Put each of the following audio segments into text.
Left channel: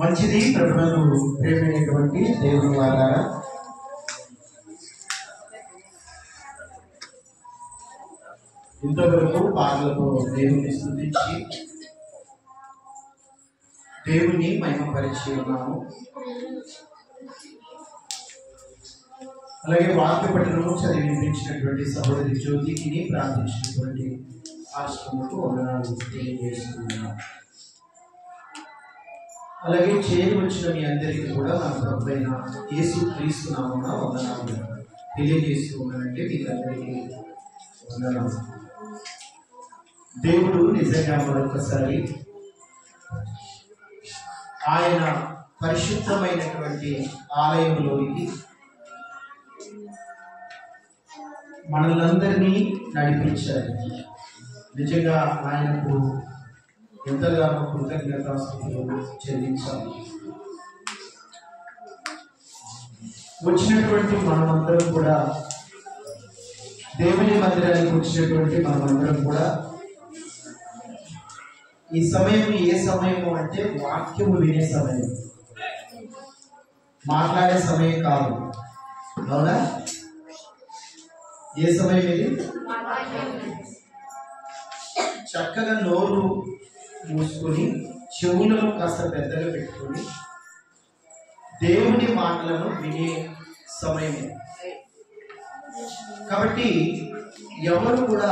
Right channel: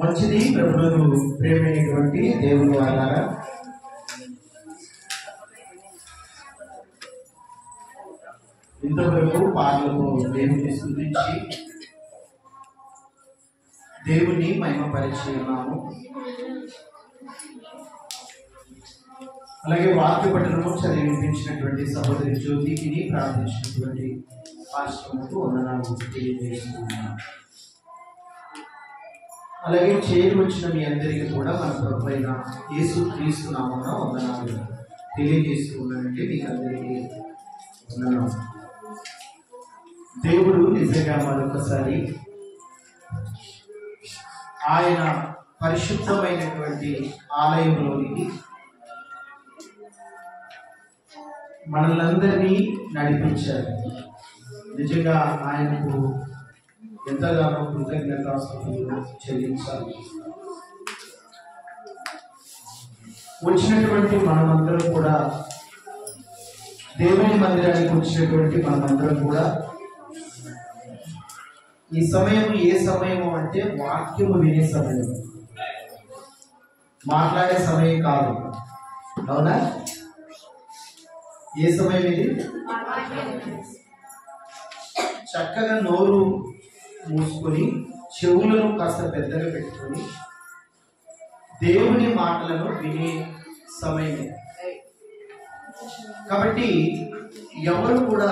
మంచిది ప్రభువును ప్రేమైనటువంటి దేవుని వారా, ఇంతవరకు పాటలతో దేవుని స్తుతించి దేవుని మహిమపరిచి ఉన్నాము. అలాగే వాక్య పఠనము చదివి వినిపించినటువంటి సహోదరి జ్యోతికి ప్రార్థించినటువంటి ఆశ్రమకు వందనాలు తెలియజేస్తున్నాను. అలాగే చేరి వచ్చిన మీ అందరికీ కూడా మన ప్రభువైన యేసుక్రీస్తు నామమున వందనాలు తెలియజేస్తూ ఉన్నానంటే మీకు అందరికీ వందనాలు. దేవుడు నిజంగా మరొకసారి ఆయన పరిశుద్ధమైనటువంటి ఆలయంలోనికి మనల్ని నడిపించారు. నిజంగా ఆయనకు ఎంతగానో కృతజ్ఞతాస్తుతులు చెల్లించాలి. వచ్చినటువంటి మనమందరం కూడా, దేవుని మందిరానికి వచ్చినటువంటి మనమందరం కూడా ఈ సమయం ఏ సమయము అంటే వాక్యము వినే సమయం, మాట్లాడే సమయం కాదు. అవునా? ఏ సమయం ఇది? చక్కగా నోరు మూసుకొని చెవులను కాస్త పెద్దగా పెట్టుకొని దేవుని మాటలను వినే సమయమే. కాబట్టి ఎవరు కూడా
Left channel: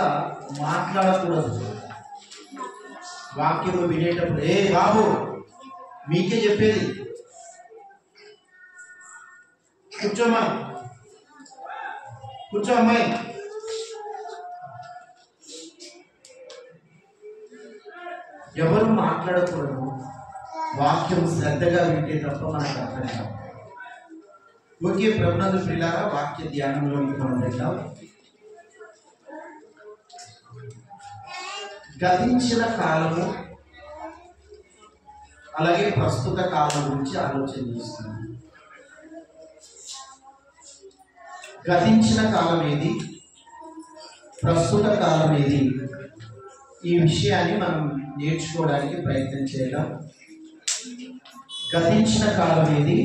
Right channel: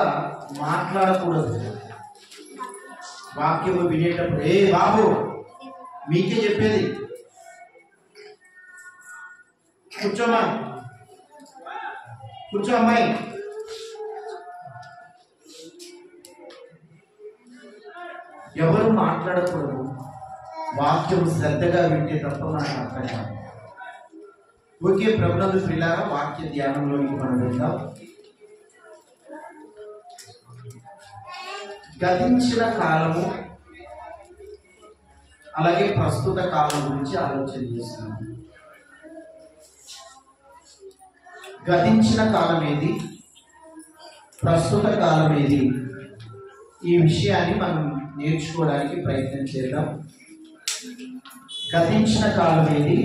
మాట్లాడకూడదు. వాక్యము వినేటప్పుడు ఏ బాబు మీకే చెప్పేది, కూర్చోమా, కూర్చో అమ్మాయి, ఎవరు మాట్లాడకూడదు. వాక్యం శ్రద్ధగా వింటే తప్ప మనకు అర్థం కాదు. ఓకే ప్రభునందు ప్రియులారా, వాక్య ధ్యానంలోకి మనం వెళ్దాం. గతించిన కాలము అలాగే ప్రస్తుత కాలం గురించి ఆలోచన చేస్తున్నాం. గతించిన కాలం ఏది, ప్రస్తుత కాలం ఏది, ఈ విషయాన్ని మనం నేర్చుకోవడానికి ప్రయత్నం చేద్దాం. గతించిన కాలం ఏది,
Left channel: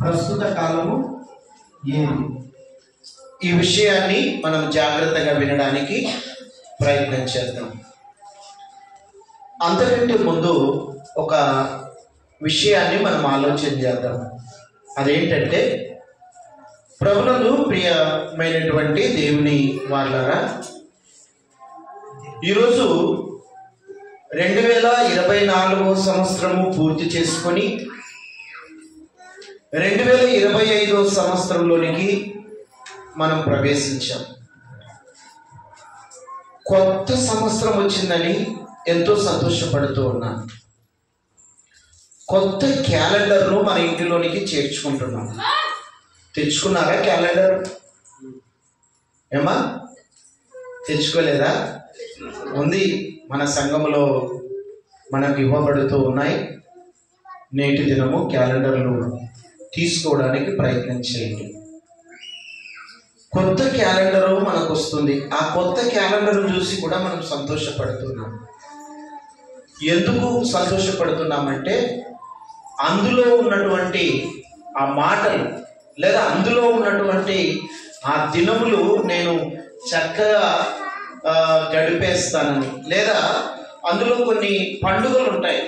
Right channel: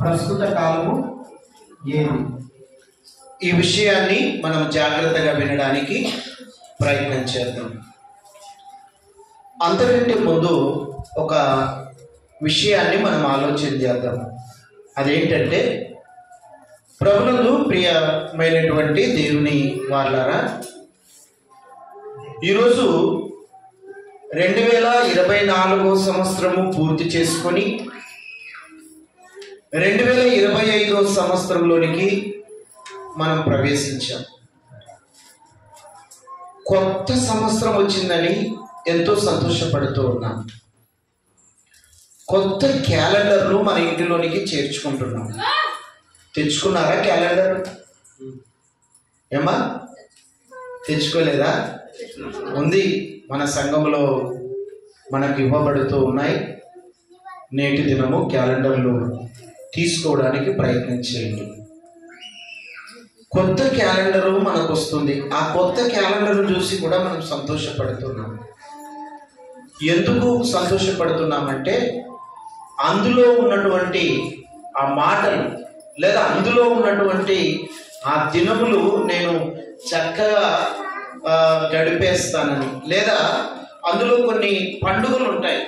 ప్రస్తుత కాలము ఏది, ఈ విషయాన్ని మనం జాగ్రత్తగా వినడానికి ప్రయత్నం చేద్దాం. అంతకంటే ముందు ఒక విషయాన్ని మనం ఆలోచన చేద్దాం. అదేంటంటే, ప్రభునందు ప్రియమైనటువంటి దేవుని వారలారా, ఈరోజు 2024 సంవత్సరము పూర్తి చేసుకొని 2025 సంవత్సరంలోనికి మనం ప్రవేశించాం. కొత్త సంవత్సరం వచ్చిందని ఎంతో సంతోషపడుతూ ఉన్నాం. కొత్త క్యాలెండర్ను మన ఇంటిలోనికి చేర్చుకుంటున్నాం. తెచ్చుకున్నారా క్యాలెండర్? ఏమా తెచ్చుకోలేదా? ఉంది, మన సంఘంలో మనకు ఇవ్వబడుతూ ఉన్నాయి. నేటి దినము క్యాలెండర్లు తీసుకోవడానికి ప్రయత్నం చేయండి. కొత్త క్యాలెండరు మనకు వస్తుంది. ఆ కొత్త క్యాలెండర్ను చూసి కూడా మనం సంతోషపడుతున్నాం. ఎందుకు సంతోషపడుతున్నామంటే, అందులో ఉన్నటువంటి ఆ మాటలు లేదా అందులో ఉన్నటువంటి ఆ దినములు నేను చక్కగా గడిపేస్తానని, లేదా అందులో కొన్ని పండుగలు ఉంటాయి.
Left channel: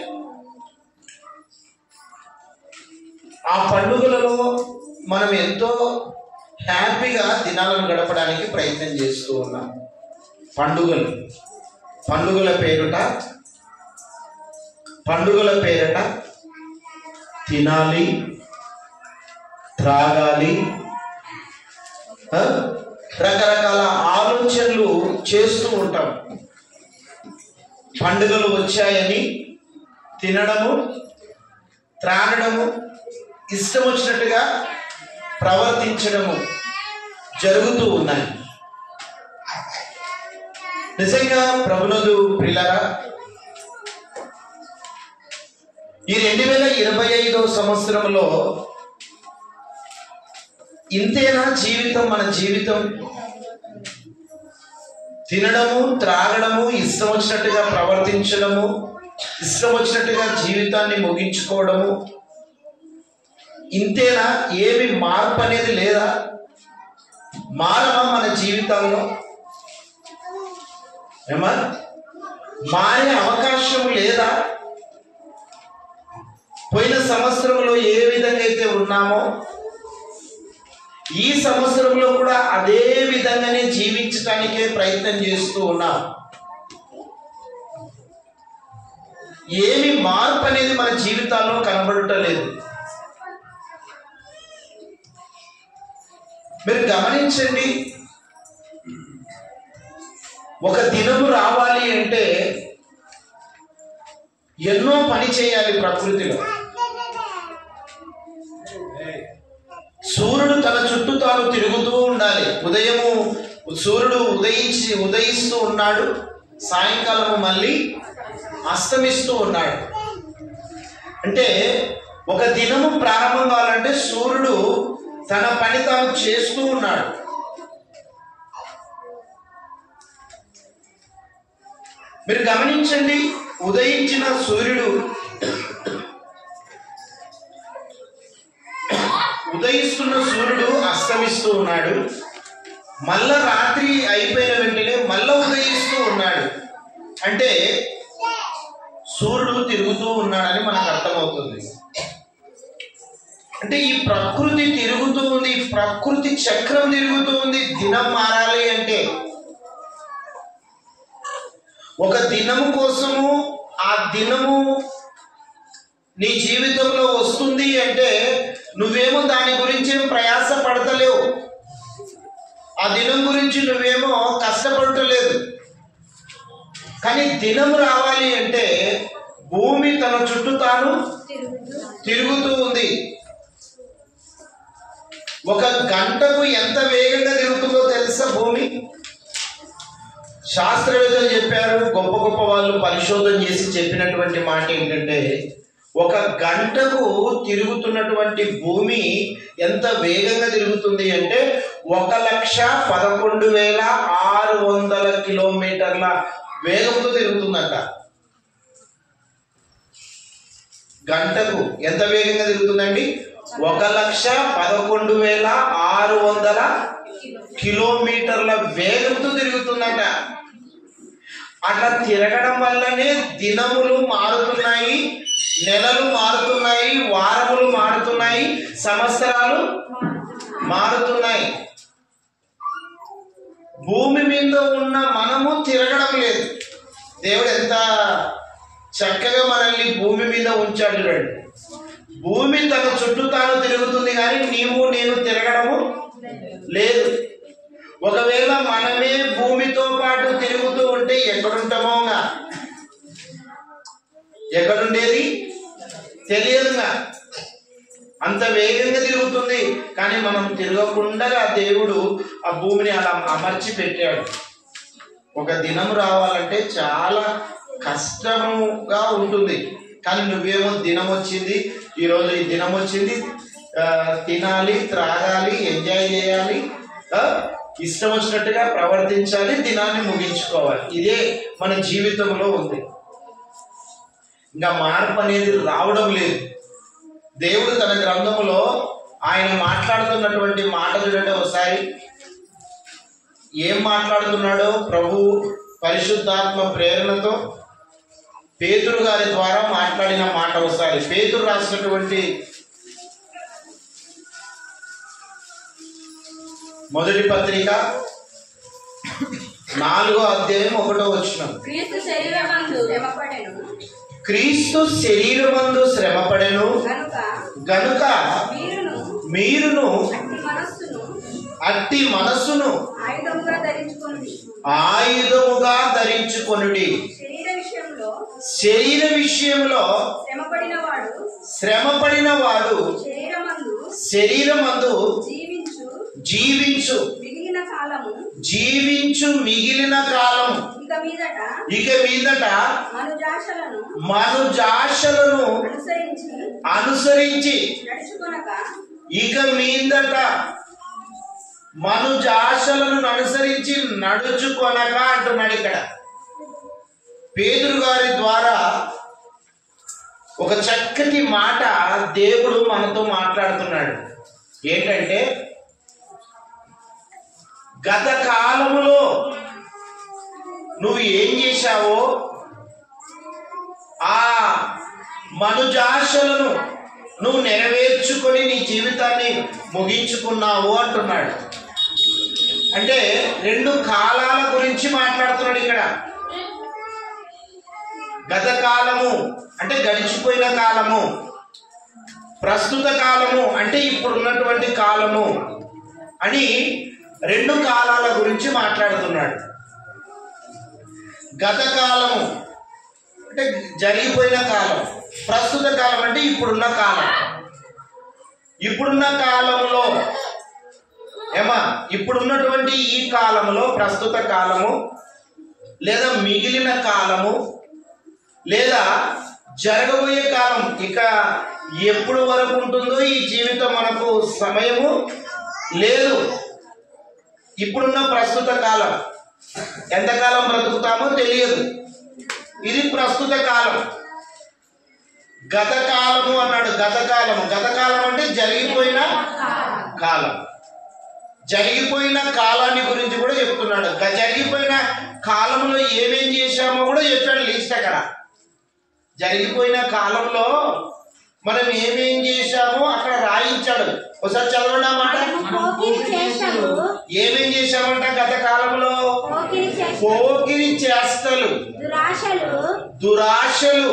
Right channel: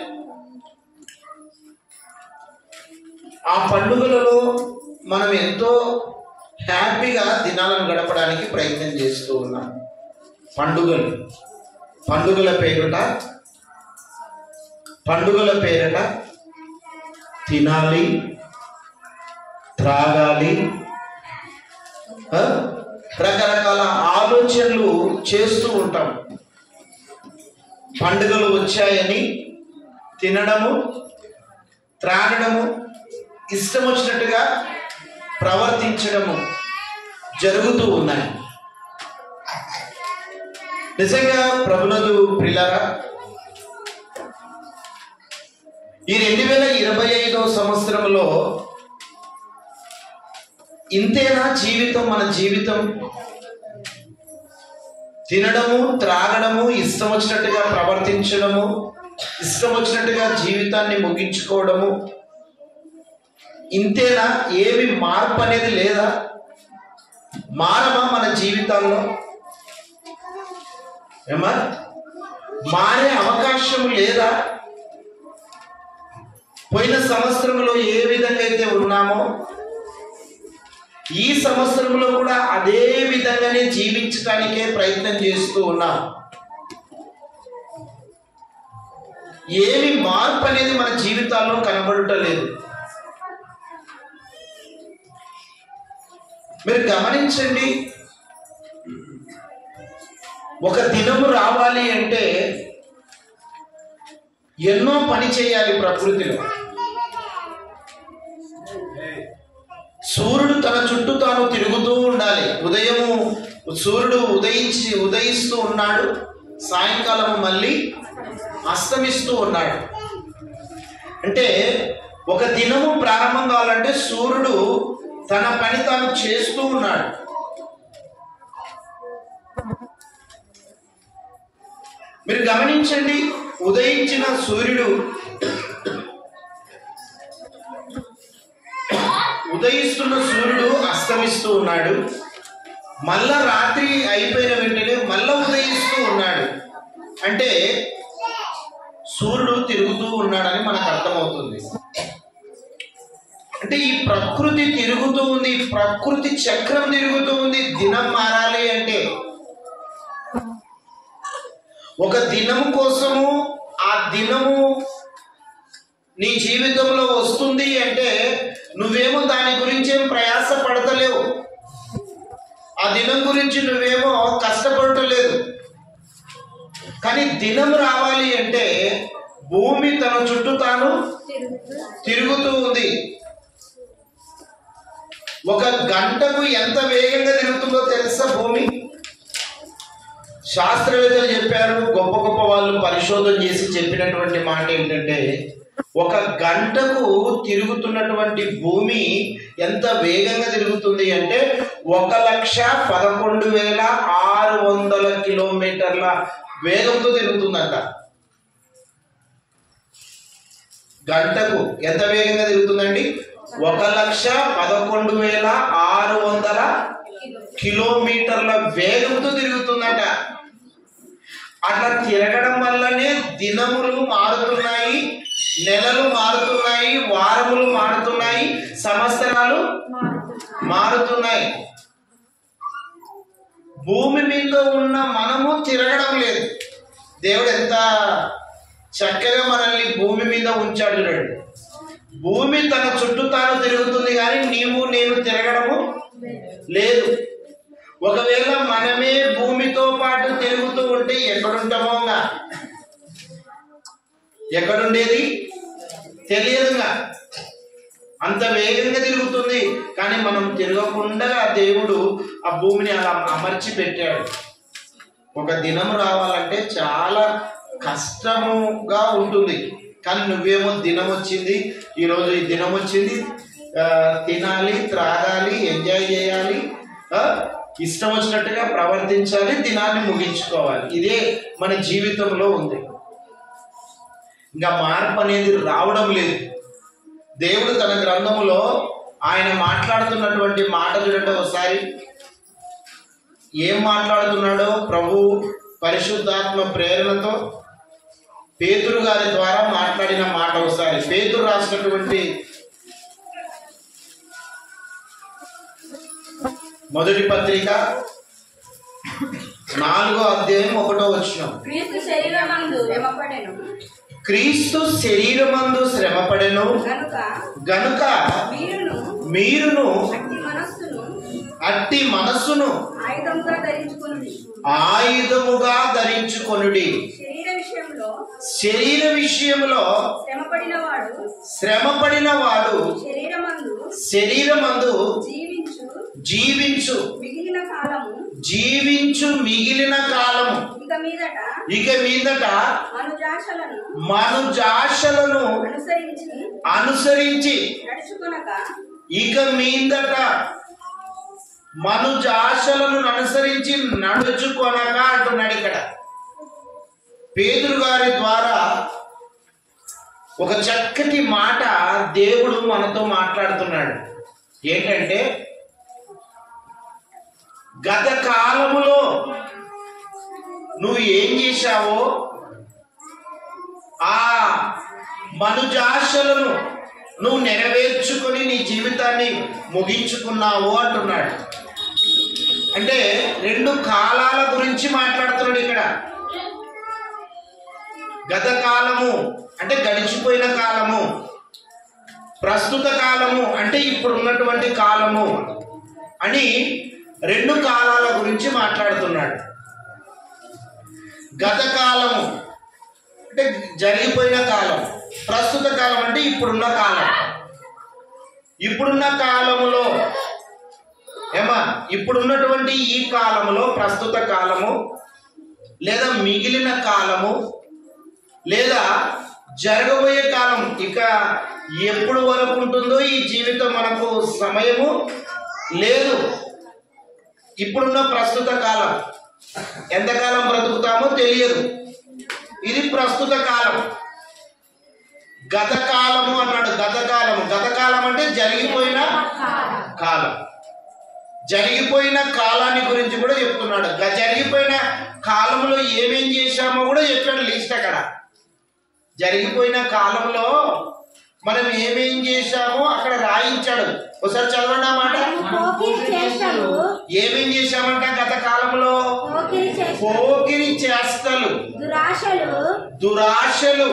ఆ పండుగలలో మనం ఎంతో హ్యాపీగా దినాలను గడపడానికి ప్రయత్నం చేస్తూ ఉన్నాం. పండుగల పేరట తినాలి, త్రాగాలి, రకరకాల ఆలోచనలు చేస్తూ ఉంటాం. పండుగలు వచ్చాయని తినడము, త్రాగడము, ఇష్టం వచ్చినట్టుగా ప్రవర్తించడము జరుగుతూ ఉన్నాయి. నిజంగా ప్రభునందు ప్రియులారా, ఈ 2025 సంవత్సరంలో ఇంతేనా జీవితం? మన జీవితం తినడము, త్రాగడము, ఇష్టం వచ్చినట్టుగా ప్రవర్తించడము, ఇష్టం వచ్చినట్టుగా జీవితాన్ని ముగించుకోవడము ఇంతేనా? ఏమి మార్పు అనేది లేదా? మారమా మన జీవితాల్లో? ఏమా మారే అవకాశం లేదా? పోయిన సంవత్సరంలో ఏ విధంగా అయితే ఉన్నామో ఈ సంవత్సరంలో కూడా అదే విధంగానే జీవించడానికే ప్రయత్నం చేస్తూ ఉన్నాం. ఏమి మార్పు అనేది మన జీవితాల్లో కనబడటలేదు. మీరు గమనించండి, ఒక దినము రావాలి అంటే ఎన్నో పని చేయాలి ప్రకృతిలో. సూర్యుడు తన చుట్టూ తాను తిరుగుతూ ఉండాలి. ఉదయము సూర్యుడు ఉదయిస్తూ ఉన్నాడు, సాయంకాలం మళ్ళీ అస్తమిస్తూ ఉన్నాడు. అంటే ఒక దినము ప్రారంభం కావాలంటే సూర్యుడు తన పని తాను చేస్తూ ఉన్నాడు. మీరు గమనించండి, ఉదయించిన సూర్యుడు ఉదయిస్తున్న సూర్యుడు అస్తమిస్తూ ఉన్నాడు. మళ్ళా రాత్రి అయిపోయిన వెంటనే మళ్ళా ఉదయిస్తూ ఉన్నాడు. అంటే సూర్యుడు తిరుగుతూ ఉన్నాడని మనకు అర్థమవుతుంది. అంటే ఈ ప్రకృతి తిరుగుతూ ఉంది, ప్రకృతి చక్రం తిరుగుతూ ఉంది. దినం మారాలి అంటే ఒక దినం కోసము, ఆ దినము నీ జీవితంలో వస్తుంది అంటే నువ్వేమో దాని గురించి ఏం ప్రయాస పడతలేవు. ఆ దినం గురించి నువ్వేమో కష్టపడటలేదు. కానీ దినం రావాలి అంటే భూమి తన చుట్టూ తాను తిరుగుతూ ఉంది. ఒక గంటకు ఎంత వేగంగా తిరుగుతుందో తెలుసా భూమి? శాస్త్రవేత్తలు చెప్పారు, గొప్ప గొప్ప వాళ్ళు పరిశోధన చేసి చెప్పినటువంటి మాట ఏంటంటే, ఒక గంటకు తిరుగుతున్నటువంటి భూమి ఎంత వేగంగా తిరుగుతుంది అంటే 1,11,600 కిలోమీటర్ల వేగంతో తిరుగుతుందంట. గంటకు ఎంత వేగంగా తిరుగుతుందండి? 1,11,600 కిలోమీటర్ల వేగంతో తిరుగుతుందంట. అట్లా తిరగడం వల్లనే దినములు మారుతున్నాయి, నెలలు మారుతున్నాయి, వారములు మారుతున్నాయి, సంవత్సరాలు మారుతున్నాయి. భూమి మీద ఉన్న మనము తిరగడం లేదు. దేవుడు ఎంత చక్కగా మనల్ని భూమి మీద ఉంచాడు చూడండి. భూమి తన చుట్టూ తాను తిరుగుతుంది కానీ నీవు నేను తిరగడము లేదు. ఒకవేళ మనమే భూమితో పాటు తిరుగుతూ ఉంటే ఎక్కడుంటామో, ఎక్కడుండేది తెలియదుగా. అంత వేగంగా తిరుగుతుంది. కానీ మనం తిరగకుండా దేవుడు ఆ భూమిని అలా అమర్చి పెట్టాడు. ఒక దినం రావాలంటే చాలా కష్టముగా ఉంటుంది. కానీ నువ్వేమో దినం వచ్చింది, ఈరోజు ఈ దినం వచ్చింది, తినాలి, త్రాగాలి, ఎంజాయ్ చేయాలి, ఇష్టం వచ్చినట్టుగా ప్రవర్తించాలి, దినాన్ని ముగించుకోవాలి. ఇదే మన జీవితంలో ఉంది. ఇంకా మార్పు అనేది రావడం లేదు. దేవుడు తన గ్రంథంలో ఆయన మాట్లాడుతున్నటువంటి మాట చూడండి ఒకసారి. ఏం మాట్లాడుతున్నాడో ప్రభు పరిశుద్ధాత్మ ప్రేరణతో పేతురు గారి ద్వారా మాట్లాడిన మాట ఒకసారి. పేతురు రాసినటువంటి మొదటి పత్రిక 4వ అధ్యాయం 1వ వచనం. క్రీస్తు శరీరమందు శ్రమపడెను గనుక మీరును అట్టి మనస్సును ఆయుధముగా ధరించుకొనుడి. శరీర విషయంలో శ్రమపడిన వాడు శరీరమందు జీవించు మిగిలిన కాలము ఇక మీదట మనుజాశలను అనుసరించి ఇక మీదట మనుజాశలను అనుసరించి నడుచుకొనక అంటున్నాడు. ఇక్కడ పేతురు గారి ద్వారా ఒక చక్కటి మాట దేవుడు మనతో మాట్లాడుతున్నాడు. ఏంటంటే, గత కాలములో నువ్వు ఏం చేశావో ఆ మనుజాశలను నువ్వు నెరవేర్చుకొని నీ జీవితాన్ని ముగించుకున్నావు అంటున్నాడు. అంటే రెండు కాలాల గురించి మాట్లాడుతున్నాడు ఇక్కడ. గత కాలము అంటే గడిచిపోయిన కాలము, ప్రస్తుత కాలము అంటే ఇప్పుడు ఉన్నటువంటి కాలము అని రెండు కాలాల గురించి మాట్లాడుతున్నాడు. గత కాలము అంటే జరిగిపోయిన కాలం, ప్రస్తుత కాలం అంటే ఇప్పుడున్న కాలం. ఇప్పుడున్న కాలంలో ఇప్పుడున్నటువంటి ఈ కాలంలో ప్రస్తుత కాలము, లేదా మిగిలిన కాలము, లేదా జరగబోయే కాలం, ఇక ఎప్పుడు వరకు ఉంటుందో ఈ జీవితం మనకు సమయము లేదు. ఇప్పుడున్న ప్రస్తుత కాలం, ఎంతకాలం బ్రతుకుతామో తెలియదు. ఇది ప్రస్తుత కాలం. గత కాలము అన్నాడు. గత కాలం అంటే జరిగిపోయిన కాలం. జరిగిపోయిన కాలాన్ని గురించి కూడా చెప్తున్నాడు. జరిగిపోయిన కాలంలో ఏమేం చేశామో కూడా చెప్పాడు లిస్ట్. అక్కడ జరిగిపోయిన కాలంలో మనం ఏమేం చేశామో అక్కడ రాయించాడు. ఒకసారి చదవండి అన్నమాట. ఏమేం చేశామంట గత కాలంలో? పోకిరి చేష్టలు, దురాశలు,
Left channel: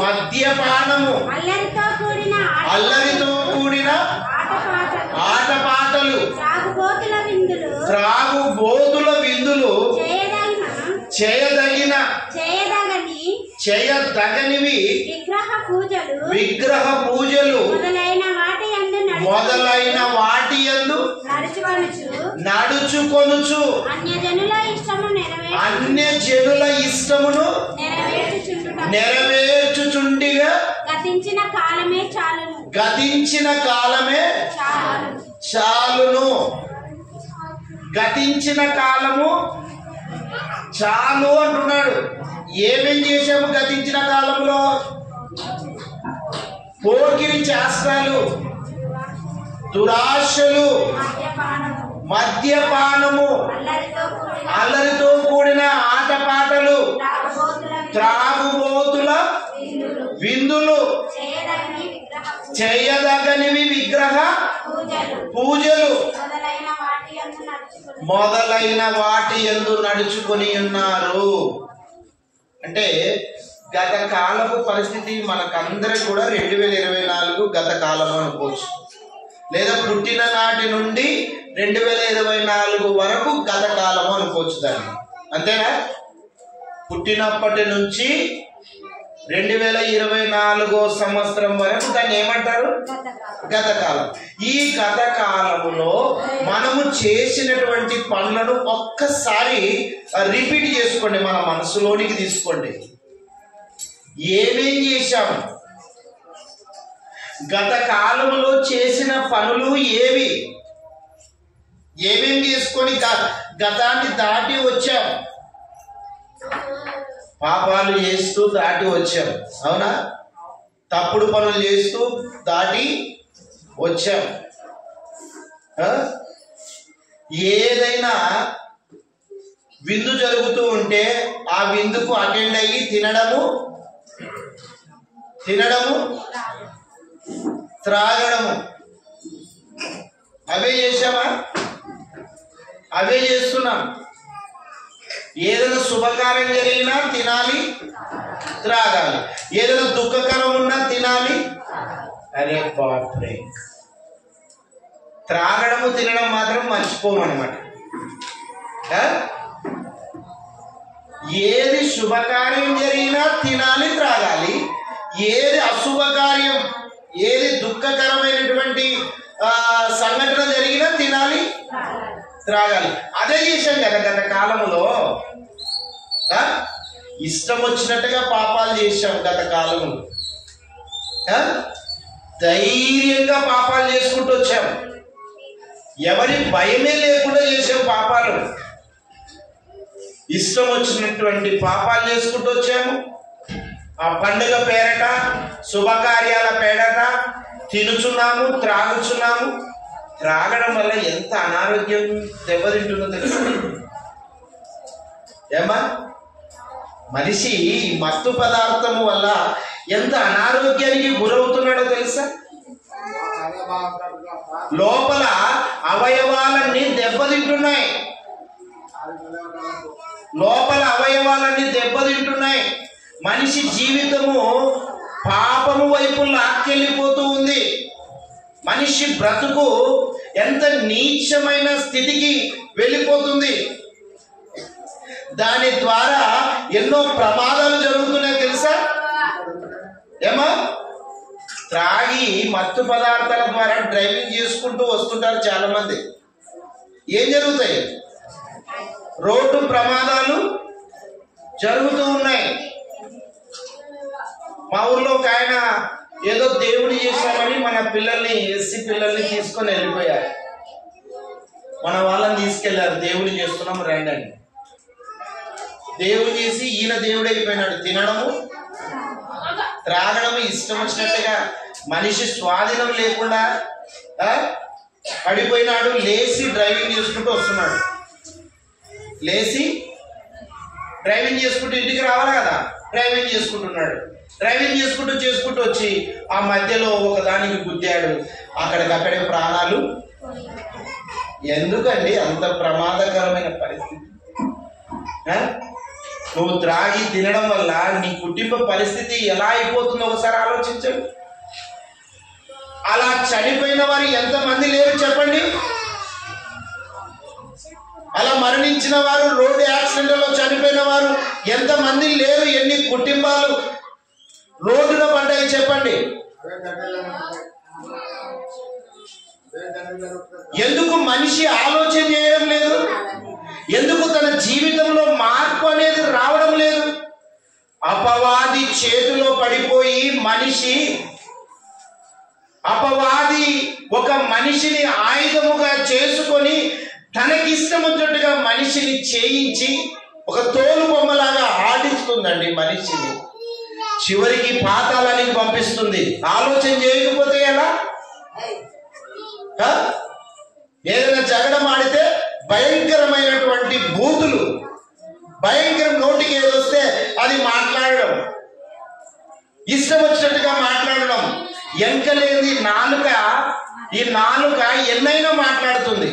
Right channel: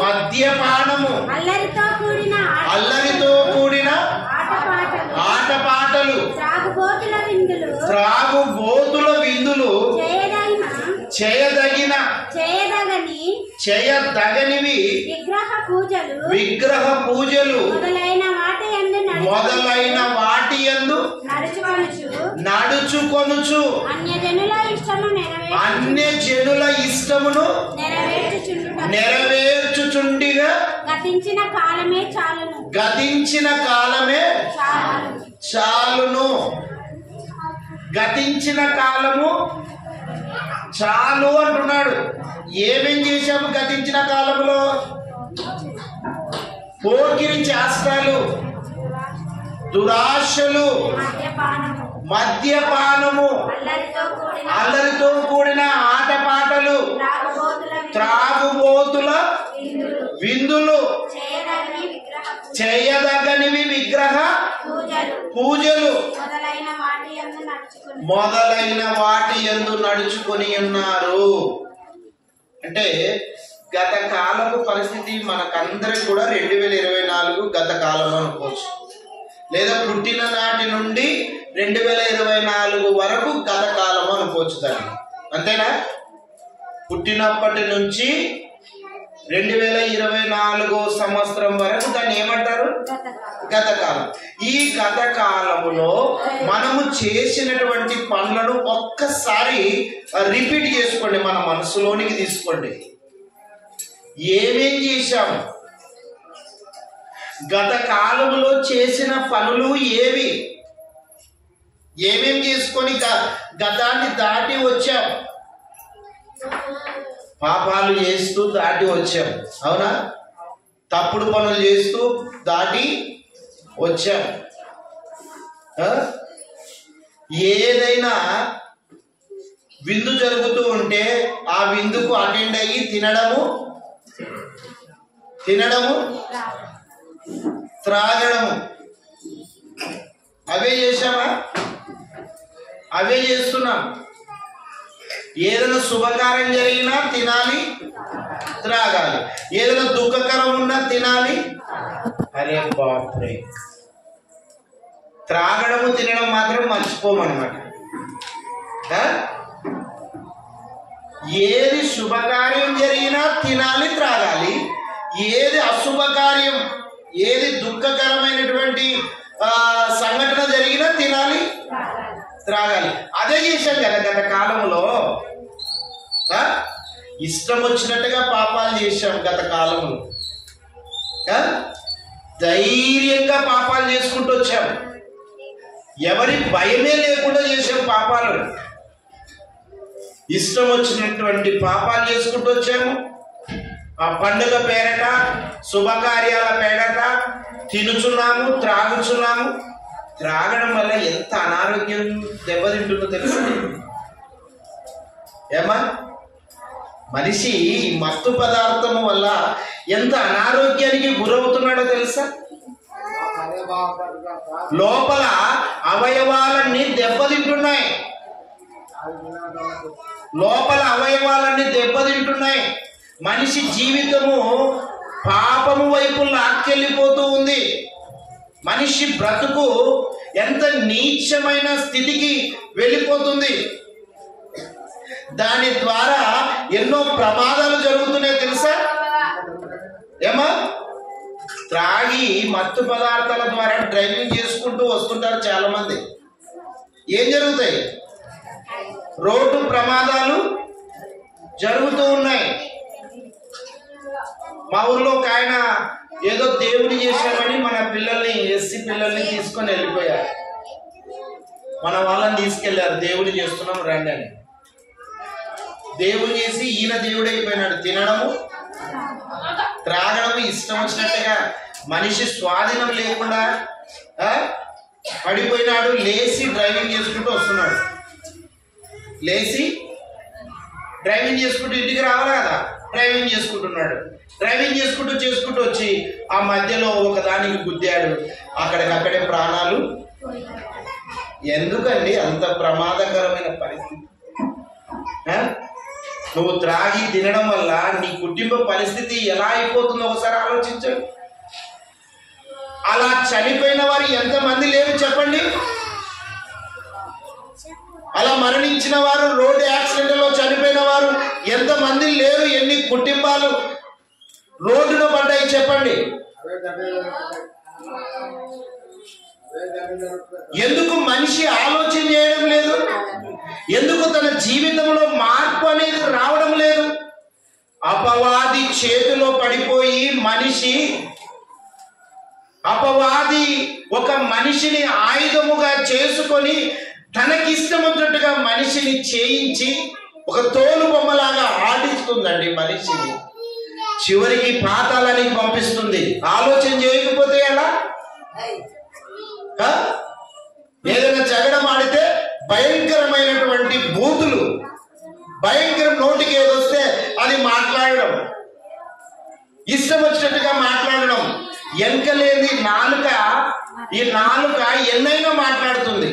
మద్యపానము, అల్లరితో కూడిన ఆటపాటలు, త్రాగుబోతుల విందులు, చేయదగనివి విగ్రహ పూజలు మొదలైన వాటి యందు నడుచుకొనుచు అన్య జనుల ఇష్టమును నెరవేర్చుచుండిగా గతించిన కాలమే చాలును. గతించిన కాలము చాలు అంటున్నాడు. ఏమేం చేశాము గతించిన కాలంలో? పోకిరి చేష్టాలు, దురాశలు, మద్యపానము, అల్లరితో కూడిన ఆటపాటలు, త్రాగుబోతుల విందులు, చేయదగనివి విగ్రహ పూజలు మొదలైన వాటి యందు నడుచుకొని ఉన్నారు. అంటే గత కాలపు పరిస్థితి మనకందరికి కూడా 2024 గత కాలం అనుకోవచ్చు, లేదా పుట్టిన నాటి నుండి 2024 వరకు గత కాలం అనుకోవచ్చు దాన్ని. అంతేనా? పుట్టినప్పటి నుంచి 2024 సంవత్సరం వరకు దాన్ని ఏమంటారు? గత కాలం. ఈ గత కాలములో మనము చేసినటువంటి పనులను ఒక్కసారి రిపీట్ చేసుకోండి, మన మనసులోనికి తీసుకోండి. ఏమేం చేశాము? గత కాలంలో చేసిన పనులు ఏవి? ఏమేం చేసుకొని గతాన్ని దాటి వచ్చాం? పాపాలు చేస్తూ దాటి వచ్చాం, అవునా? తప్పుడు పనులు చేస్తూ దాటి వచ్చాం. ఏదైనా విందు జరుగుతూ ఉంటే ఆ విందుకు అటెండ్ అయ్యి తినడము, త్రాగడము, అవే చేశామా? అవే చేస్తున్నాం. ఏదైనా శుభకార్యం జరిగినా తినాలి, త్రాగాలి. ఏదైనా దుఃఖకరం ఉన్నా తినాలి. అరే బాప్రే, త్రాగడము తినడం మాత్రం మర్చిపోమన్నమాట. ఏది శుభకార్యం జరిగినా తినాలి, త్రాగాలి. ఏది అశుభకార్యం, ఏది దుఃఖకరమైనటువంటి సంఘటన జరిగినా తినాలి, త్రాగాలి. అదే చేశాం కదా గత కాలంలో. ఇష్టం వచ్చినట్టుగా పాపాలు చేశాం గత కాలంలో. ధైర్యంగా పాపాలు చేసుకుంటూ వచ్చాం. ఎవరి భయమే లేకుండా చేసాం పాపాలు. ఇష్టం వచ్చినటువంటి పాపాలు చేసుకుంటూ వచ్చాము. ఆ పండుగ పేరట, శుభకార్యాల పేరట తినుచున్నాము, త్రాగుచున్నాము. త్రాగడం వల్ల ఎంత అనారోగ్యం దెబ్బతింటుందో తెలుసు ఏమా? మనిషి ఈ మత్తు పదార్థం వల్ల ఎంత అనారోగ్యానికి గురవుతున్నాడో తెలుసా? లోపల అవయవాలన్నీ దెబ్బతింటున్నాయి, లోపల అవయవాలన్నీ దెబ్బతింటున్నాయి. మనిషి జీవితము పాపము వైపు లాక్కెళ్ళిపోతూ ఉంది. మనిషి బ్రతుకు ఎంత నీచమైన స్థితికి వెళ్ళిపోతుంది. దాని ద్వారా ఎన్నో ప్రమాదాలు జరుగుతున్నాయి తెలుసా ఏమా? త్రాగి మత్తు పదార్థాల ద్వారా డ్రైవింగ్ చేసుకుంటూ వస్తుంటారు చాలా మంది. ఏం జరుగుతాయి? రోడ్డు ప్రమాదాలు జరుగుతూ ఉన్నాయి. మా ఊర్లో ఒక ఆయన ఏదో దేవుని చేశామని మన పిల్లల్ని, ఎస్సీ పిల్లల్ని తీసుకొని వెళ్ళిపోయారు. మన వాళ్ళని తీసుకెళ్లారు, దేవుని చేస్తున్నాం రండి అని. దేవుని చేసి ఈయన దేవుడైపోయినాడు. తినడము, త్రాగడము ఇష్టం వచ్చినట్టుగా, మనిషి స్వాధీనం లేకుండా పడిపోయినాడు. లేచి డ్రైవింగ్ చేసుకుంటూ వస్తున్నాడు. లేచి డ్రైవింగ్ చేసుకుంటూ ఇంటికి రావాలి కదా, డ్రైవింగ్ చేసుకుంటున్నాడు. డ్రైవింగ్ చేసుకుంటూ వచ్చి ఆ మధ్యలో ఒకదానికి గుద్దాడు. అక్కడికక్కడే ప్రాణాలు. ఎందుకండి అంత ప్రమాదకరమైన పరిస్థితి? నువ్వు త్రాగి తినడం వల్ల నీ కుటుంబ పరిస్థితి ఎలా అయిపోతుందో ఒకసారి ఆలోచించండి. అలా చనిపోయిన వారు ఎంతమంది లేరు చెప్పండి? అలా మరణించిన వారు, రోడ్డు యాక్సిడెంట్లో చనిపోయిన వారు ఎంతమంది లేరు? ఎన్ని కుటుంబాలు రోడ్డున పడ్డాయి చెప్పండి? ఎందుకు మనిషి ఆలోచన చేయడం లేదు? ఎందుకు తన జీవితంలో మార్పు అనేది రావడం లేదు? అపవాది చేతిలో పడిపోయి మనిషి, అపవాది ఒక మనిషిని ఆయుధముగా చేసుకొని తనకిష్టం వచ్చినట్టుగా మనిషిని చేయించి ఒక తోలు బొమ్మలాగా ఆడిస్తుందండి మనిషిని. చివరికి పాతాళానికి పంపిస్తుంది. ఆలోచన చేయకపోతే ఎలా? ఏదైనా జగడం ఆడితే భయంకరమైనటువంటి బూతులు, భయంకరం, నోటికి ఏదొస్తే అది మాట్లాడడం, ఇష్టం వచ్చినట్టుగా మాట్లాడడం. ఎంకలేని నాలుక, ఈ నాలుక ఎన్నైనా మాట్లాడుతుంది.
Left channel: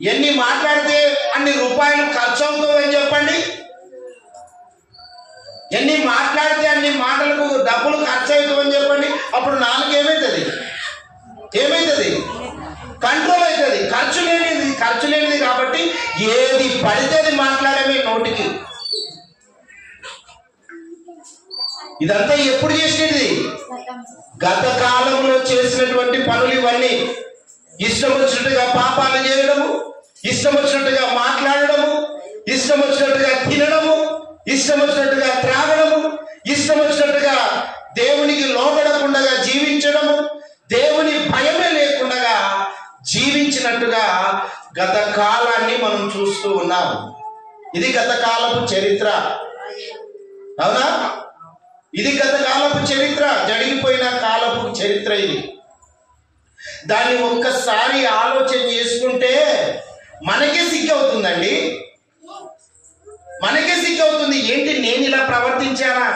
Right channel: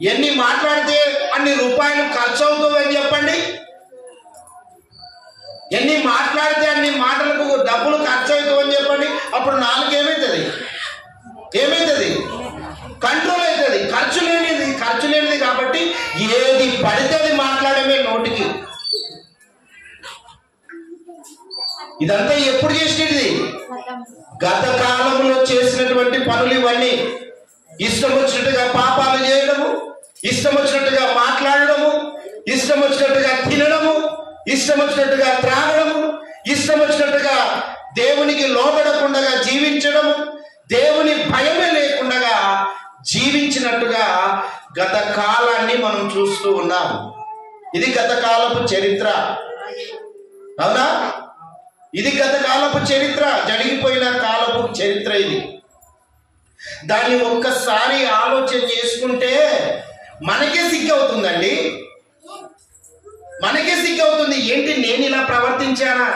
ఎన్ని మాట్లాడితే అన్ని రూపాయలు ఖర్చు అవుతుందని చెప్పండి? ఎన్ని మాట్లాడితే అన్ని మాటలకు డబ్బులు ఖర్చు అవుతామని చెప్పండి? అప్పుడు నాలుగు ఏమవుతుంది? కంట్రోల్ అవుతుంది. ఖర్చు లేనిది కాబట్టి ఏది పడితే అది మాట్లాడమే నోటికి. ఇదంతా ఎప్పుడు చేసినది? గత కాలంలో చేసినటువంటి పనులు ఇవన్నీ. ఇష్టం వచ్చినట్టుగా పాపాలు చేయడము, ఇష్టం వచ్చినట్టుగా మాట్లాడడము, ఇష్టం వచ్చినట్టుగా తినడము, ఇష్టం వచ్చినట్టుగా త్రాగడము, ఇష్టం వచ్చినట్టుగా దేవునికి లోబడకుండా జీవించడము, దేవుని భయమే లేకుండా జీవించినట్టుగా గత కాలాన్ని మనం చూస్తూ ఉన్నాం. ఇది గత కాలపు చరిత్ర, అవునా? ఇది గత కాలపు చరిత్ర, జరిగిపోయిన కాలపు చరిత్ర ఇది. దాన్ని ఒక్కసారి ఆలోచన చేసుకుంటే మనకే సిగ్గు అవుతుందండి. మనకే సిగ్గు అవుతుంది. ఏంటి, నేను ఇలా ప్రవర్తించానా?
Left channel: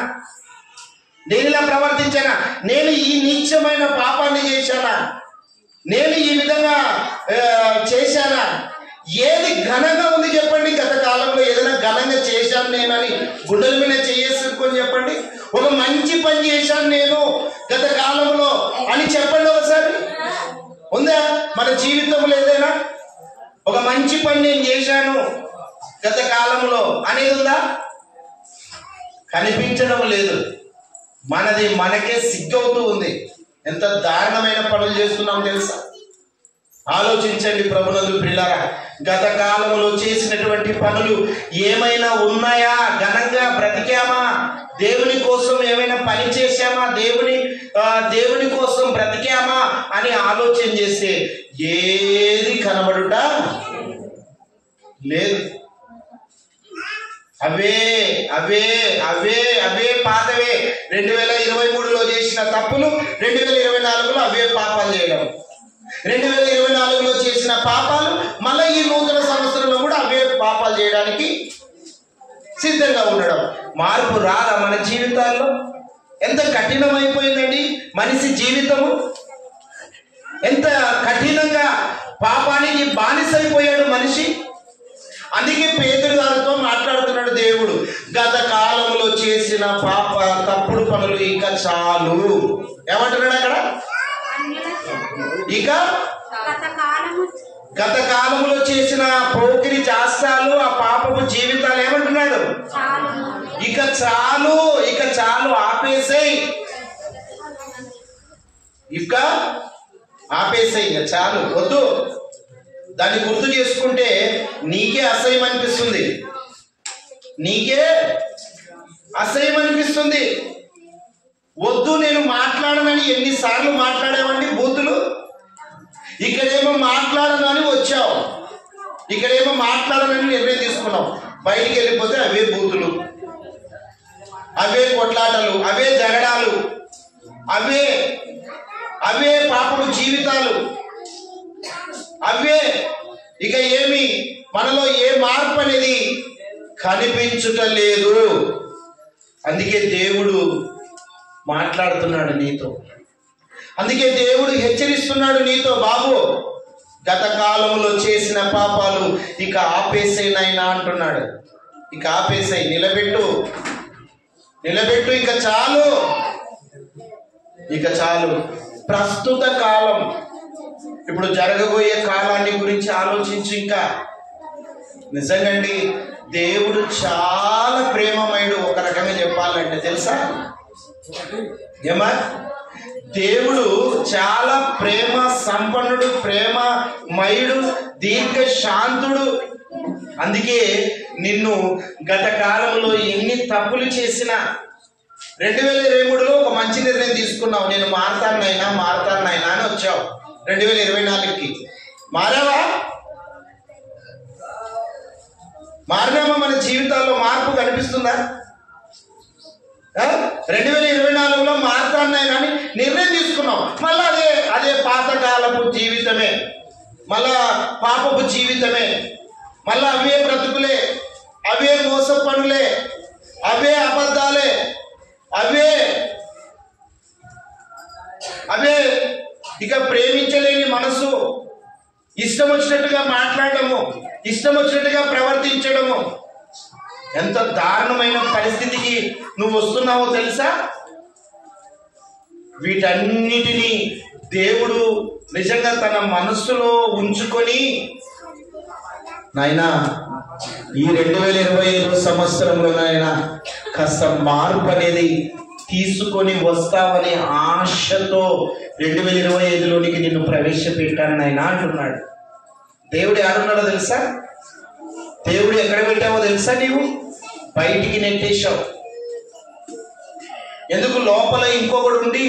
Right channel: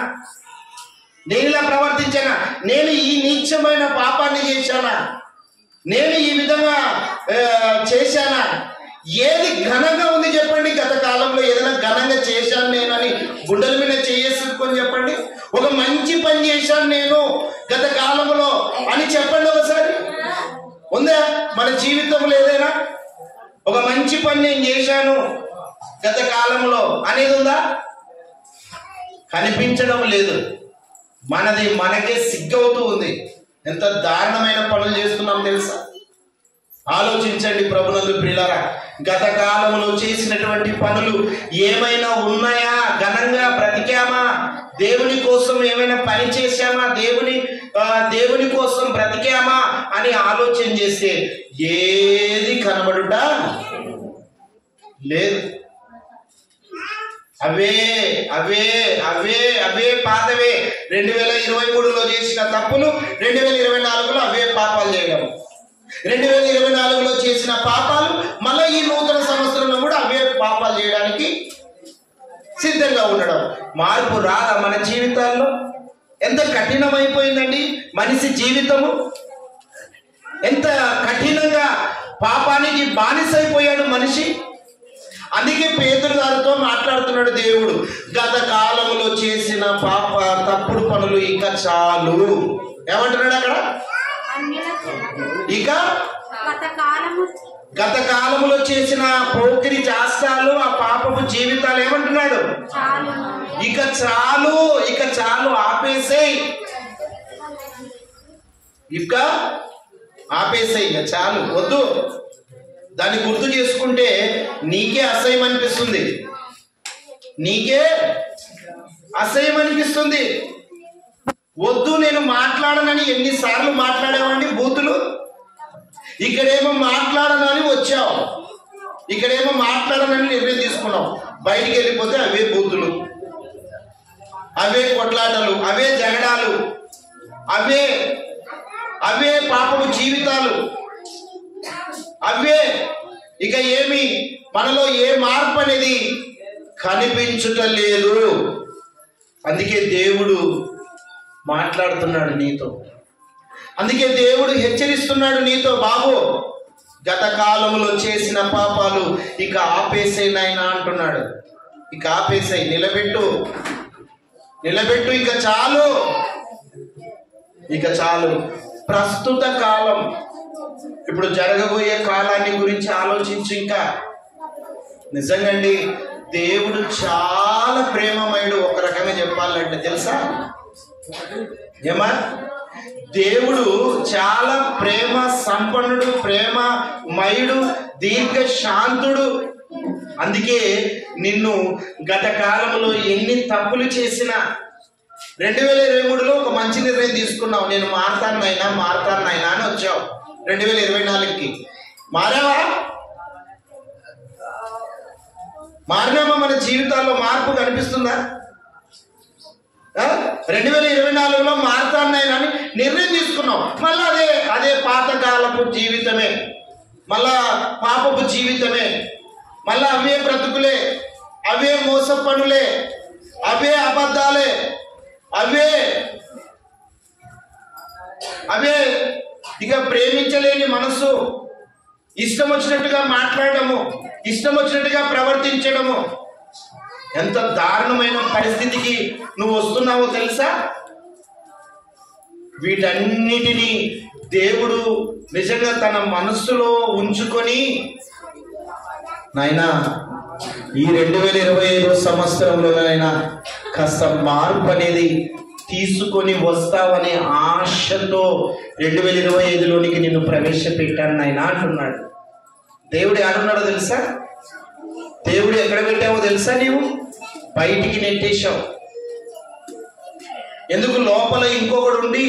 నేను ఈ నీచమైన పాపాన్ని చేశానా? నేను ఈ విధంగా చేశానా? ఏది ఘనంగా ఉంది చెప్పండి? గత కాలంలో ఏదైనా ఘనంగా చేశాను నేను అని గుండెల మీద చేసుకొని చెప్పండి. ఒక మంచి పని చేశాను నేను గత కాలంలో అని చెప్పండి ఒకసారి. ఉందా మన జీవితంలో ఏదైనా ఒక మంచి పని నేను చేశాను గత కాలంలో అనేది ఉందా? కనిపించడం లేదు. మనది మనకే సిగ్గవుతూ ఉంది. ఎంత దారుణమైన పనులు చేస్తున్నాం తెలుసా? ఆలోచించండి ప్రభునందు ప్రియులారా. గత కాలంలో చేసినటువంటి పనులు ఏమైనా ఉన్నాయా? ఘనంగా బ్రతికామా? దేవుని కోసం ఏమైనా పని చేశామా? దేవుని కోసం బ్రతికామా అని ఆలోచన చేస్తే ఏది కనబడుట లేదు. అవే అవే అవే అవే పాతవే. తప్పులు 2024లో అవే పాపాలు చేయడం, 2024లో చేసిన పాపాలు మళ్ళీ ఈ నూతన సంవత్సరంలో కూడా అవే పాపాలు చేయడానికి సిద్ధంగా ఉండడం. మార్పు రాదా మన జీవితాల్లో? ఎంత కఠినమైపోయిందండి మనిషి జీవితము, ఎంత కఠినంగా పాపానికి బానిసైపోయాడు మనిషి. అందుకే పేతురు గారితో మాట్లాడుతున్నాడు దేవుడు, గత కాలంలో చేసిన పాప తప్పుడు పనులు ఇక చాలు. ఏమంటున్నాడు అక్కడ? ఇక గత కాలంలో చేసిన పోకిరి చేష్టాలు, ఆ పాపపు జీవితాలు ఏమంటున్నాడు? ఇక చాలు, ఇక చాలు, ఆపేసేయ్, ఇక ఆపేసేయ్, ఇక చాలు, వద్దు. దాన్ని గుర్తు చేసుకుంటే నీకే అసహ్యం అనిపిస్తుంది, నీకే అసహ్యం అనిపిస్తుంది. వద్దు నేను మాట్లాడనని ఎన్నిసార్లు మాట్లాడామండి బూతులు. ఇక్కడేమో మాట్లాడను అని వచ్చావు, ఇక్కడేమో మాట్లాడనని నిర్ణయం తీసుకున్నావు, బయటికి వెళ్ళిపోతే అవే బూతులు, అవే కొట్లాటలు, అవే జగడాలు, అవే అవే పాపపు జీవితాలు, అవే. ఇక ఏమి మనలో ఏ మార్పు అనేది కనిపించటం లేదు. అందుకే దేవుడు మాట్లాడుతున్నాడు నీతో, అందుకే దేవుడు హెచ్చరిస్తున్నాడు నీతో, బాబు గత కాలంలో చేసిన పాపాలు ఇక ఆపేసేయ్ నాయనా అంటున్నాడు. ఇక ఆపేసేయ్, నిలబెట్టు, నిలబెట్టు, ఇక చాలు, ఇక చాలు. ప్రస్తుత కాలం, ఇప్పుడు జరగబోయే కాలాన్ని గురించి ఆలోచించి, ఇంకా నిజంగాండి దేవుడు చాలా ప్రేమమయుడు. ఒక రకంగా చెప్పాలంటే తెలుసా ఏమా, దేవుడు చాలా ప్రేమ సంపన్నుడు, ప్రేమమయుడు, దీర్ఘ శాంతుడు. అందుకే నిన్ను గత కాలంలో ఎన్ని తప్పులు చేసినా 2023లో ఒక మంచి నిర్ణయం తీసుకున్నావు, నేను మారతాను నాయనా అని వచ్చావు. 2024కి మారావా? మారినామా? మన జీవితాల్లో మార్పు కనిపిస్తుందా? 2024లో మారతాను నాయనా అని నిర్ణయం తీసుకున్నావు, మళ్ళీ అదే పాతకాలపు జీవితమే, మళ్ళా పాపపు జీవితమే, మళ్ళా అవే బ్రతుకులే, అవే మోస పనులే, అవే అబద్ధాలే, అవే ఇక ప్రేమించలేని మనసు, ఇష్టం వచ్చినట్టుగా మాట్లాడము, ఇష్టం వచ్చినట్టుగా ప్రవర్తించడము. ఎంత దారుణమైన పరిస్థితికి నువ్వు వస్తున్నావో తెలుసా? వీటన్నిటినీ దేవుడు నిజంగా తన మనస్సులో ఉంచుకొని, నాయనా ఈ 2025 సంవత్సరంలో నాయనా కాస్త మార్పు అనేది తీసుకొని వస్తావని ఆశతో 2025లోనికి నిన్ను ప్రవేశపెట్టాను నాయనా అంటున్నాడు. దేవుడు ఏడున్నాడో తెలుసా? దేవుడు ఎక్కడ పెట్టావో తెలుసా? నీవు బయటికి నెట్టేశావు. ఎందుకు? లోపల ఇంకొకడు ఉండి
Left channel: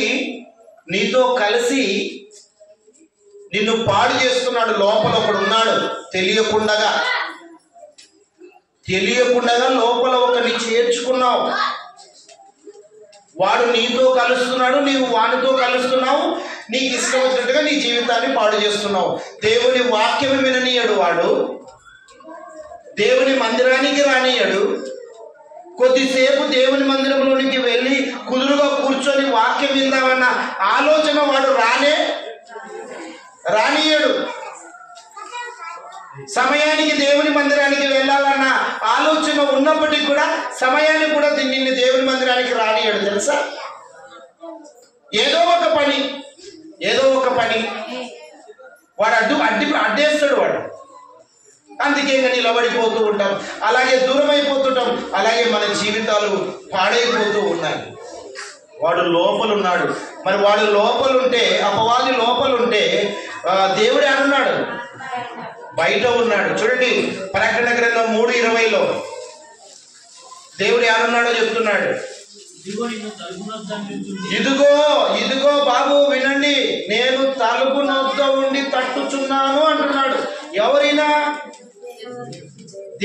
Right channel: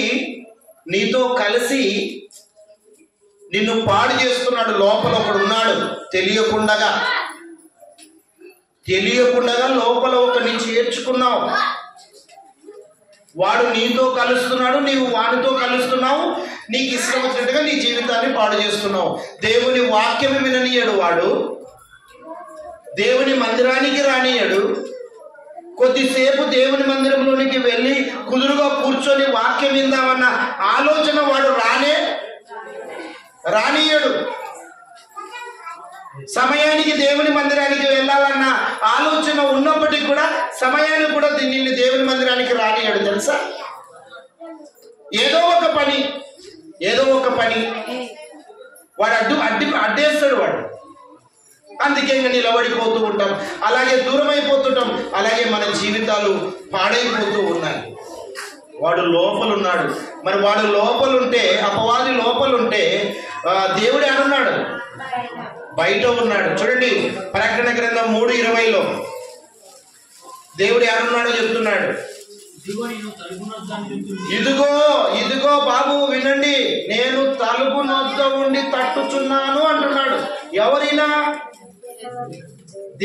నీతో కలిసి నిన్ను పాడు చేస్తున్నాడు. లోపల ఒకడు ఉన్నాడు, తెలియకుండా లోపల ఒకరిని చేర్చుకున్నావు. వాడు నీతో కలుస్తున్నాడు, నీవు వాడితో కలుస్తున్నావు, నీకు ఇష్టం వచ్చినట్టుగా నీ జీవితాన్ని పాడు చేస్తున్నావు. దేవుని వాక్యం విననీయడు వాడు, దేవుని మందిరానికి రానియడు. కొద్దిసేపు దేవుని మందిరంలోనికి వెళ్ళి కుదురుగా కూర్చొని వాక్యం విందామన్న ఆలోచన వాడు రానియడు. సమయానికి దేవుని మందిరానికి వెళ్ళాలన్న ఆలోచన ఉన్నప్పటికీ కూడా సమయాన్ని కూడా నిన్ను దేవుని మందిరానికి రానియడు. తెలుసా? ఏదో ఒక పని వాడు అడ్డేస్తాడు వాడు. అందుకే ఇంకా నిలబడిపోతూ ఉంటాం, అలాగే దూరం అయిపోతుంటాం, అలాగే మన జీవితాలు పాడైపోతూ ఉన్నాయి. వాడు లోపలున్నాడు. మరి వాడు లోపలుంటే, అపవాది లోపలుంటే దేవుడు ఏడున్నాడు? బయట ఉన్నాడు. చూడండి ప్రకటన గ్రంథం 3:20లో దేవుడు ఏడున్నాడో చెప్తున్నాడు. ఇదిగో బాబు వినండి, నేను తలుపు నొద్ద ఉండి తట్టుచున్నాను అంటున్నాడు. ఎవరైనా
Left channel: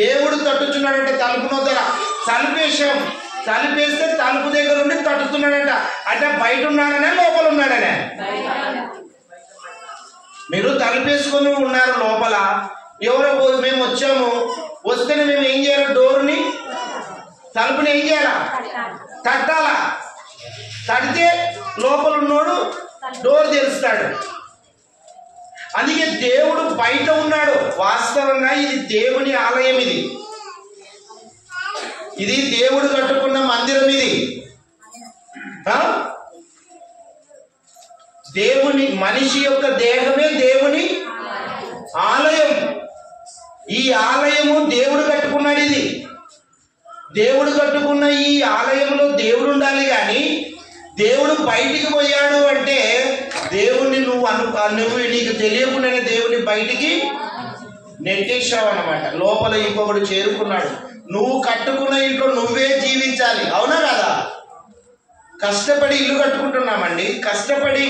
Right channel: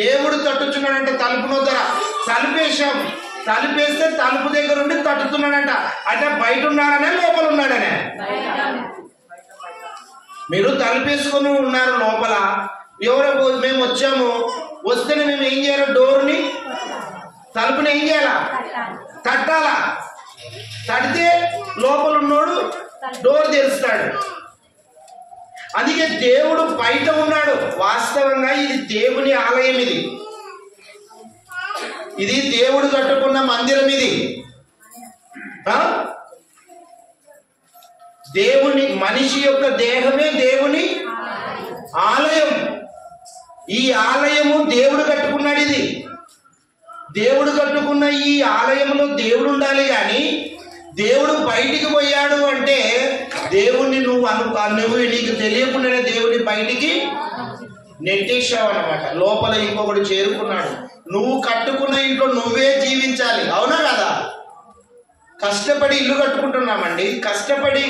దేవుడు తట్టుచున్నాడంట. తలుపు నొద్దర తలుపేశాం, తలుపేస్తే తలుపు దగ్గర ఉండి తట్టుతున్నాడంట. అంటే బయట ఉన్నాడనే లోపల ఉన్నాడనే? మీరు తలుపేసుకొని ఉన్నారు లోపల, ఎవరో మేము వచ్చాము, వస్తేనే మేము ఏం చేయాలి? డోర్ని తలుపుని ఏం చేయాలా? తట్టాలా. తడితే లోపల ఉన్నోడు డోర్ తెరుస్తాడు. అందుకే దేవుడు బయట ఉన్నాడు. వాస్తవంగా ఇది దేవుని ఆలయం, ఇది దేవుడు కట్టుకున్న మందిరం. ఇది దేవుని మనిషి యొక్క దేహమే దేవుని ఆలయం. ఈ ఆలయము దేవుడు కట్టుకున్నాడు. ఇది దేవుడు కట్టుకున్న ఈ ఆలయంలో దేవుడు ఉండాలి. కానీ దేవుడు బయటికి పోయాడు అంటే దేవుణ్ణి నువ్వు నీకు తెలియకుండానే దేవుని బయటికి నెట్టేశావు అన్నమాట. లోపల ఇంకొకడు చేరుకున్నాడు. నువ్వు కట్టుకున్న ఇంట్లో నువ్వే జీవించాలి. అవునా కదా? కష్టపడి ఇల్లు కట్టుకుంటున్నామండి. కష్టపడి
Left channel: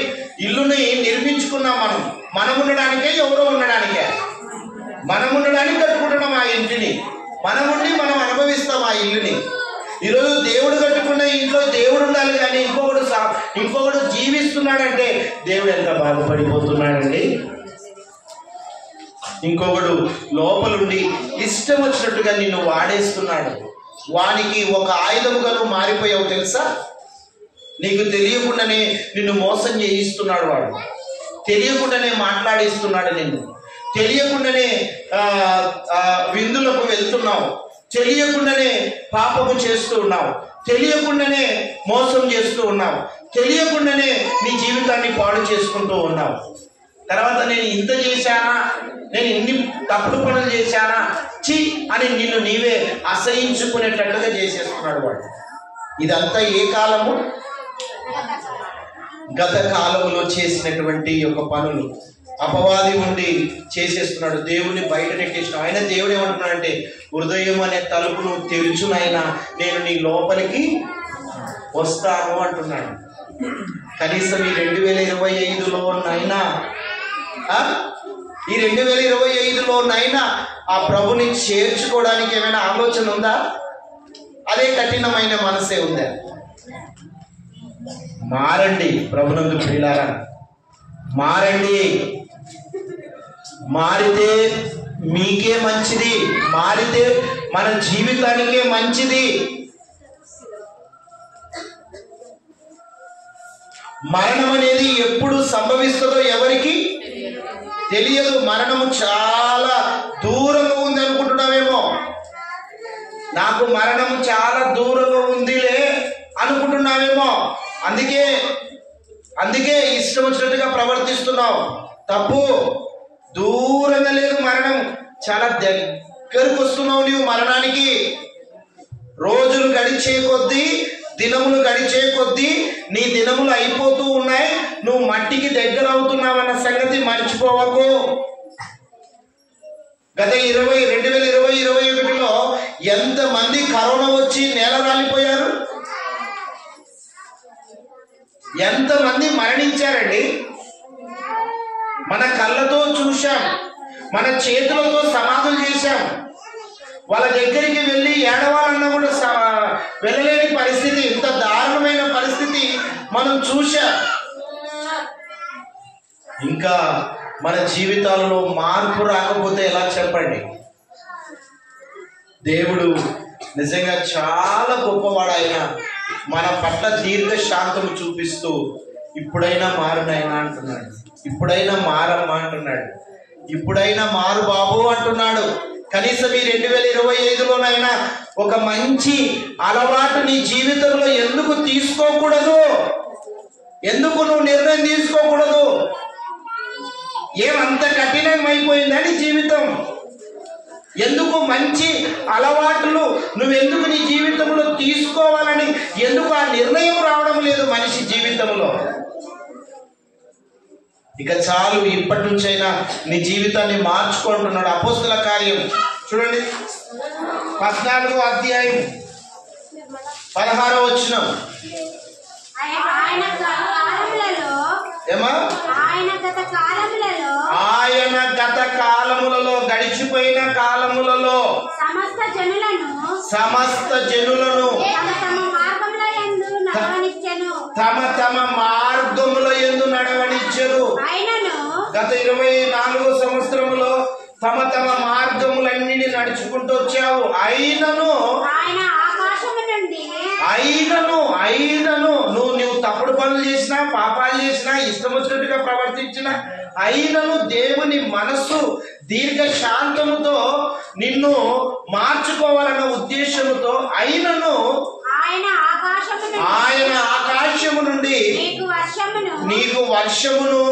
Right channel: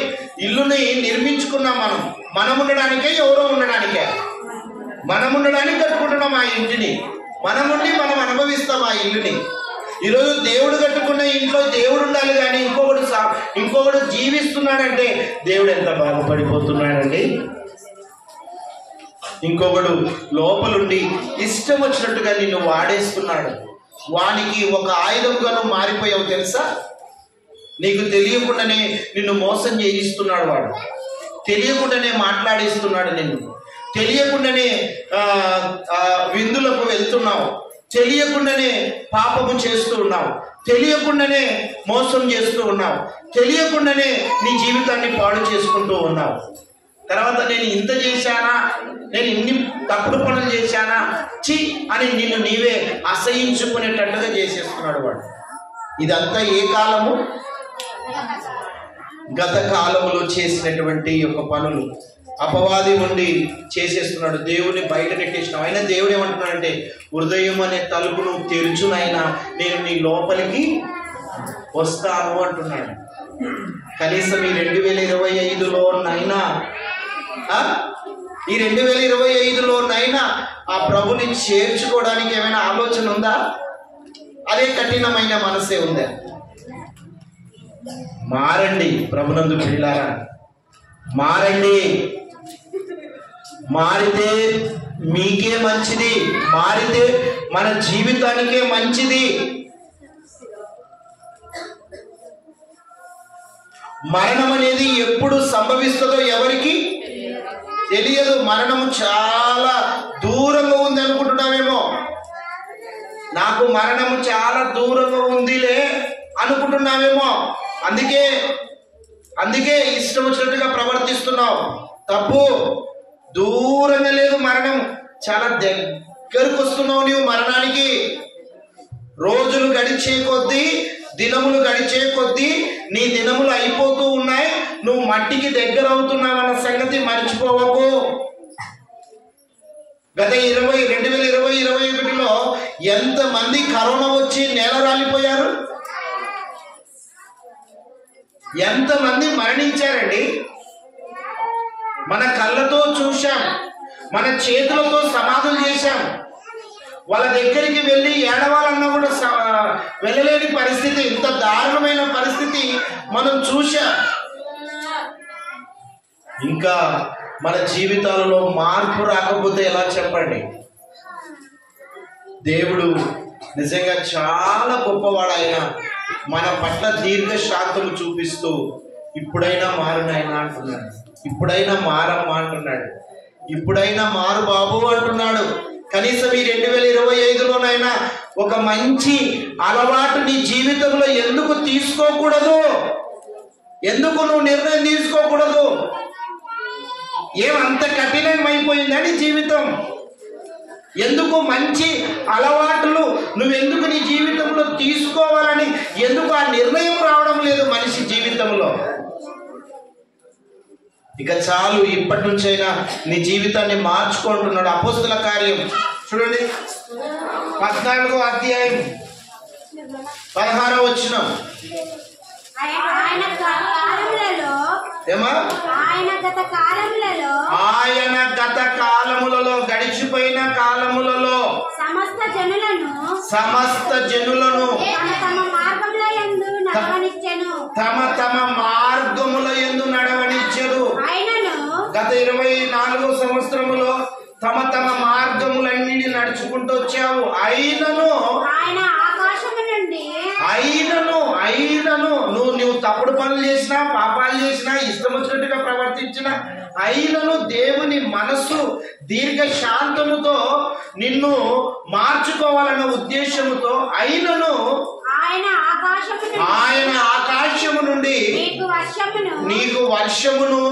ఇల్లుని నిర్మించుకున్నాం. మనం ఉండడానికే, ఎవరో ఉండడానికే? మనం ఉండడానికి కట్టుకుంటున్నాం ఆ ఇంటిని. మనం ఉండి మనం అనుభవిస్తాం ఆ ఇల్లుని. ఈరోజు దేవుడు కట్టుకున్న ఇంట్లో దేవుడు ఉండాలి, కానీ ఇంకొకడు జీవిస్తున్నాడంటే దేవుడు ఎంత బాధపడిపోతున్నాడండి. ఇంకొకడు లోపలుండి ఇష్టం వచ్చినట్టుగా నిన్ను వాడేస్తున్నాడు. వానికి ఒక ఆయుధంగా నువ్వు మారిపోయావు తెలుసా? నీకు తెలియకుండానే నిన్ను మోసం చేయిస్తున్నాడు. వాడు తెలియకుండానే మాట్లాడిస్తున్నాడు నిన్ను. తెలియకుండానే విందులకు వెళ్తున్నావు. తెలియకుండానే పాపము చేస్తూ ఉన్నావు. తెలియకుండానే మోసం చేస్తూ ఉన్నావు. తెలియకుండానే నీ జీవితాన్ని పాడు చేసుకుంటూ ఉన్నావు. తర్వాత నేను ఇంత చేశానా, నేను ఇన్ని తప్పుడు పనులు చేశానా, చి అని నిన్ను నీవే అసహించుకునేటట్టుగా చేసేస్తున్నాడు వాడు. ఇదంతా ఏ కాలము? గత కాలంలో చేసినటువంటి యొక్క పనులు. అపవాది ఉండి చేసేస్తున్నాడు. దేవుని బయట నెట్టేసిన ఆయన. దేవుడు ఏమంటున్నాడంటే, హృదయం అనే తలుపును తెరుచునైనా నేను నీ లోపలికి వస్తాను అంటున్నాడు. కనీసం ఈ 2025లోనైనా ఈ 2025లోనైనా ఆ ప్రభుని చేర్చుకోవడానికి ఏమైనా ఆలోచన ఉందా? అదే కఠినమైన మనసే ఉందా? మారండి ప్రభునందు ప్రియులారా, మారండి. మారితే మీకే మంచిది. మారితే మన జీవితానికే మంచిది. మరణం అనేది ఎప్పుడు సంభవిస్తుందో ఎవరికి తెలియదు. మరణము చాలా దూరంగా ఉంది అనుకుంటున్నామేమో. నాకు మరణము చాలా దూరంగా ఉందిలే అనుకుంటున్నామేమో. అందుకే ఇష్టం వచ్చినట్టుగా ప్రవర్తిస్తున్నావు. తప్పు. దూరంగా లేదు మరణం, చాలా దగ్గరకు వస్తున్నావు నీవు మరణానికి. రోజులు గడిచే కొద్దీ, దినములు గడిచే కొద్దీ నీ దినములు అయిపోతూ ఉన్నాయి. నువ్వు మట్టికి దగ్గర అవుతున్నావన్న సంగతి మర్చిపోవకు. గత 2020-2021లో ఎంతమంది కరోనా వచ్చి నేల రాలిపోయారు? ఎంతమంది మరణించారండి? మన కళ్ళతో చూశాం, మన చేతులతో సమాధులు చేశాం. వాళ్ళ దగ్గరికి వెళ్ళి ఏడవాలన్నా కూడా వెళ్ళలేని పరిస్థితి, ఇంత దారుణమైన పరిస్థితి మనం చూశాం. ఇంకా మన జీవితాలలో మార్పు రాకపోతే ఎలా చెప్పండి? దేవుడు నిజంగా చాలా గొప్పవాడు. ఆయన మన పట్ల దీర్ఘశాంతము చూపిస్తూ ఇప్పుడైనా మారునైనా అంటున్నాడు. ఇప్పుడైనా మారమ్మా అంటున్నాడు. ఇప్పుడైనా మారు బాబు అంటున్నాడు. కనీసం ఈ 2025లోనైనా ఒక మంచి అలవాటు నీ జీవితంలో ఎందుకు తీసుకోకూడదు? ఎందుకు నువ్వు నిర్ణయం తీసుకోకూడదు? ఏమంత కఠినమైపోయిందని జీవితం? ఎందుకు మంచి అలవాట్లు నువ్వెందుకు నీ జీవితంలో తీసుకోవాలని ఎందుకు ఆ నిర్ణయం రావడం లేదు మనిషి జీవితంలో? ఇక చాలు, ఇప్పటి నుంచైనా నీ జీవితాన్ని మార్చుకుంటున్నాడు. అపోస్తుల కార్యం చూడండి, 14వ అధ్యాయం 16వ వచనం. ఆయన గత కాలములలో గడిచిపోయిన కాలములలో సమస్త జనులను తమ తమ మార్గముల యందు నడవనిచ్చెను. గత 24 సంవత్సరములో తమ తమ మార్గములన్నిటిని నడుచుకుంటూ వచ్చావు. అయినను నువ్వు తప్పుడు పనులు చేసినా, పాపాలు చేసినా, ఇష్టం వచ్చినట్టుగా ప్రవర్తించినా, అయినను దేవుని మనస్సు దీర్ఘ శాంతముతో నిన్ను మార్చుకోవాలన్న ఉద్దేశముతో అయినను ఆయన ఆకాశము నుండి నీకు వర్షమును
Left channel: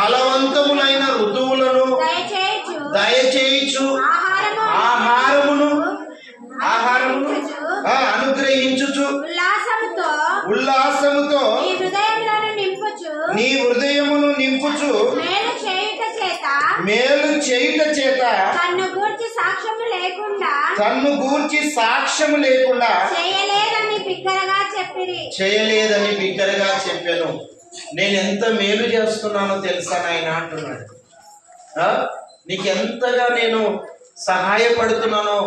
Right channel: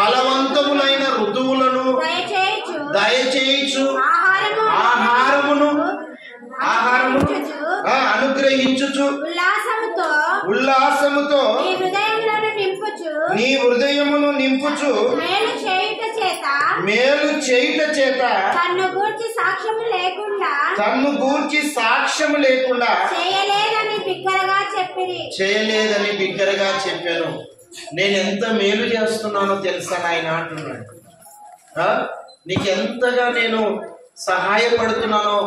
బలవంతములైన ఋతువులను దయచేయచ్చు ఆహారమును అనుగ్రహించుచు ఉల్లాసముతో నీ హృదయమును నింపుచు మేలు చేయుట చేత తన్ను గూర్చి సాక్ష్యము లేకుండా చేయలేదని బిగ్గరగా చెప్పాను. నేను ఎంత మేలు చేస్తున్నానో తెలుసా నాయన అంటున్నాడు. నీకెంతగా నేను సహాయపడుతున్నానో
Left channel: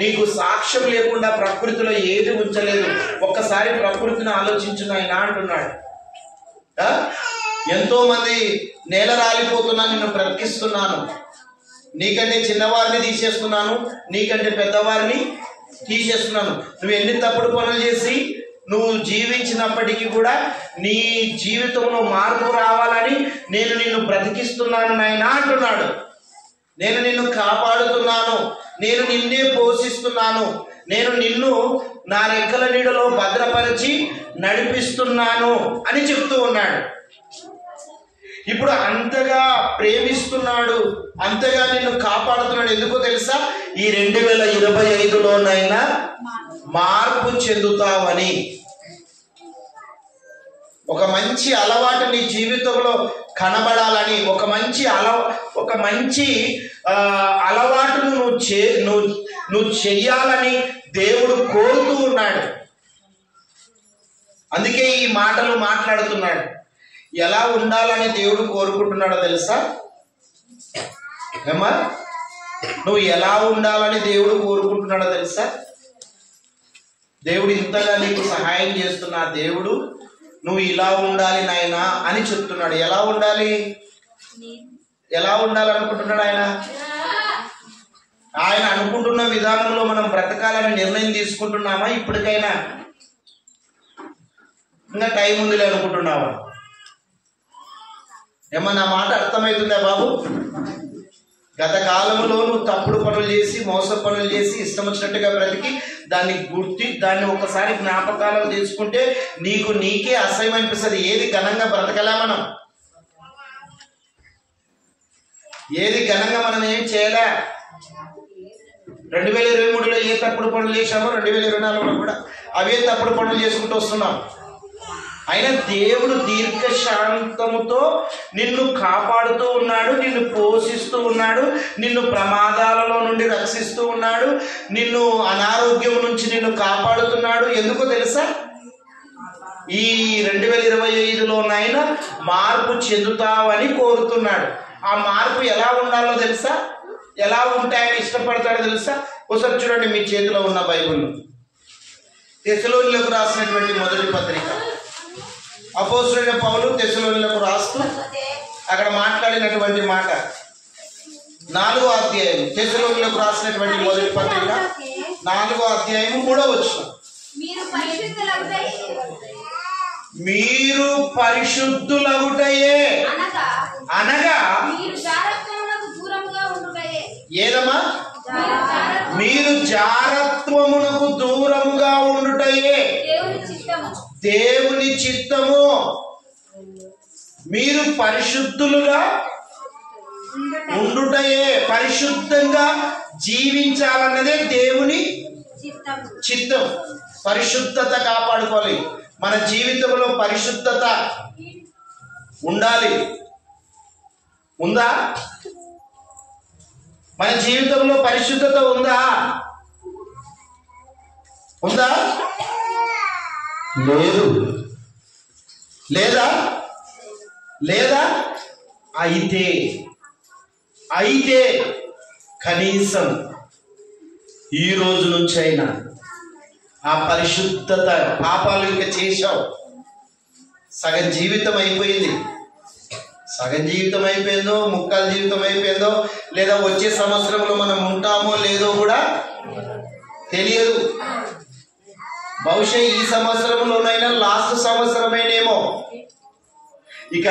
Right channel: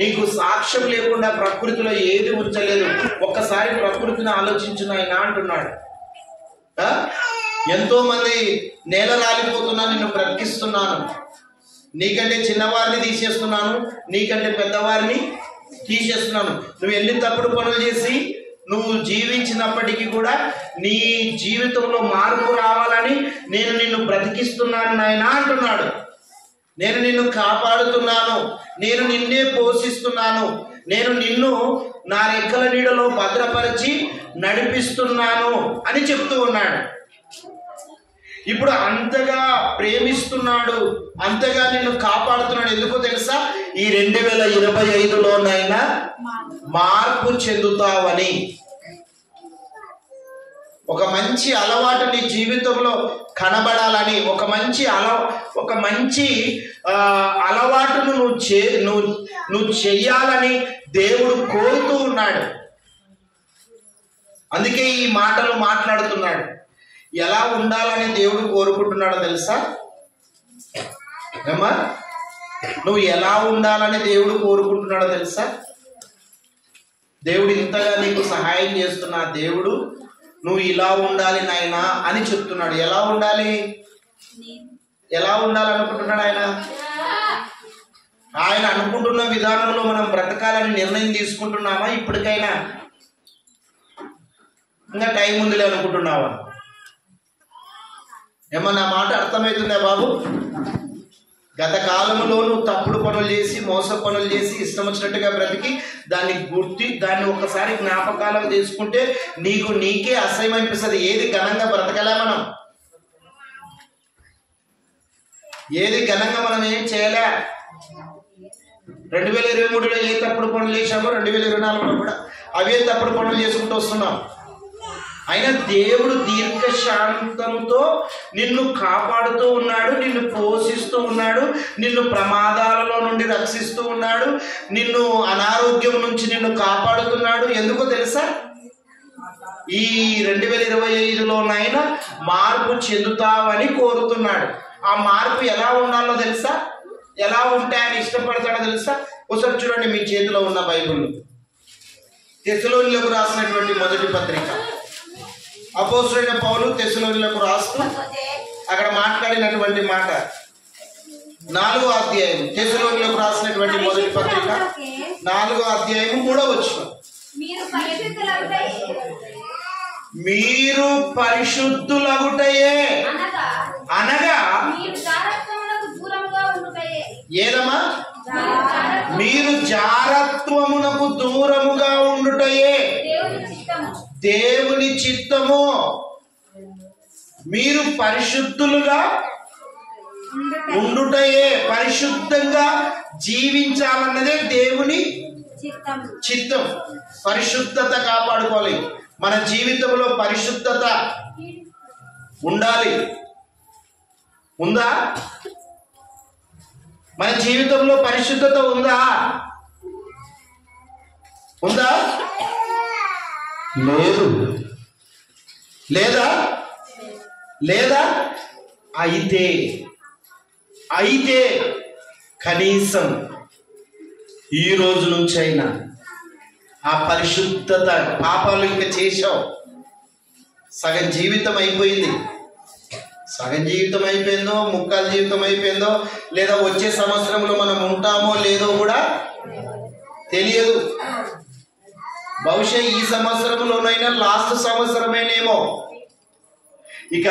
నీకు సాక్ష్యం లేకుండా ప్రకృతిలో ఏది ఉంచలేదు. ఒక్కసారి ప్రకృతిని ఆలోచించు నాయన అంటున్నాడు. ఎంతో మంది నేల రాలిపోతున్నా నిన్ను బ్రతికిస్తున్నాను, నీకంటే చిన్నవారిని తీసేస్తున్నాను, నీకంటే పెద్దవారిని తీసేస్తున్నాను. నువ్వు ఎన్ని తప్పుడు పనులు చేసి నువ్వు జీవించినప్పటికీ కూడా నీ జీవితంలో మార్పు రావాలని నేను నిన్ను బ్రతికిస్తున్నాను నాయన అంటున్నాడు. నేను నిన్ను కాపాడుతున్నాను, నేను నిన్నే పోషిస్తున్నాను, నేను నిన్ను నా రెక్కల నీడలో భద్రపరిచి నడిపిస్తున్నాను అని చెప్తూ ఉన్నాడు. ఇప్పుడు అంతగా ప్రేమిస్తున్నాడు, అంతగా నిన్ను కాపాడుతున్నాడు. ఎందుకో తెలుసా? ఈ 2025లోనైనా మార్పు చెందుతావని. ఒక మంచి అలవాటు నీ జీవితంలో కనబడాలని, ఒక మంచి అలవాటును నువ్వు చెయ్యాలని దేవుడు కోరుతూ ఉన్నాడు. అందుకే ఈ మాటలు మాట్లాడుతున్నాడు. ఎలా ఉండాలని దేవుడు కోరుకుంటున్నాడో తెలుసా? ఏమా, నువ్వు ఎలా ఉండాలని దేవుడు కోరుకుంటున్నాడో తెలుసా? దేవుడు ఇంతగా నీకు సహాయం చేస్తున్నా దేవుడు నువ్వు ఇలా ఉండాలి నాయనా అని చెప్తున్నాడు. ఎలా ఉండాలనుకుంటున్నాడు ఆయన? ఆయన అనుకుంటున్న విధానంలో మనం బ్రతకాలని నిర్ణయం తీసుకుంటున్నామా? ఇప్పటికైనా ఇంకా టైం ఉందిలే అనుకుంటున్నావా? ఏమన్నా మాట అర్థమవుతుందా బాబు? గత కాలంలో నువ్వు తప్పుడు పనులు చేసి, మోస పనులు చేసి, ఇష్టం వచ్చినట్టుగా బ్రతికి దాన్ని ఒక్కసారి జ్ఞాపకాలను తీసుకుంటే నీకే అసహ్యం అనిపిస్తుంది. ఏది ఘనంగా బ్రతకలే మనం, ఏది ఘనంగా మనం ఏం చేయలే. 2023లో ఏ తప్పుడు పనులు చేశామో 2024లో కూడా అవే తప్పుడు పనులు చేసుకుంటూ వస్తున్నాం. అయినా దేవుడు దీర్ఘశాంతముతో నిన్ను కాపాడుతూ ఉన్నాడు, నిన్ను పోషిస్తూ ఉన్నాడు, నిన్ను ప్రమాదాలలో నుండి రక్షిస్తూ ఉన్నాడు, నిన్ను అనారోగ్యం నుంచి నిన్ను కాపాడుతున్నాడు. ఎందుకో తెలుసా? ఈ 2025లోనైనా మార్పు చెందుతావని కోరుతున్నాడు. ఆ మార్పు ఎలా ఉండాలో తెలుసా? ఎలా ఉంటాయని ఇష్టపడతాడో తెలుసా? ఒకసారి చూడండి మీ చేతిలో ఉన్న బైబిల్, తెస్సలోనిలకు రాసినటువంటి మొదటి పత్రిక. అపోస్తలుడైన పౌలు తెస్సలోనిలకు రాస్తూ అక్కడ మాట్లాడినటువంటి మాట 4వ అధ్యాయం, తెస్సలోనిలకు రాసినటువంటి మొదటి పత్రిక 4వ అధ్యాయం 3వ వచనం, మీరు పరిశుద్ధులగుటయే అనగా ఏదమ్మా? మీరు జారత్వమునకు దూరముగా ఉండుటయే దేవుని చిత్తము. మీరు పరిశుద్ధులుగా ఉండుటయే, పరిశుద్ధంగా జీవించాలన్నదే దేవుని చిత్తం. పరిశుద్ధత కాపాడుకోవాలి. మన జీవితంలో పరిశుద్ధత ఉండాలి. ఉందా? మన జీవితంలో పరిశుద్ధత ఉందా? లేదు. లేదా అయితే కనీసం ఈ రోజు నుంచైనా ఆ పరిశుద్ధత, పాపాలు ఇంకా చేశావు, సగం జీవితం అయిపోయింది. సగం జీవితం అయిపోయిందో, ముక్కాలు జీవితం అయిపోయిందో, లేదా వచ్చే సంవత్సరంలో మనం ఉంటామో లేదో కూడా తెలియదు. బహుశా ఈ సంవత్సరంలోనైనా లాస్ట్ సంవత్సరమైనేమో. ఇక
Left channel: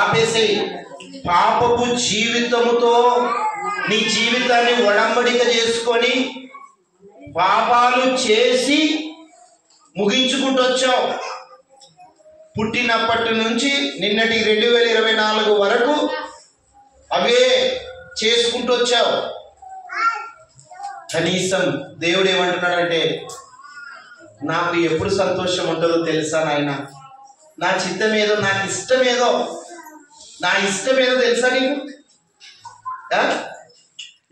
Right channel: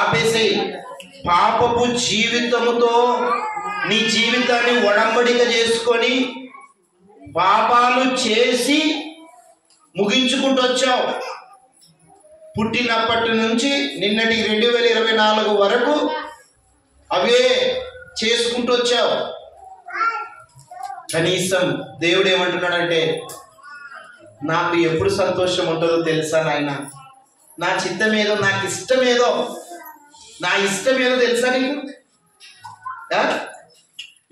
ఆపేసి పాపపు జీవితముతో నీ జీవితాన్ని ఒడంబడిక చేసుకొని పాపాలు చేసి ముగించుకుంటూ వచ్చావు. పుట్టినప్పటి నుంచి నిన్నటి 2024 వరకు అవే చేసుకుంటూ వచ్చావు. కనీసం దేవుడు ఏమంటున్నాడంటే, నాకు ఎప్పుడు సంతోషం ఉంటుందో తెలుసా నాయన, నా చిత్తమేదో, నాకు ఇష్టమేదో, నా ఇష్టమేదో తెలుసా నీకు?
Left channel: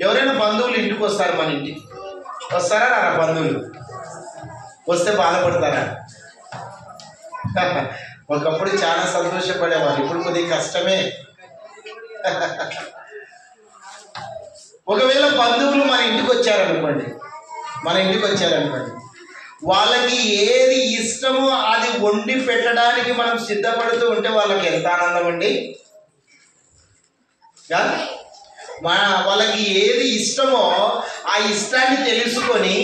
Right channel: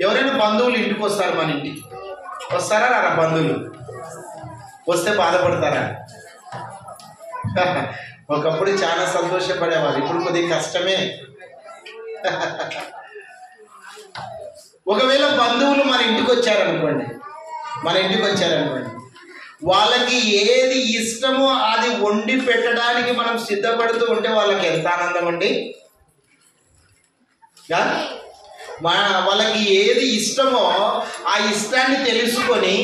ఎవరైనా బంధువులు ఇంటికి వస్తారు, మన ఇంటికి వస్తారా నా బంధువులు? వస్తే బాధపడతారా? ఒకప్పుడు చాలా సంతోషపడేవారు, ఇప్పుడు కొద్దిగా కష్టమే. ఒకవేళ బంధువులు మన ఇంటికి వచ్చారనుకోండి, వాళ్ళకి ఏది ఇష్టమో అది వండి పెట్టడానికి మనం సిద్ధపడుతూ ఉంటే వాళ్ళకి ఎంత ఆనందం అండి. వాళ్ళకి ఏది ఇష్టమో ఆ ఇష్టాన్ని తెలుసుకొని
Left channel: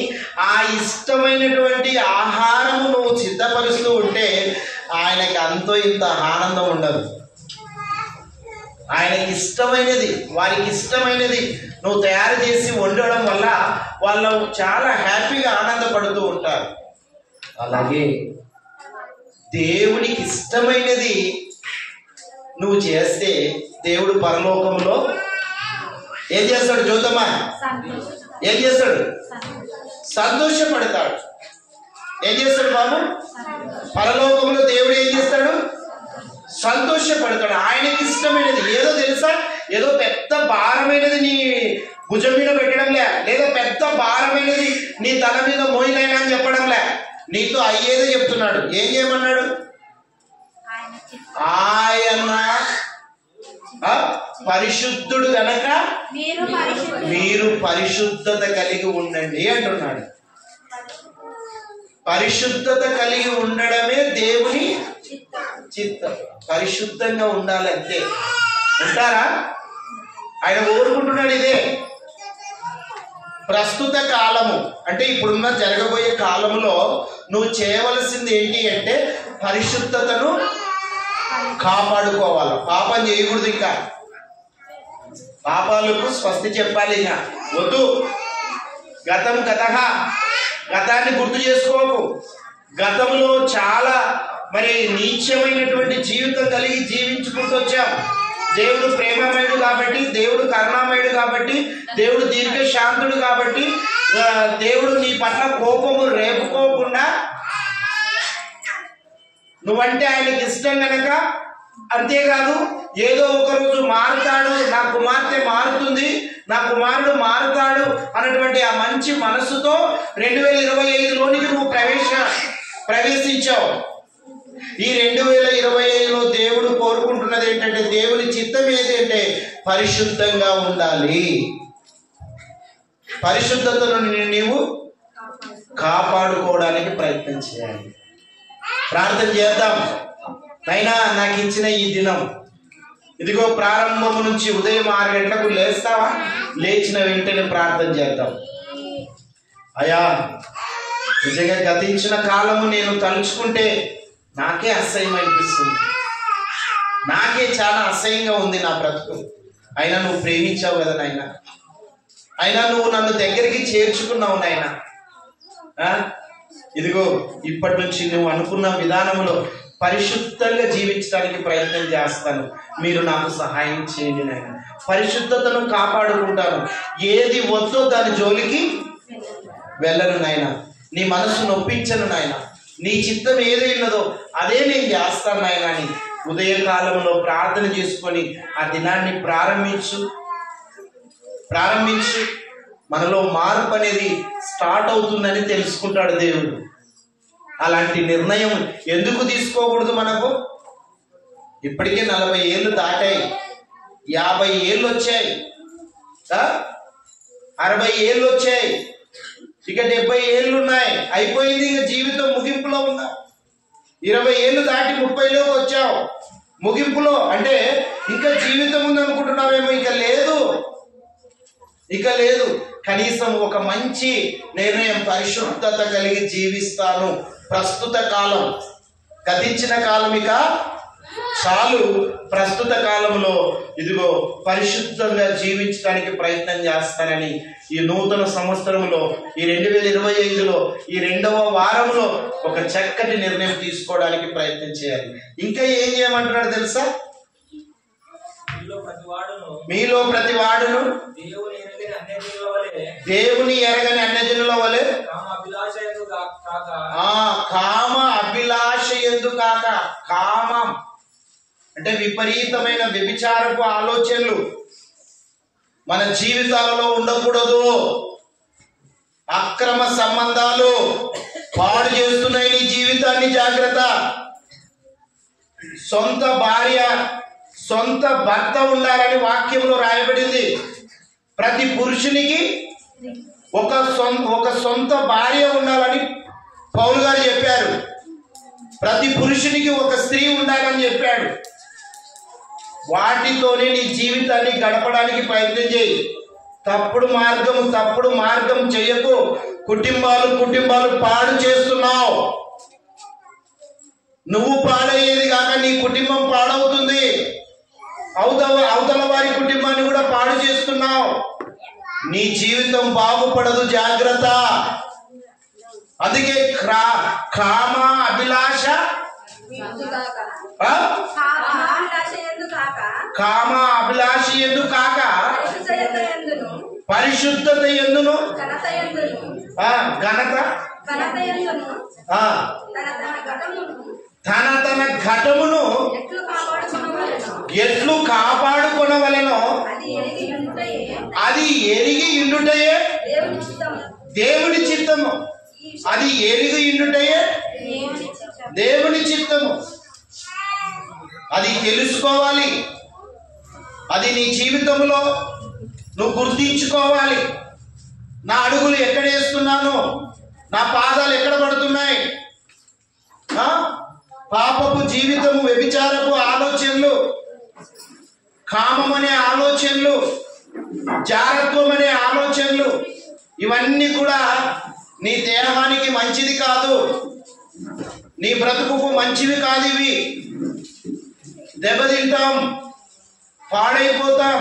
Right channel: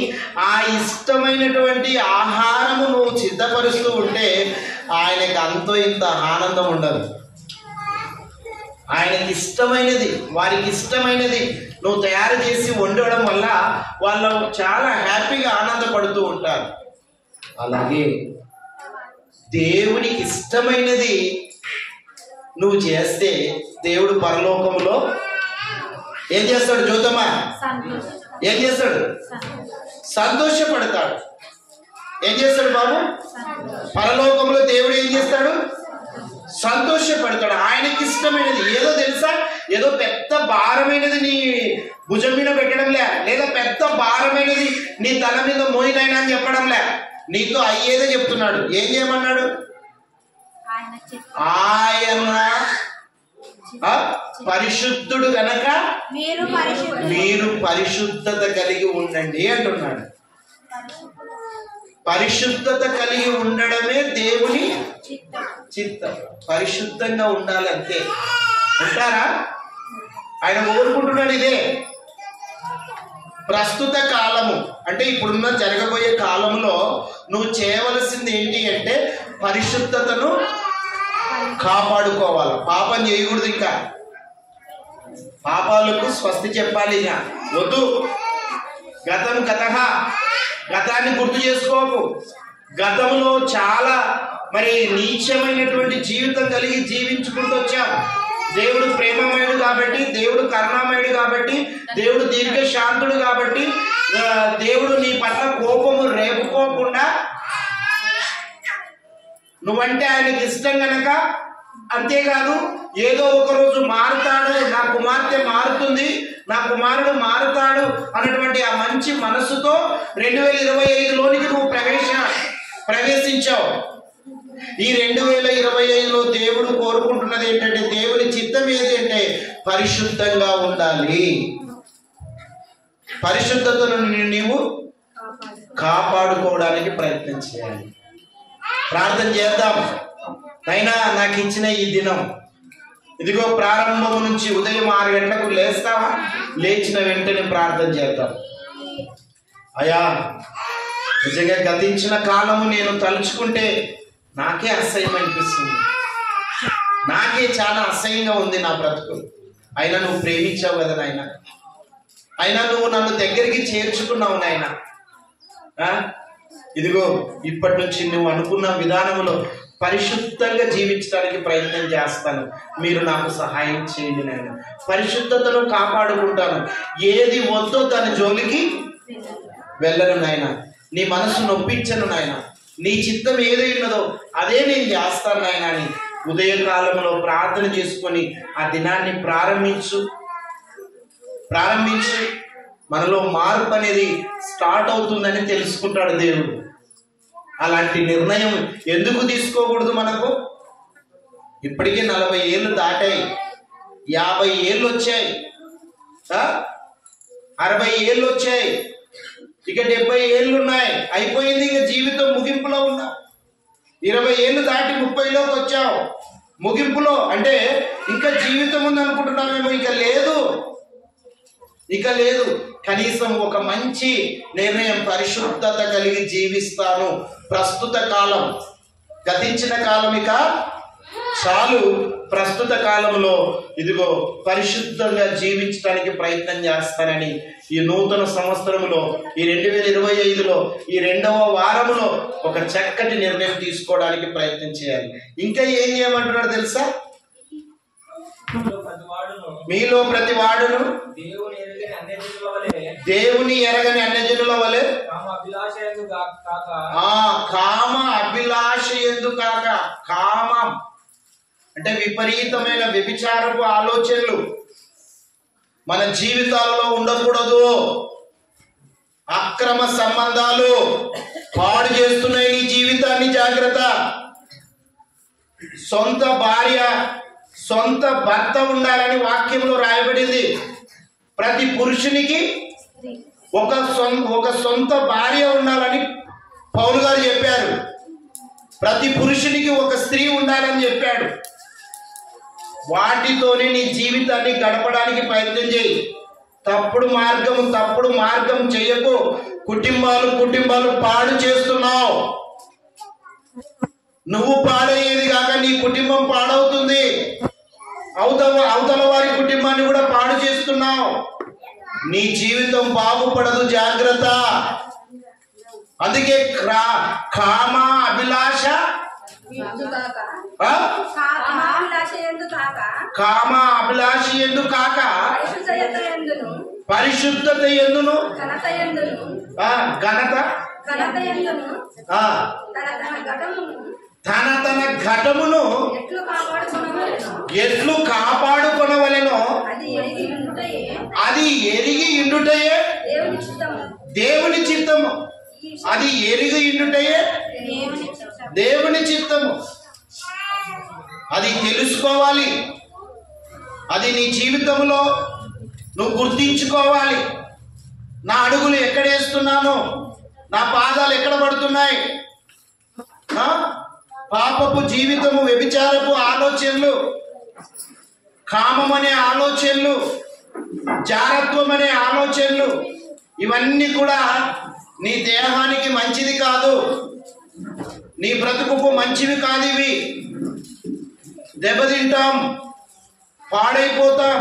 ఆ ఇష్టమైనటువంటి ఆహారము నువ్వు సిద్ధపరుస్తూ ఉంటే ఆయనకి అంతో ఇంత ఆనందం ఉండదు. ఆయనకి ఇష్టమైనది, వారికి ఇష్టమైనది నువ్వు తయారు చేసి వండడం వల్ల వాళ్ళు చాలా హ్యాపీగా ఆనందపడుతూ ఉంటారు. అలాగే దేవునికి ఇష్టమైనది నువ్వు చేస్తే దేవుడు పరలోకంలో ఏం చేస్తాడు? చూద్దామా, ఏం చేస్తాడు? సంతోషపడతాడు. ఏం చేస్తాడు బాబు? పరలోకంలో దేవుడు ఏం చేస్తాడు? సంతోషపడతాడు. ఆయనకి ఇష్టమైనది ఏదో తెలుసా? ఏదో పెద్ద భారమైనది నీ భుజం మీద పెట్టడంలే, లేదా పెద్ద భారమైనది నీ తల మీద మోయినైనా అని చెప్పడంలే, నీతో అయ్యేదో చెప్తున్నాడు. ఏం చేయమన్నాడు? ఆయన పరిశుద్ధుడు గనక మీరు పరిశుద్ధత కలిగి ఉండండి అంటున్నాడు. పరిశుద్ధత కలిగి ఉండడమే దేవుని చిత్తం. పరిశుద్ధంగా ఉండాలంటే ఉంటారా? ఆయన కోరుకుంటున్నాడు. ఇదే ప్రస్తుత కాలము అంటే ఇప్పుడున్న జరగబోయే కాలంలో నువ్వు చేయవలసింది ఏంటి అంటే పరిశుద్ధతను కాపాడుకోవాలి. పాపం చేయకూడదు. ఇంకా పాపాలకు స్వస్తి చెప్పాలి. ఇక వద్దు. గతాన్ని గుర్తు చేసుకోకు. గతంలో చాలా నీచమైనటువంటి జీవితం కలిగి జీవించుకుంటూ వచ్చాం. దేవుడు ప్రేమమయుడు కాబట్టి, దేవుడు కరుణామయుడు కాబట్టి, దేవుడు దీర్ఘశాంతుడు కాబట్టి, దేవుడు నీ పట్ల కోపము రేపుకోకుండా నువ్వంటే ఆయనకి ఇష్టం గనక, అంతేకాదు ఏదో ఒక రోజు మారుతాడు, నా కుమార్తె మారుతుంది, నా కుమారుడు మారుతాడు అన్నటువంటి ఆ మంచి మనసుతో 2025లోనికి నువ్వు ప్రవేశించావు. ఈ 2025లో దేవుడు కోరుకుంటున్నది ఏంటంటే, దేవుని చిత్తం ఏంటంటే పరిశుద్ధంగా ఉండాలి. పరిశుద్ధతను నీవు కాపాడుకోవడానికి ప్రయత్నం చేయాలి. ప్రార్థన చేద్దాం. అయినా నాకు ఇచ్చిన ఈ దినం, ఇదిగో ప్రారంభం నుంచి ఉదయం 6 గంటలకు లేస్తావా? లేచిన వెంటనే ప్రార్థన చేద్దాం. అయ్యా, నిజంగా గతించిన కాలము నేను తలుచుకుంటే నాకే అసహ్యం అనిపిస్తుంది. నాకే చాలా అసహ్యంగా ఉంది నా బ్రతుకు. అయినా నువ్వు ప్రేమించావు కదా నాయన. అయినా నువ్వు నన్ను దగ్గరికి చేర్చుకున్నావు నాయన. ఇదిగో ఇప్పటి నుంచి నువ్వు అనుకున్న విధానంలో పరిశుద్ధంగా జీవించడానికి ప్రయత్నం చేస్తాను. మీరు నాకు సహాయం చేయండి నాయన. పరిశుద్ధతను కాపాడుకుంటాను. ఏది వద్దో దాని జోలికి వెళ్ళను నాయన. నీ మనసు నొప్పించను నాయన. నీ చిత్తం ఏదైనదో అదే నేను చేస్తాను నాయన అని ఉదయకాలంలో ప్రార్థన చేసుకొని ఆ దినాన్ని ప్రారంభించు. మనలో మార్పు అనేది స్టార్ట్ అవుతుందని తెలుసుకుంటాడు దేవుడు. అలాంటి నిర్ణయం ఎందుకు తీసుకోకూడదు? మనకు ఇప్పటికే 40 ఏళ్ళు దాటాయి, 50 ఏళ్ళు వచ్చాయి, 60 ఏళ్ళు వచ్చాయి, ఇక 70 ఏళ్ళు ఉన్నాయి. అయిపోయింది. ఇక జీవితం ముగింపులో ఉన్నా. 20 ఏళ్ళు దాటి 30లోకి వచ్చావు, ముగింపులో అంటే ఇంకా జీవితం ఉంది అనుకుంటున్నావేమో. ఇక లేదు. కనీసం ఒక మంచి నిర్ణయం, పరిశుద్ధత కలిగి జీవిస్తాను. ప్రస్తుత కాలం, గతించిన కాలం ఇక చాలు. ప్రస్తుత కాలంలో ఇదిగో పరిశుద్ధంగా జీవించడానికి ప్రయత్నం చేస్తానని ఈ నూతన సంవత్సరంలో, ఈ 2025లో, ఈ 2వ వారంలో ఒక చక్కటి నిర్ణయం తీసుకోవడానికి ప్రయత్నం చేయాలి. ఇంకా ఏం చేయమంటున్నాడు తెలుసా? మీలో ప్రతి వాడును దేవుని ఎరగని అన్యజనుల వలె కామ అభిలాష ఎందు కాక. కామం అంటే విపరీతమైన వ్యభిచారపు ఆలోచనలు మన జీవితాలలో ఉండకూడదు. అక్రమ సంబంధాలు పాడు చేస్తున్నాయి నీ జీవితాన్ని, జాగ్రత్త. సొంత భార్య, సొంత భర్త ఉండాలని వాక్యంలో రాయబడింది. ప్రతి పురుషునికి ఒక సొంత భార్య ఉండాలని పౌలు గారు చెప్పారు. ప్రతి పురుషునికి ఒక స్త్రీ ఉండాలని చెప్పాడు. వాటితోనే నీ జీవితాన్ని గడపడానికి ప్రయత్నం చేయి. తప్పుడు మార్గం చేయకు. కుటుంబాలు పాడు చేస్తున్నావు. నువ్వు పాడయ్యేది కాక నీ కుటుంబం పాడవుతుంది. అవతల వారి కుటుంబాన్ని కూడా పాడు చేస్తున్నావు. నీ జీవితం బాగుపడదు, జాగ్రత్త. అందుకే కామ అభిలాష ఎందు కాక పరిశుద్ధత ఎందును ఘనత తన ఘటమును ఎట్లు కాపాడుకొనవలెనో అది ఎరిగి ఇండుటయే దేవుని చిత్తము. అది ఎరిగి ఇండుటయే దేవుని చిత్తము. అది తెలుసుకోవాలి. అది నీ జీవితంలో నువ్వు గుర్తించుకోవాలి. నా అడుగులు ఎక్కడ వేస్తున్నాను, నా పాదాలు ఎక్కడ పడుతున్నాయి. పాపపు జీవితము, వ్యభిచారపు ఆలోచనలు, కామం అనే ఆలోచనలు, జారత్వం అనే ఆలోచనలు, ఇవన్నీ కూడా నీ దేహానికి మంచిది కాదు, నీ బ్రతుకుకు మంచివి కాదు. ఇవి దెబ్బతింటాం, పాడైపోతాం.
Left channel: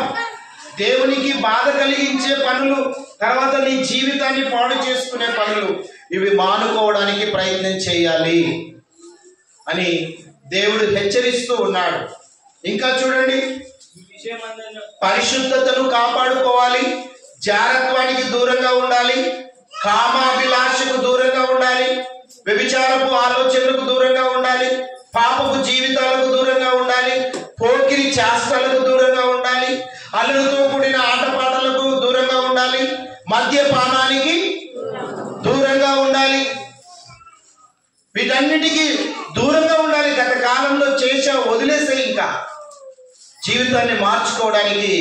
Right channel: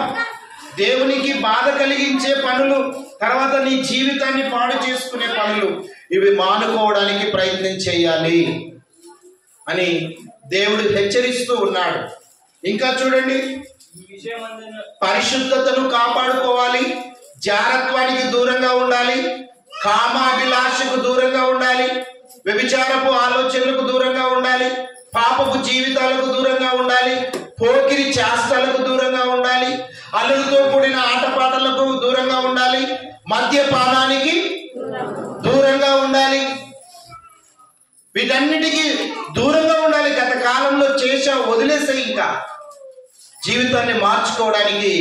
దేవునికి బాధ కలిగించే పనులు, తర్వాత నీ జీవితాన్ని పాడు చేసుకునే పనులు, ఇవి మానుకోవడానికి ప్రయత్నం చేయాలి అని దేవుడు హెచ్చరిస్తూ ఉన్నాడు. ఇంకా చూడండి, పరిశుద్ధతను కాపాడుకోవాలి, జారత్వానికి దూరంగా ఉండాలి, కామాభిలాషకు దూరంగా ఉండాలి, వ్యభిచారపు ఆలోచనలకు దూరంగా ఉండాలి, పాపపు జీవితాలకు దూరంగా ఉండాలి, పోకిరి చేష్టలకు దూరంగా ఉండాలి, అల్లరితో కూడిన ఆటపాటలకు దూరంగా ఉండాలి, మద్యపానానికి దూరంగా ఉండాలి. వీటన్నిటికీ దూరంగా ఉండాలి. గత కాలంలో చేసావు, వదిలేసే. ఇంకా జీవితాన్ని మార్చుకోవడానికి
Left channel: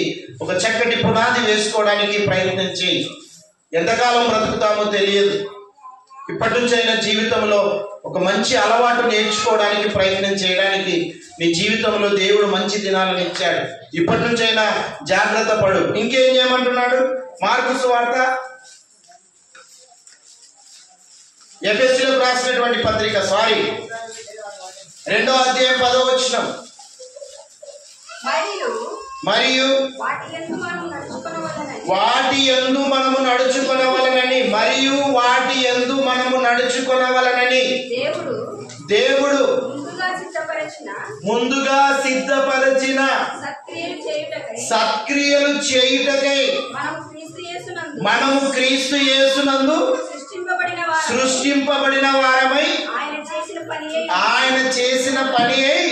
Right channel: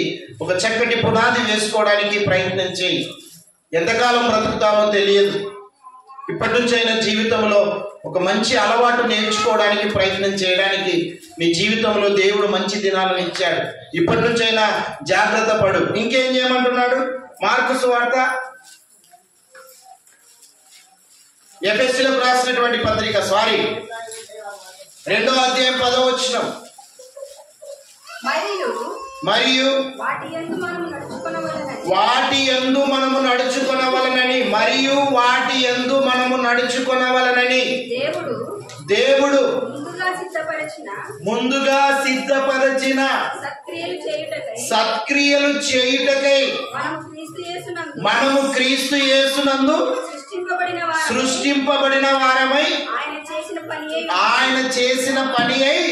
ఒక చక్కటి పునాది వేసుకోవడానికి ప్రయత్నం చేయి. ఎంతకాలం బ్రతుకుతామో తెలియదు. ఇప్పటి నుంచైనా జీవితంలో ఒక మంచి అలవాటు నేర్చుకోవడానికి ప్రయత్నం చేయడానికి నీ జీవితంలో దేవుడు మంచి దినాలను ఇచ్చాడు. ఇప్పటి నుంచైనా జాగ్రత్త పడు. ఇంకేం చేయమంటున్నాడు? మార్కు సువార్త ఎఫెసీయులకు రాసినటువంటి పత్రిక 2వ అధ్యాయం 10వ వచనం. మరియు వాటి యందు మనము నడుచుకొనవలెనని దేవుడు ముందుగా సిద్ధపరచిన సత్క్రియలు చేయుటకై మనము క్రీస్తు యేసునందు సృష్టింపబడిన వారమై ఆయన చేసిన పని అయి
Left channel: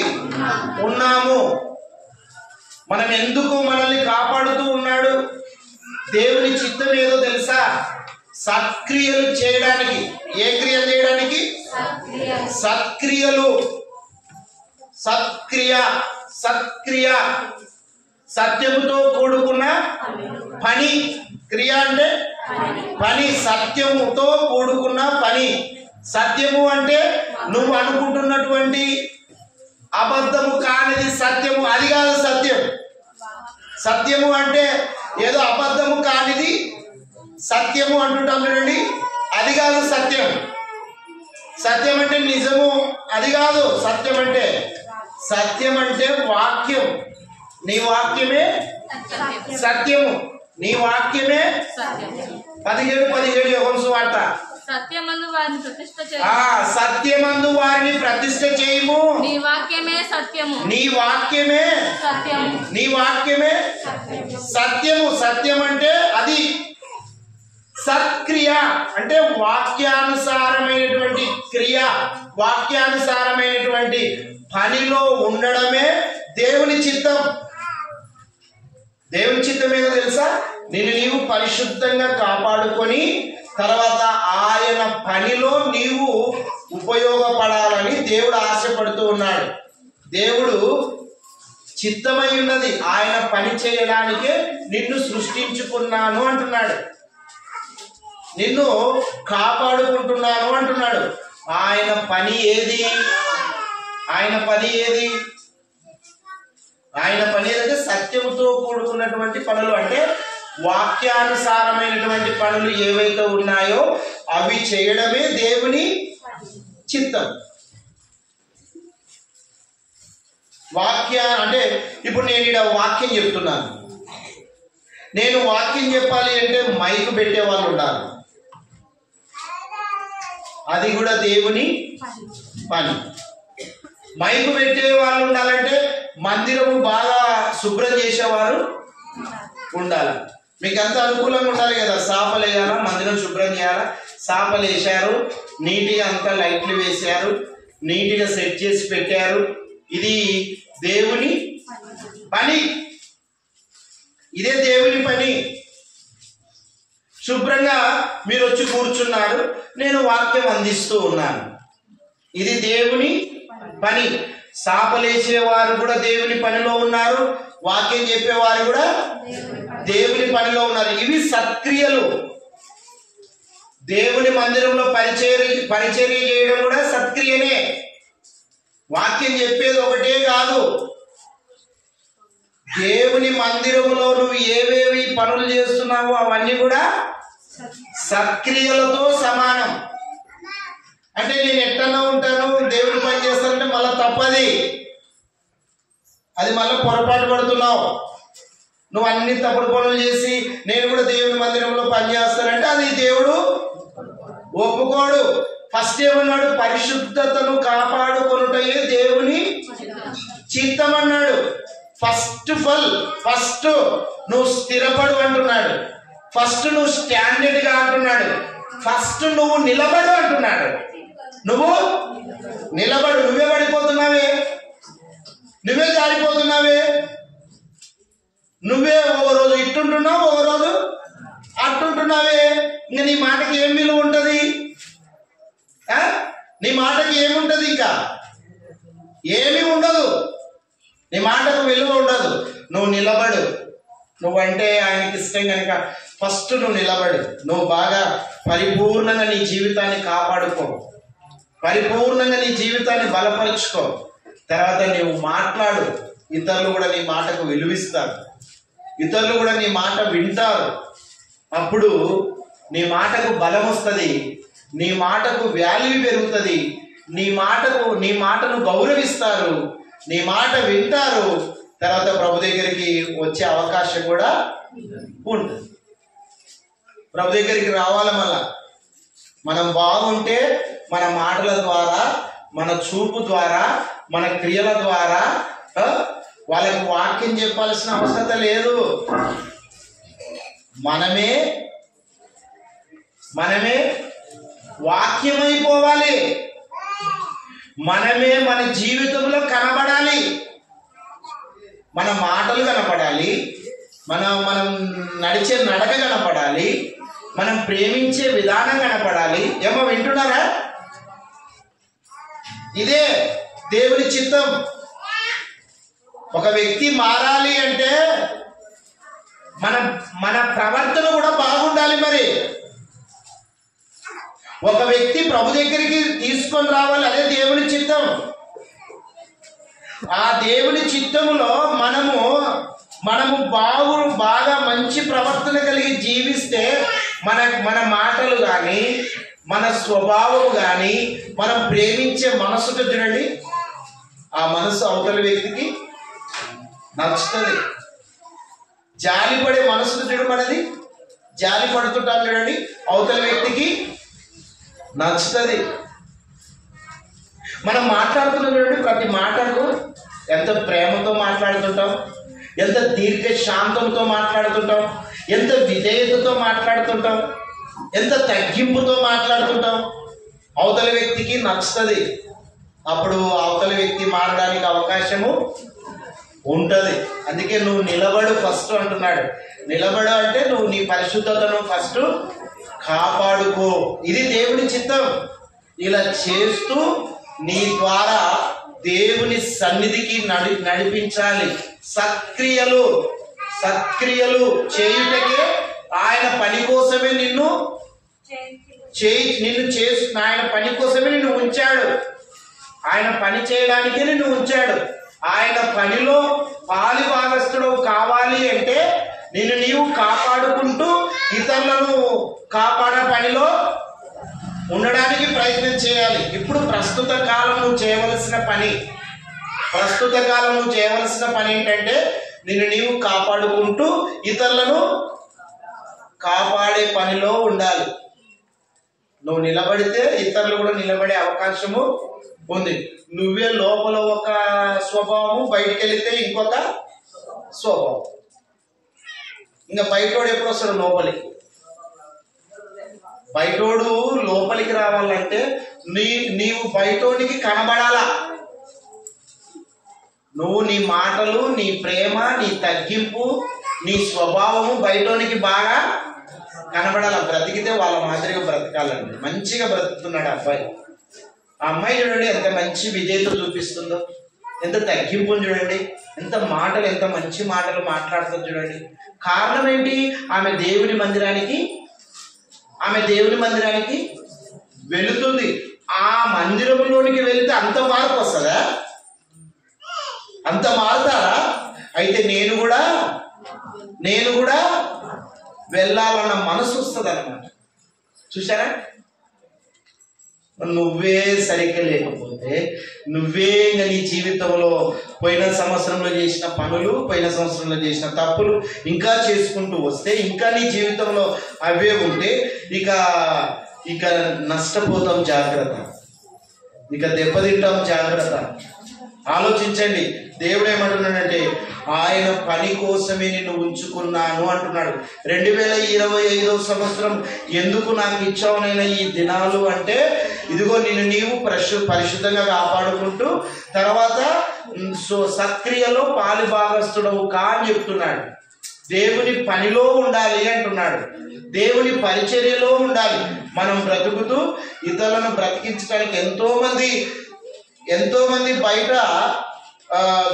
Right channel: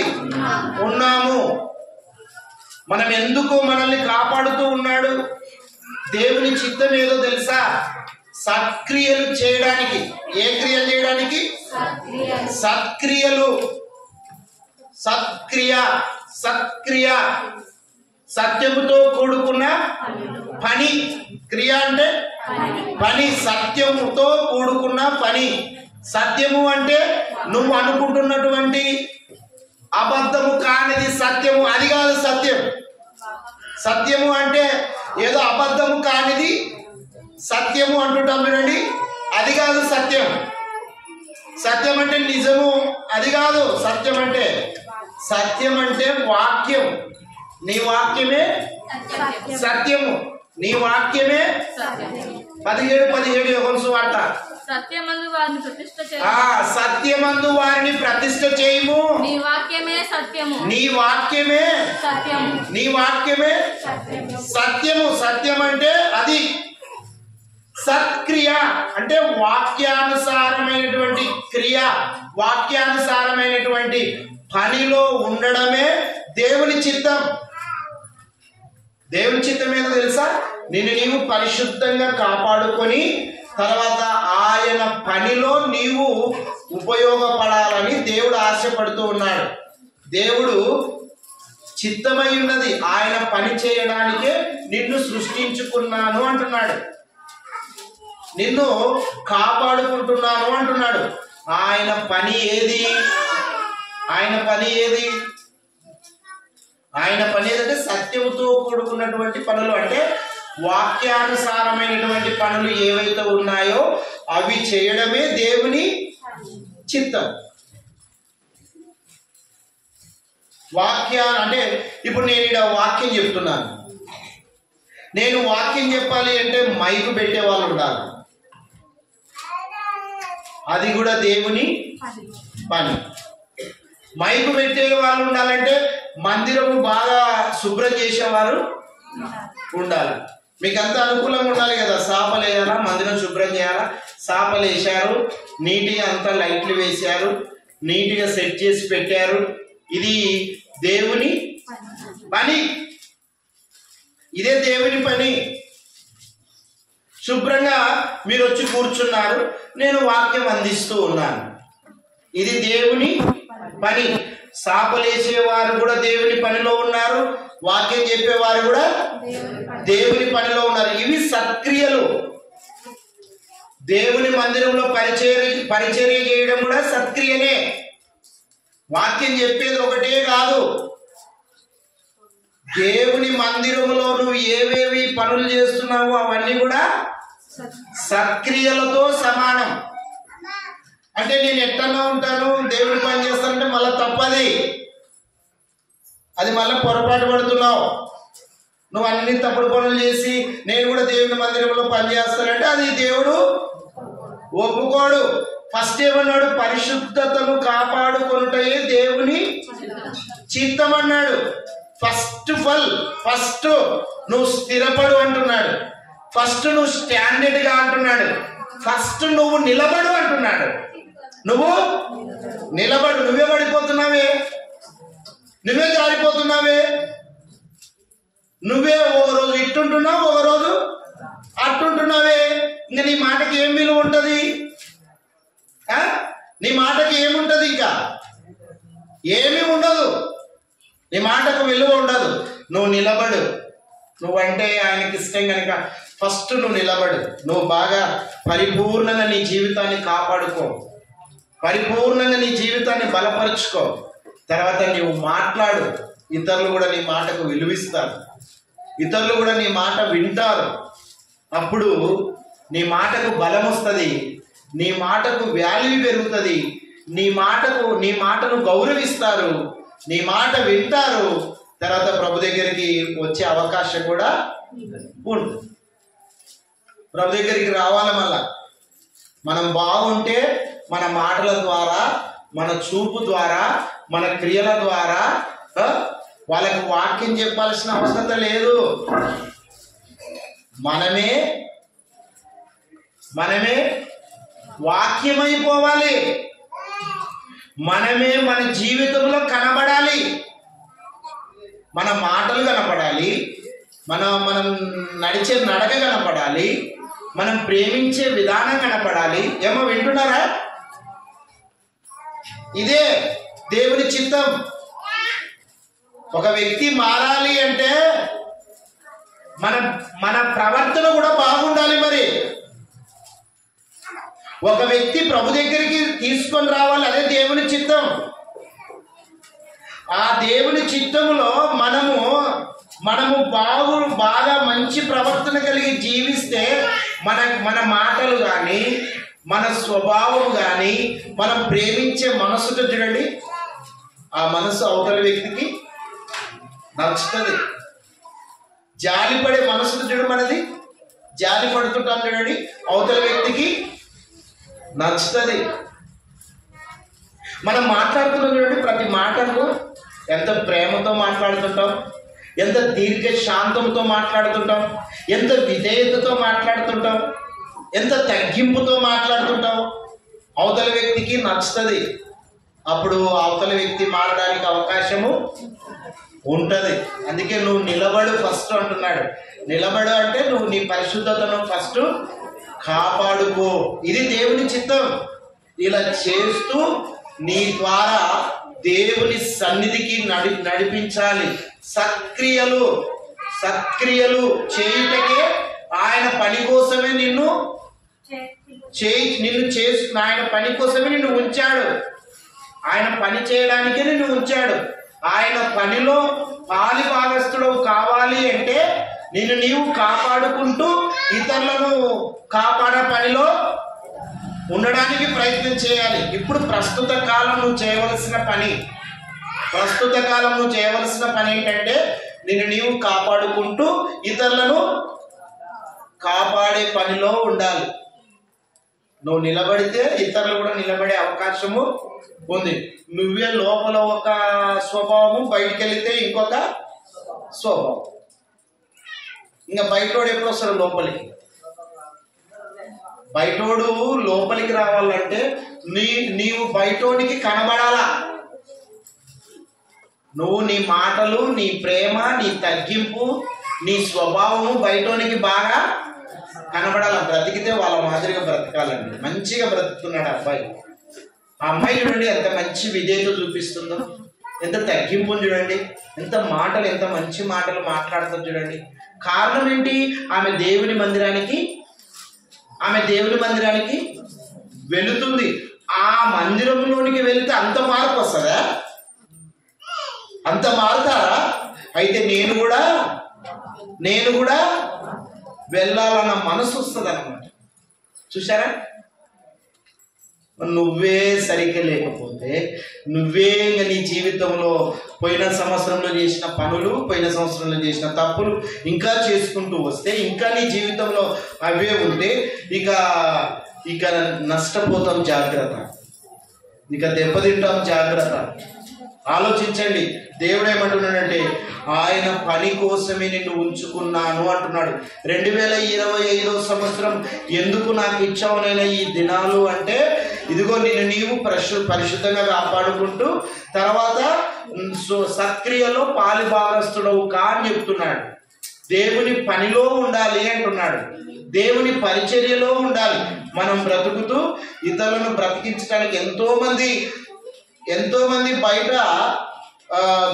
ఉన్నాము. మనం ఎందుకు మనల్ని కాపాడుతూ ఉన్నాడు? దేవుని చిత్తం ఏదో తెలుసా? సత్క్రియలు చేయడానికి. ఏ క్రియలు చేయడానికి? సత్క్రియలు. సత్క్రియ సత్యముతో కూడుకున్న పని. క్రియ అంటే పని, సత్యముతో కూడుకున్న పని, సత్యము అంటే నువ్వు అనుకుంటున్నటువంటి అబద్ధము కానిది సత్యము, అది కాదు సత్యం. సత్యము అంటే ఏదో అబద్ధము కానిది సత్యము అంటుంటాం చూడండి, అది కాదు సత్యం. సత్యం అంటే నిజము, అది కాదు సత్యం అంటే. సత్యం అంటే వాక్యం. నీ వాక్యమే సత్యము, నీ వాక్యమే 17:17 యోహాను సువార్త. సత్యమందు వారిని ప్రతిష్ఠ చేయము. సత్యమందు వారిని ప్రతిష్ఠ చేయము. నీ వాక్యమే సత్యము. నీ వాక్యమే సత్యము. నీ వాక్యమే సత్యము. సత్యం అంటే అది సత్క్రియ, అంటే వాక్యానుసారమైనటువంటి క్రియ, వాక్యానుసారమైనటువంటి పనిలో ఉండడమే దేవుని చిత్తం. దేవుని చిత్తం ఏదో తెలుసా? నిన్ను నీవు పరిశుద్ధంగా కాపాడుకొని తర్వాత ఆయన పనిలో నీవు ఉపయోగపడాలని దేవుడు ఆశపడుతూ ఉన్నాడు. దేవుడు చిత్తమై ఉన్నది ఆయన పని చేయడానికే నిన్ను సృష్టించుకున్నాను అంటున్నాడు, నిన్ను కాపాడుకుంటున్నాను అంటున్నాడు. ఆయన పని ఏది? ఆయన పని ఏది? ఆయన పని ఏదంటే సత్యముతో కూడుకున్నటువంటి పనులు, అంటే వాక్యానుసారమైనటువంటి పనులు ఏవైతే ఉన్నాయో అవి చేయడమే దేవుని చిత్తం. అంటే ఇప్పుడు నేను ఇక్కడ వాక్యం చెప్తున్నాను, నేను వాక్యం చెప్పాలి అంటే మైకు పెట్టే వాళ్ళు ఉండాలి, అది కూడా దేవుని పని. మైకు పెట్టే వాళ్ళు ఉండాలంటే మందిరము బాగా శుభ్రం చేసేవారు ఉండాలి. మీకు అంత అనుకూలంగా ఉండాలి కదా, సాపలు వేయాలా, మందిరం శుభ్రం చేయాలా, సాపలు వేసారు, నీట్గా అంతా లైట్లు వేశారు, నీట్గా సెట్ చేసి పెట్టారు. ఇది దేవుని పని, ఇదే దేవుని పని. శుభ్రంగా మీరు వచ్చి కూర్చున్నారు, నేను వాక్యం అందిస్తూ ఉన్నాను, ఇది దేవుని పని. సాపలేసేవారు కూడా దేవుని పనిలో ఉన్నారు, వాక్యం చెప్పేవారు కూడా దేవుని పనిలో ఉన్నారు. ఇవి సత్క్రియలు. దేవుని మందిరంలో పరిచర్య చేయడం కూడా సత్క్రియనే. వాక్యం చెప్పేది ఒకటే కాదు, దేవుని మందిరంలో నువ్వు ఏవేవి పనులు చేస్తున్నావో అవన్నీ కూడా సత్క్రియలతో సమానం. అంటే నేను ఎట్టన్నా ఉంటాను, దేవుని పని చేస్తానంటే మళ్ళీ తప్పది, అది మళ్ళీ పొరపాటు పడుతున్నావు. నువ్వు అన్ని తప్పుడు పనులు చేసి నేను కూడా దేవుని మందిరంలో పనిచేస్తానంటే అది దేవుడు ఒప్పుకోడు. ఫస్ట్ ఏమన్నాడు? పరిశుద్ధతను కాపాడుకొనుటయే దేవుని చిత్తం అన్నాడు. ఫస్ట్ నువ్వు స్థిరపడు అంటున్నాడు, ఫస్ట్ నువ్వు స్టాండర్డ్ గా అంటున్నాడు, ఫస్ట్ నువ్వు నిలబడు అంటున్నాడు. నువ్వు నిలబడు. నువ్వే పడిపోతున్నావే, నువ్వే జారిపోతున్నావే, నువ్వే ఓ రోజు ఇట్టుంటున్నావు, ఓ రోజు అట్టుంటున్నావే. ఇంకా నీ మాటకి ఏం విలువ ఉంటుంది? నీ మాటకి ఏముంటది? ఇంకా ఏమీ ఉండదు, నీ మాటకు విలువ ఉండదు. నువ్వు నిలబడు. నువ్వంటే ఆయనకి ఇష్టం కనుక ఫస్ట్ నువ్వు నిలబడు. నువ్వు బాగా పరిపూర్ణంగా నీ జీవితాన్ని కాపాడుకో, పరిపూర్ణంగా నీ జీవితాన్ని బలపరుచుకో. తర్వాత నువ్వు మాట్లాడు, ఇతరులు కూడా నీ మాటకు విలువిస్తారు, ఇతరులు కూడా నీ మాట వింటారు. అప్పుడు నీ మాటకు బలం వస్తుంది, నీ మాటకు వాల్యూ పెరుగుతుంది, నీ మాటను గౌరవిస్తారు, నీ మాట వింటారు. తర్వాత ప్రభు దగ్గరికి వచ్చే అవకాశం కూడా ఉంటుంది. ప్రభు దగ్గరికి రావాలి. మళ్ళా మనం బాగుంటే మన మాటల ద్వారా, మన చూపు ద్వారా, మన క్రియల ద్వారా వాళ్ళకి వాక్యం చెప్పాల్సిన అవసరం లేదు. మనమే వాక్యమైపోవాలి, మనమే మన జీవితంలో కనబడాలి, మన మాటలు కనపడాలి, మనం నడిచే నడక కనపడాలి, మనం ప్రేమించే విధానం కనపడాలి. ఏమో వింటున్నారా? ఇదే దేవుని చిత్తం. ఒక వ్యక్తి మారాలి అంటే మన ప్రవర్తన కూడా బాగుండాలి. మరి ఒక వ్యక్తి ప్రభు దగ్గరికి తీసుకొని రావాలి, అదే దేవుని చిత్తం. ఆ దేవుని చిత్తములో మనము బాగా మంచి ప్రవర్తన కలిగి జీవిస్తే మన మాటలు కానీ మన స్వభావం కానీ మనం ప్రేమించే మనసుకు చూడండి, ఆ మనసు అవతల వ్యక్తికి నచ్చుతుంది. జాలిపడే మనసుకు చూడు, మనది జాలి పడుతుంటాం చూడండి, అవతల వ్యక్తికి నచ్చుతుంది. మనం మాట్లాడుతున్నాం చూడండి, ప్రతి మాటకు ఎంత ప్రేమతో మాట్లాడుతుంటాం, ఎంత దీర్ఘ శాంతంతో మాట్లాడుతుంటాం, ఎంత విధేయతతో మాట్లాడుతుంటాం, ఎంత తగ్గింపుతో మాట్లాడుతుంటాం. అవతల వ్యక్తికి నచ్చుతుంది. అప్పుడు అవతల వ్యక్తి మారడానికి అవకాశము ఉంటుంది. అందుకే నువ్వు నిలబడు ఫస్ట్ అంటున్నాడు. నిలబడు అంటే నువ్వు నీ పరిశుద్ధతను ఫస్ట్ కాపాడుకో. ఇది దేవుని చిత్తం. ఇలా చేస్తూ నీ ద్వారా దేవుని సన్నిధికి నడిపించాలి. సక్రియలు చేయుటకే ఆయన పని కోసమే నిన్ను ఆయన పని కోసమే నిన్ను ఉంచాడు. ఆయన పని చేయడానికే నిన్ను ఉంచాడు. ఆయన పనిలో పాలి భాగస్థుడు కావాలి అంటే నిన్ను నీవు కాపాడుకుంటూ ఇతరులను కాపాడే పనిలో ఉండడానికి ప్రయత్నం చేయాలి. ఇప్పుడు ప్రస్తుత కాలం నువ్వు చేయవలసిన పని ఏంటంటే నిన్ను నీవు కాపాడుకుంటూ ఇతరులను కాపాడే పనిలో ఉండాలి. నువ్వు నిలబడితే ఇతరులు కూడా నిలబడే అవకాశము ఉంది. నువ్వే లోపల ఒక స్వభావము, బయటికి వెళితే ఇంకొక స్వభావం. ఇంకా బయటోడు ఎప్పుడు వస్తాడు లోపలికి? బయటోడు లోపలికి రావాలంటే నీవు బయటోడికి కనబడాలా. నువ్వు నీ మాటలు, నీ ప్రేమ, నీ తగ్గింపు, నీ స్వభావము బయటోనికి బాగా కనబడాలా. బ్రతికితే వాళ్ళ మాదిరిగా బ్రతకాలండి. మంచిగా బ్రతుకుతున్నాడు అబ్బాయి. ఆ అమ్మాయి చూడండి ఎంత మంచి విధేయత చూపిస్తుందో, ఎంత తగ్గింపు చూడండి, ఎంత మంచి మాటలు మాట్లాడుతుంది చూడండి. కారణం ఏంటి? ఆమె దేవుని మందిరానికి వెళుతుంది. ఆ మందిరంలోనికి వెళితే అంత మార్పు వస్తుందా? అంత మారుతారా? అయితే నేను కూడా వెళ్ళాలన్న మనసు వస్తుంది అన్నమాట. చూసారా? నువ్వే సరిగ్గా లేకపోతే, నువ్వే నీ జీవితంలో పోయిన సంవత్సరంలో చేసిన పనులు, పోయిన సంవత్సరంలో చేసిన తప్పులు ఇంకా చేసుకుంటూ వస్తే, ఇంకా నీ జీవితంలో అవే ఉంటే ఇక నష్టపోతాం. జాగ్రత్త. ఇక దెబ్బతింటాం. జాగ్రత్త. ఆలోచించండి. దేవుడు ఏమంటున్నాడంటే ఆయన పని కోసమే నిన్ను ఉంచుకున్నాను అంటున్నాడు. 2025 సంవత్సరం ఎందుకు నాకు ఇచ్చావునైనా ఈ దినాలు అంటే, ఇదిగో నీవు పరిశుద్ధంగా కాపాడుకుంటూ తర్వాత సక్రియలో పాలిభాగస్తుడవు కా అని చెప్తున్నాడు. దేవుని పనిలో ఉండాలి అంటున్నాడు. దేవుని పరిచర్యలో ఉండాలి. మనం బ్రతుకుతూ ఇతరులను బ్రతికించడానికి ఎంతో మంది బయట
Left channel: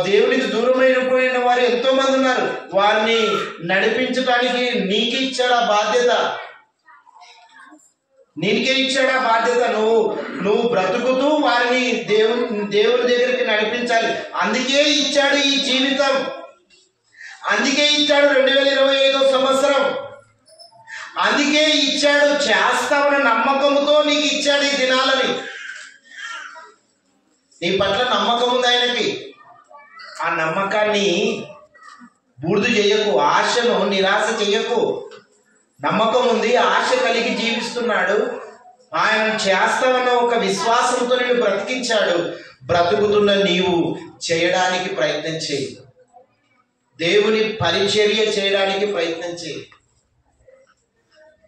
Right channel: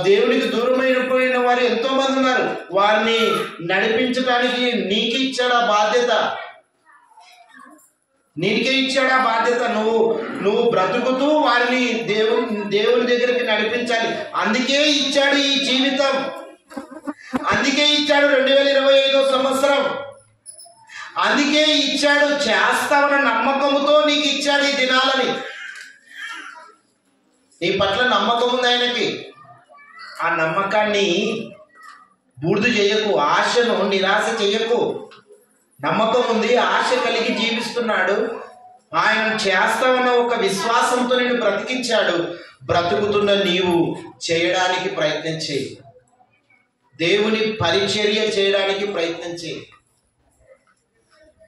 దేవునికి దూరమైపోయిన వారు ఎంతో మంది ఉన్నారు. వారిని నడిపించడానికి నీకే ఇచ్చాడు ఆ బాధ్యత. నువ్వు బ్రతుకుతూ వారిని దేవుని దగ్గరికి నడిపించాలి. అందుకే ఇచ్చాడు ఈ జీవితం. అందుకే ఇచ్చాడు 2025 సంవత్సరం. అందుకే ఇచ్చాడు. చేస్తామన్న నమ్మకంతో నీకు ఇచ్చాడు ఈ దినాలని. నీ పట్ల నమ్మకం ఉంది ఆయనకి. ఆ నమ్మకాన్ని బూడిద చేయకు. ఆశను నిరాశ చేయకు. నమ్మకం ఉంది, ఆశ కలిగి జీవిస్తున్నాడు. ఆయన చేస్తామన్న ఒక విశ్వాసంతో నిన్ను బ్రతికించాడు. బ్రతుకుతున్న నీవు చేయడానికి ప్రయత్నం చేయి. దేవుని పరిచర్య చేయడానికి ప్రయత్నం చేయి.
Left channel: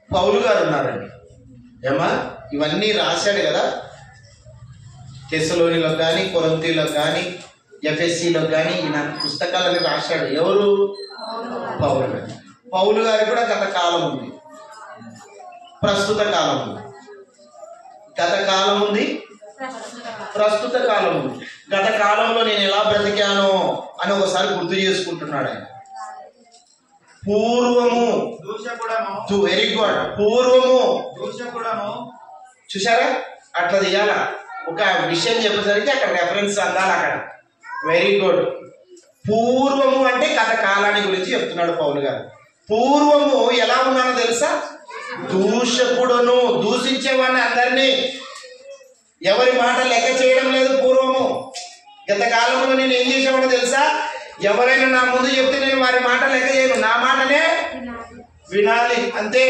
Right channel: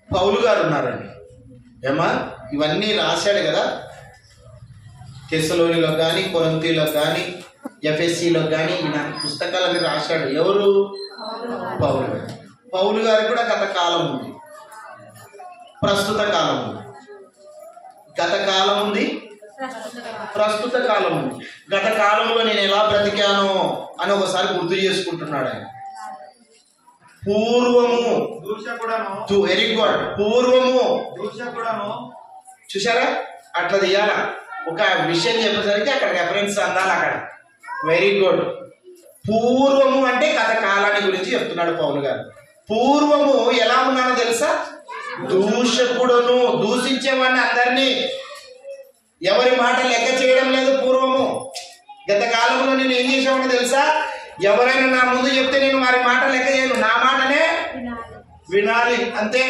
పౌలు గారు ఉన్నారండి. ఇవన్నీ రాశాడు కదా. తెస్సలోనిలో కానీ, కొరింథీలో కానీ, ఎఫెసీలో కానీ ఈయన పుస్తకాలను రాశాడు. ఎవరు? పౌలు గారు. పౌలు గారు కూడా గత కాలం ఉంది, ప్రస్తుత కాలం ఉంది. గత కాలం ఉంది, ప్రస్తుత కాలం ఉంది. గత కాలంలో నేను ఎలా బ్రతికానో అని ఒకసారి గుర్తు చేసుకుంటున్నాడు ఆయన. పూర్వము, వెరీ గుడ్. పూర్వము చూసారా? అట్లా తీయాల. ఒక విషయం చెప్పేసరికి అక్కడ రెఫరెన్స్ అందాలి. అక్కడ వెరీ గుడ్. పూర్వము అంటే గత కాలాన్ని గురించి చెప్తున్నాడు పౌలు గారు. పూర్వము ఎలా ఉన్నానో తెలుసా? దూషకుడును, దూషించేవాడిని అందరినీ, ఎవరి మాట లెక్క చేయడం లేదు. పూర్వము గత కాలంలో నేను ఏం చేసేవాడిని తెలుసా? ఎవరైనా నా ముందు చెప్తే నేను వారి మాట లెక్క చేయను, నా మాటనే వినాలి అంతే.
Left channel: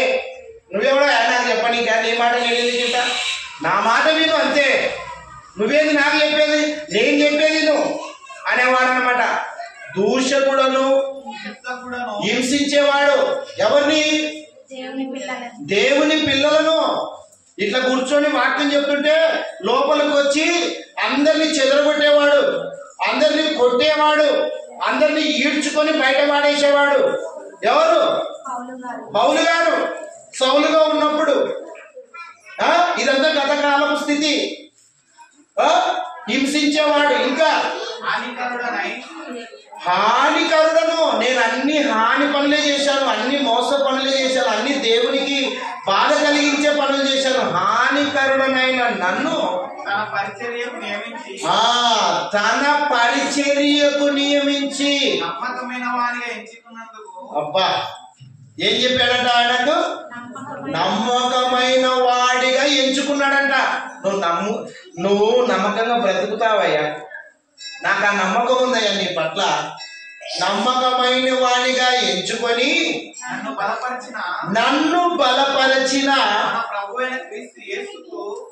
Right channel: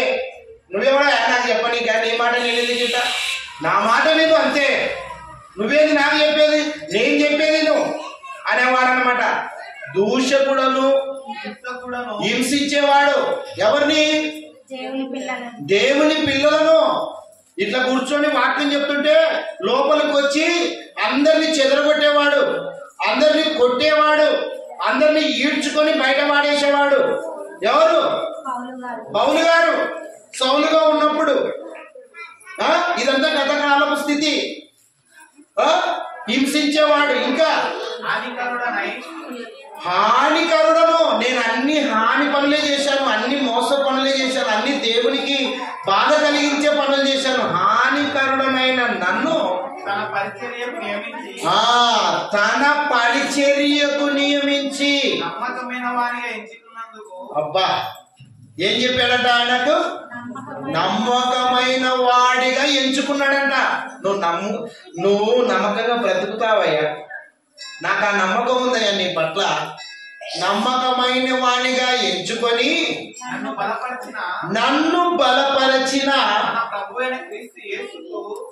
నువ్వెవడో నాకు చెప్పని కానీ ఏ మాట నేను గిట్ట నా మాట విను అంతే. నువ్వేది నాకు చెప్పేది, నేను చెప్పేది నువ్వు అనేవాడు అనమాట. దూషకుడను, హింసించేవాడు ఎవరిని? దేవుని పిల్లలను. ఇట్లా కూర్చొని వాక్యం చెప్తుంటే లోపలికి వచ్చి అందరినీ చెదరగొట్టేవాడు, అందరినీ కొట్టేవాడు, అందరినీ ఈడ్చుకొని బయట పాడేసేవాడు. ఎవరు? పౌలు గారు. సౌలుగా ఉన్నప్పుడు ఇదంతా గతకాలపు స్థితి. హింసించేవాడు, ఇంకా హానికరుడను. నేను అన్ని హాని పనులే చేశాను, అన్ని మోస పనులే చేశాను, అన్ని దేవునికి బాధ కలిగించే పనులు చేశాను. హానికరుడనైన నన్ను తన పరిచర్యకు నియమించి నమ్మకమైన వానిగా ఎంచుకున్నందుకు. అబ్బా, ఏం చెప్పాడంట? ఆయనకు నమ్మకమైన వాడిగా ఎంచుకున్నాడంట. నువ్వు నమ్మకంగా బ్రతుకుతావయ్యా, నాకు ఆ నమ్మకం ఉందయ్యా నీ పట్ల. నమ్మకమైన వాడిగా ఎంచుకొని నన్ను బలపరచిన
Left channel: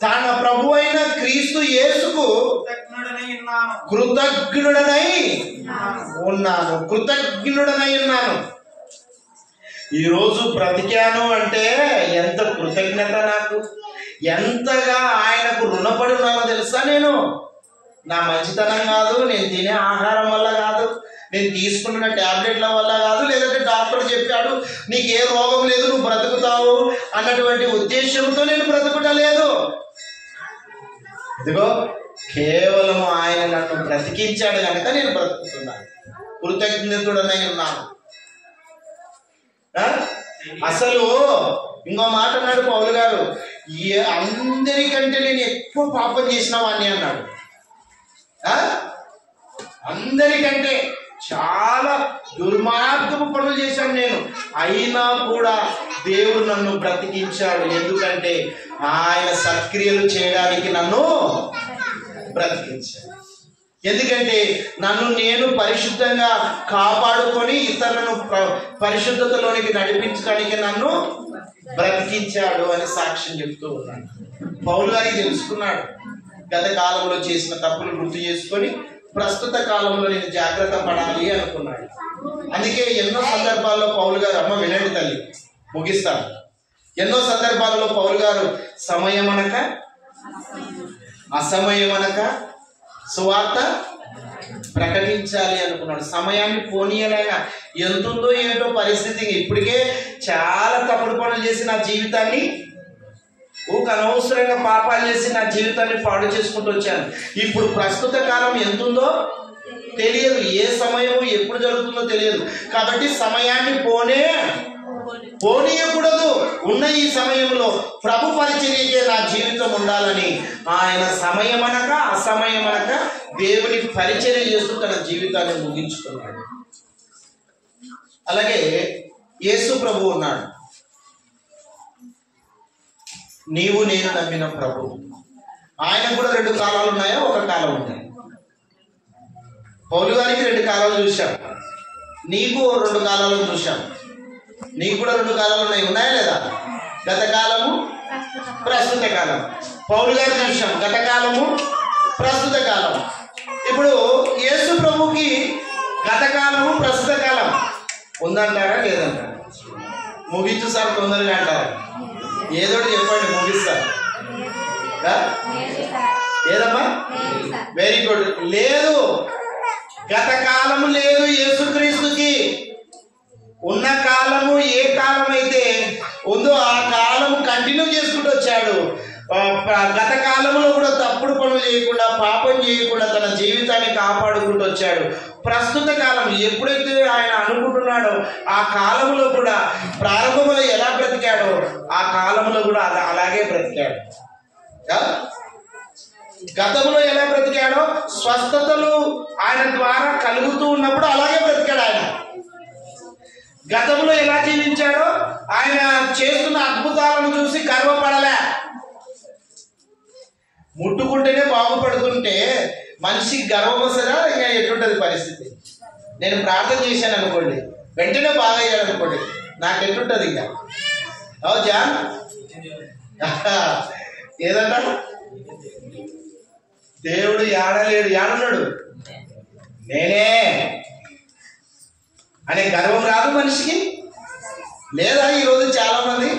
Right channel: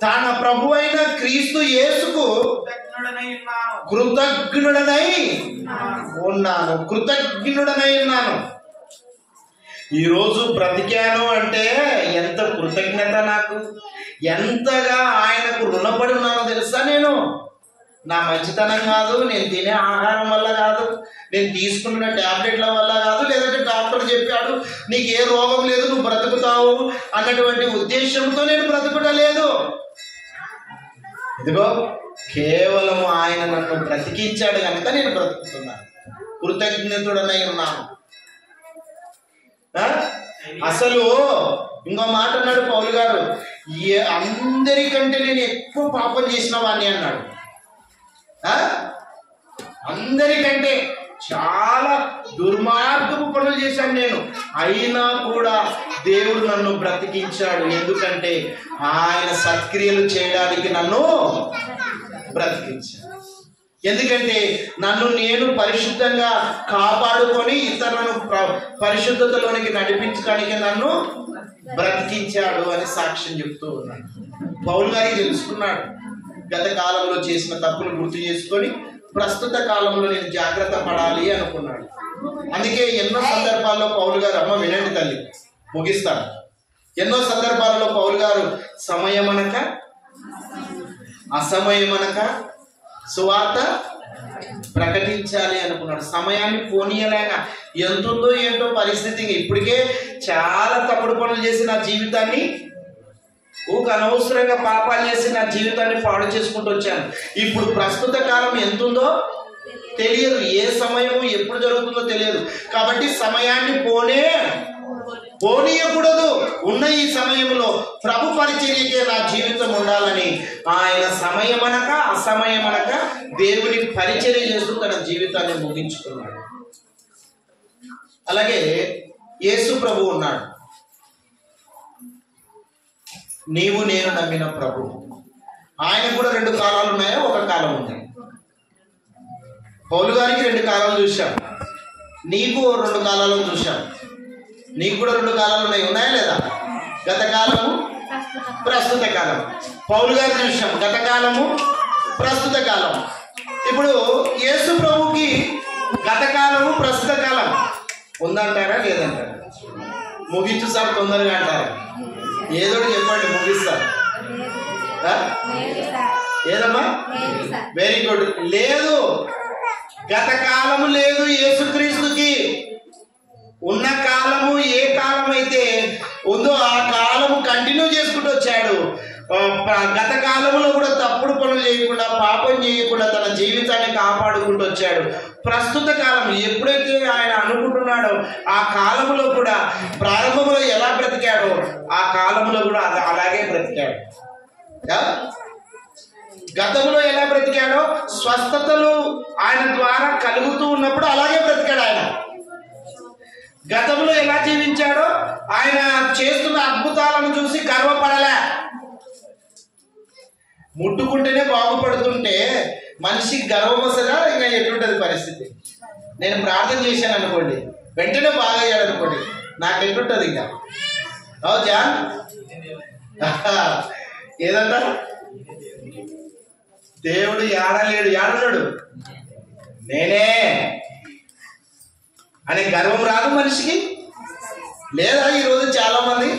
తన ప్రభు అయిన క్రీస్తు యేసుకు కృతజ్ఞుడనై ఉన్నాను. ఈరోజు బ్రతికాను అంటే ఎంత కృతజ్ఞత నాకు, ఎంతగా ఆయనకు రుణపడి ఉన్నానో తెలుసా? నేను నా మంచితనం కాదు, నేను తినే ఆహారం వల్ల కాదు, నేను తీసుకున్న టాబ్లెట్ల వల్ల కాదు, లేదంటే డాక్టర్ చెప్పాడు నీకు ఏ రోగం లేదు నువ్వు బ్రతుకుతావు అన్నటువంటి ఉద్దేశంతో నేను బ్రతుకుటలేదు. ఇదిగో కేవలం ఆయన నన్ను బ్రతికించాడు కనుక నేను బ్రతుకుతున్నాను, కృతజ్ఞతుడనై ఉన్నాను. అసలు ఇంకో మాట అన్నాడు పౌలు గారు, అందరికంటే నేను ఎక్కువ పాపం చేసిన వాడిని అన్నాడు. అందరికంటే చాలా దుర్మార్గపు పనులు చేశాను నేను, అయినా కూడా దేవుడు నన్ను బ్రతికించాడు. ఎందుకంటే ఆయన సత్క్రియలు చేయడానికి నన్ను బ్రతికించాడు. ఎందుకంటే నన్ను నేను పరిశుద్ధంగా కాపాడుకొని ఇతరులను పరిశుద్ధతలోనికి నడిపించడానికి నన్ను బ్రతికించాడు అని సాక్ష్యం చెప్తూ ఉన్నాడు. పౌలు గారికి తెలుసుకున్నాడు, గత కాలంలో చేసిన తప్పులు గుర్తు చేసుకొని ప్రస్తుత కాలంలో నేను జాగ్రత్త పడాలి అనుకున్నాడు. అందుకే ఎన్నో సందర్భాల్లో పౌలు గారు, అమ్మ వినండి తల్లి ముగిస్తాను, ఎన్నో సందర్భాల్లో పౌలు గారు సమయమనక అసమయమనక సువార్త ప్రకటించాలి అనుకున్నాడు. సమయాన్ని పోనీయలేక ఎంతుందో ఏంటో పరిస్థితి, ఇప్పటికే చాలా తప్పుడు పనులు చేసి నా జీవితాన్ని అనవసరంగా పాపాలు చేసి నా జీవితాన్ని పాడు చేసుకుంటూ వచ్చాను. ఇప్పుడు ప్రస్తుత కాలం ఎంతుందో తెలియదు, ఏ సమయము ఎప్పుడు జరుగుతుందో తెలియదు. కాబట్టి సమయాన్ని పోనీయకూడదు. ఉన్న ఈ సమయంలో ప్రభు పరిచర్యకే నా జీవితం ఉండాలని ఆయన సమయమనక అసమయమనక దేవుని పరిచర్య చేస్తూ తన జీవితాన్ని ముగించుకున్నాడు. అలాగే యేసు ప్రభు ఉన్నాడు, నీవు నేను నమ్మిన ప్రభు. ఆయన కూడా 2 కాలాలు ఉన్నాయో ఒక కాలం ఉన్నాయి. పౌలు గారికి 2 కాలాలు చూశాం, నీకు 2 కాలాలు చూశాం. నీకు కూడా 2 కాలాలు ఉన్నాయా లేదా? గత కాలము, ప్రస్తుత కాలం. పౌలు గారు చూశాం గత కాలము, ప్రస్తుత కాలం. ఇప్పుడు యేసు ప్రభుకి గత కాలము, ప్రస్తుత కాలం ఉందంటారా లేదంటారా? ముగించు సార్ తొందరగా అంటారా? ఏదో చెప్పండి, ముగిస్తా. ఏదమ్మా? Very good. లేదు, గత కాలము లేదు యేసుక్రీస్తుకి. ఉన్న కాలము ఏ కాలం అయితే ఉందో ఆ కాలము కంటిన్యూ చేసుకుంటూ వచ్చాడు. గత కాలంలో కూడా తప్పుడు పనులు చేయకుండా, పాపం చేయకుండా తన జీవితాన్ని కాపాడుకుంటూ వచ్చాడు. ప్రస్తుత కాలం ఎప్పుడైతే ఆయన అనుకుంటున్నాడో ఆ కాలంలో కూడా, ప్రారంభంలో ఎలా బ్రతికాడో ఆ కాలంలో కూడా అలాగే బ్రతికాడు. గతంలో ఎలా బ్రతికాడో స్వస్థతలు ఆయన ద్వారా కలుగుతూ ఉన్నప్పుడు అలాగే బ్రతికాడు ఆయన. గతంలో ఎలా జీవించాడో ఆయన చేస్తున్న అద్భుతాలను చూసి గర్వపడలే. ముట్టుకుంటేనే బాగుపడుతుంటే మనిషికి గర్వం వస్తుందా? ఇంకా ఎటుంటది పరిస్థితి? నేను ప్రార్థన చేశాను అనుకోండి, వెంటనే బాగా అయ్యాడు అనుకోండి, నాకు ఎటుంటది ఇంకా? జాన్ ఏదన్నా దేవుడు ఏడలేడు, ఏడన్నాడు నేనే అనే గర్వం రాదు మనిషికి? లేదా ఈరోజు చాలా మంది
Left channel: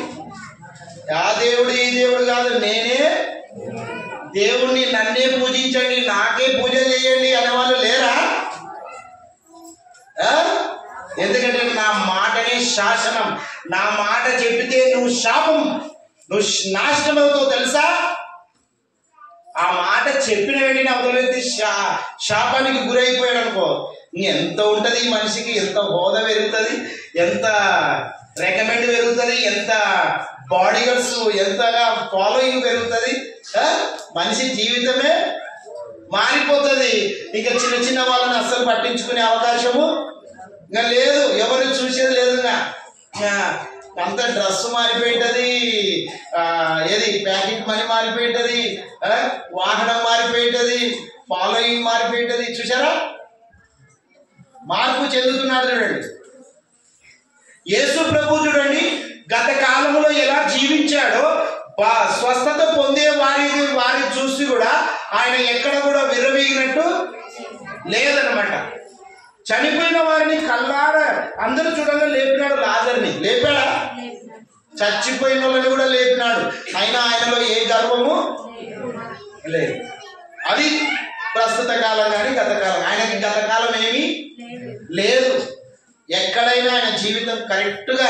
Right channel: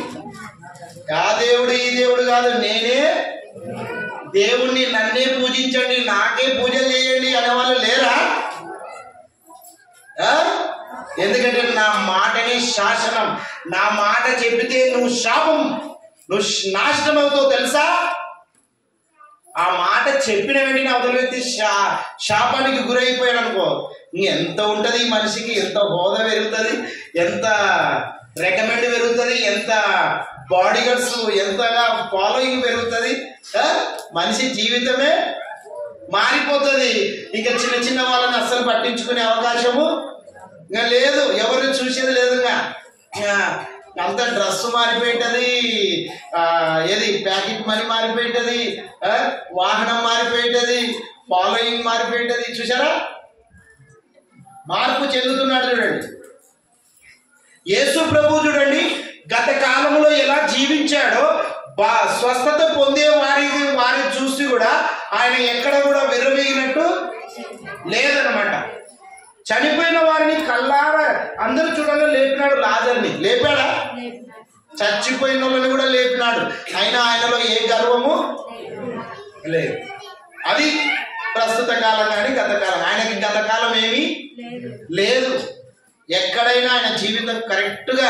ఆ దేవుడు ఈ దేవుడు కాదు, నేనే దేవుణ్ణి, నన్నే పూజించండి, నాకే పూజ చేయండి అనేవాళ్ళు లేరా? ఎందుకంటే నా మాటనే శాసనం, నా మాట చెప్పితే నువ్వు శాపం, నువ్వు నాశనం అవుతావు తెలుసా? ఆ మాట చెప్పిన వెంటనే అవతల వ్యక్తి శాపానికి గురైపోయాడు అనుకో, ఇంకెంత ఉంటది ఈ మనిషికి, ఎంత హోదా పెరుగుతుంది, ఎంత రికమెండ్ పెరుగుతుంది, ఎంత బాడీగార్డ్స్ ఎంతగా ఫాలోయింగ్ పెరుగుతుంది, మనిషి జీవితమే మారిపోతుంది. ఇంకా చిన్న చిన్న వాళ్ళని అస్సలు పట్టించుకునే అవకాశము ఇంకా లేదు, ఎవరు చూసేది లేదు. అంత డ్రెస్ మారిపోయింటది, ఏది ప్యాకెట్ మనీ మారిపోయింటది, వాహనం మారిపోయింటది, ఫాలోయింగ్ మారిపోయింటది. చూసారా? మార్పు చెందుతున్నాడు. చూడండి యేసు ప్రభు చూడండి గత కాలంలో ఎలా జీవించాడో స్వస్థత పొందే వారిని చూసి కూడా ఆయన ఎక్కడ కూడా విర్రవీగినట్టు లేదనమాట. చనిపోయిన వారిని కల్లారా అందరూ చూడంగా లేపినాడు. లాజర్ని లేపాడా? చచ్చిపోయిన వాళ్ళని కూడా లేపినాడు. అయినా ఆయనలో ఏ గర్వము లేదు. అది ప్రస్తుత కాలం కానీ గత కాలం. ఆయనకి గత కాలం ఏమీ లేదు. ఎక్కడైనా ఆయన జీవితం కరెక్ట్గా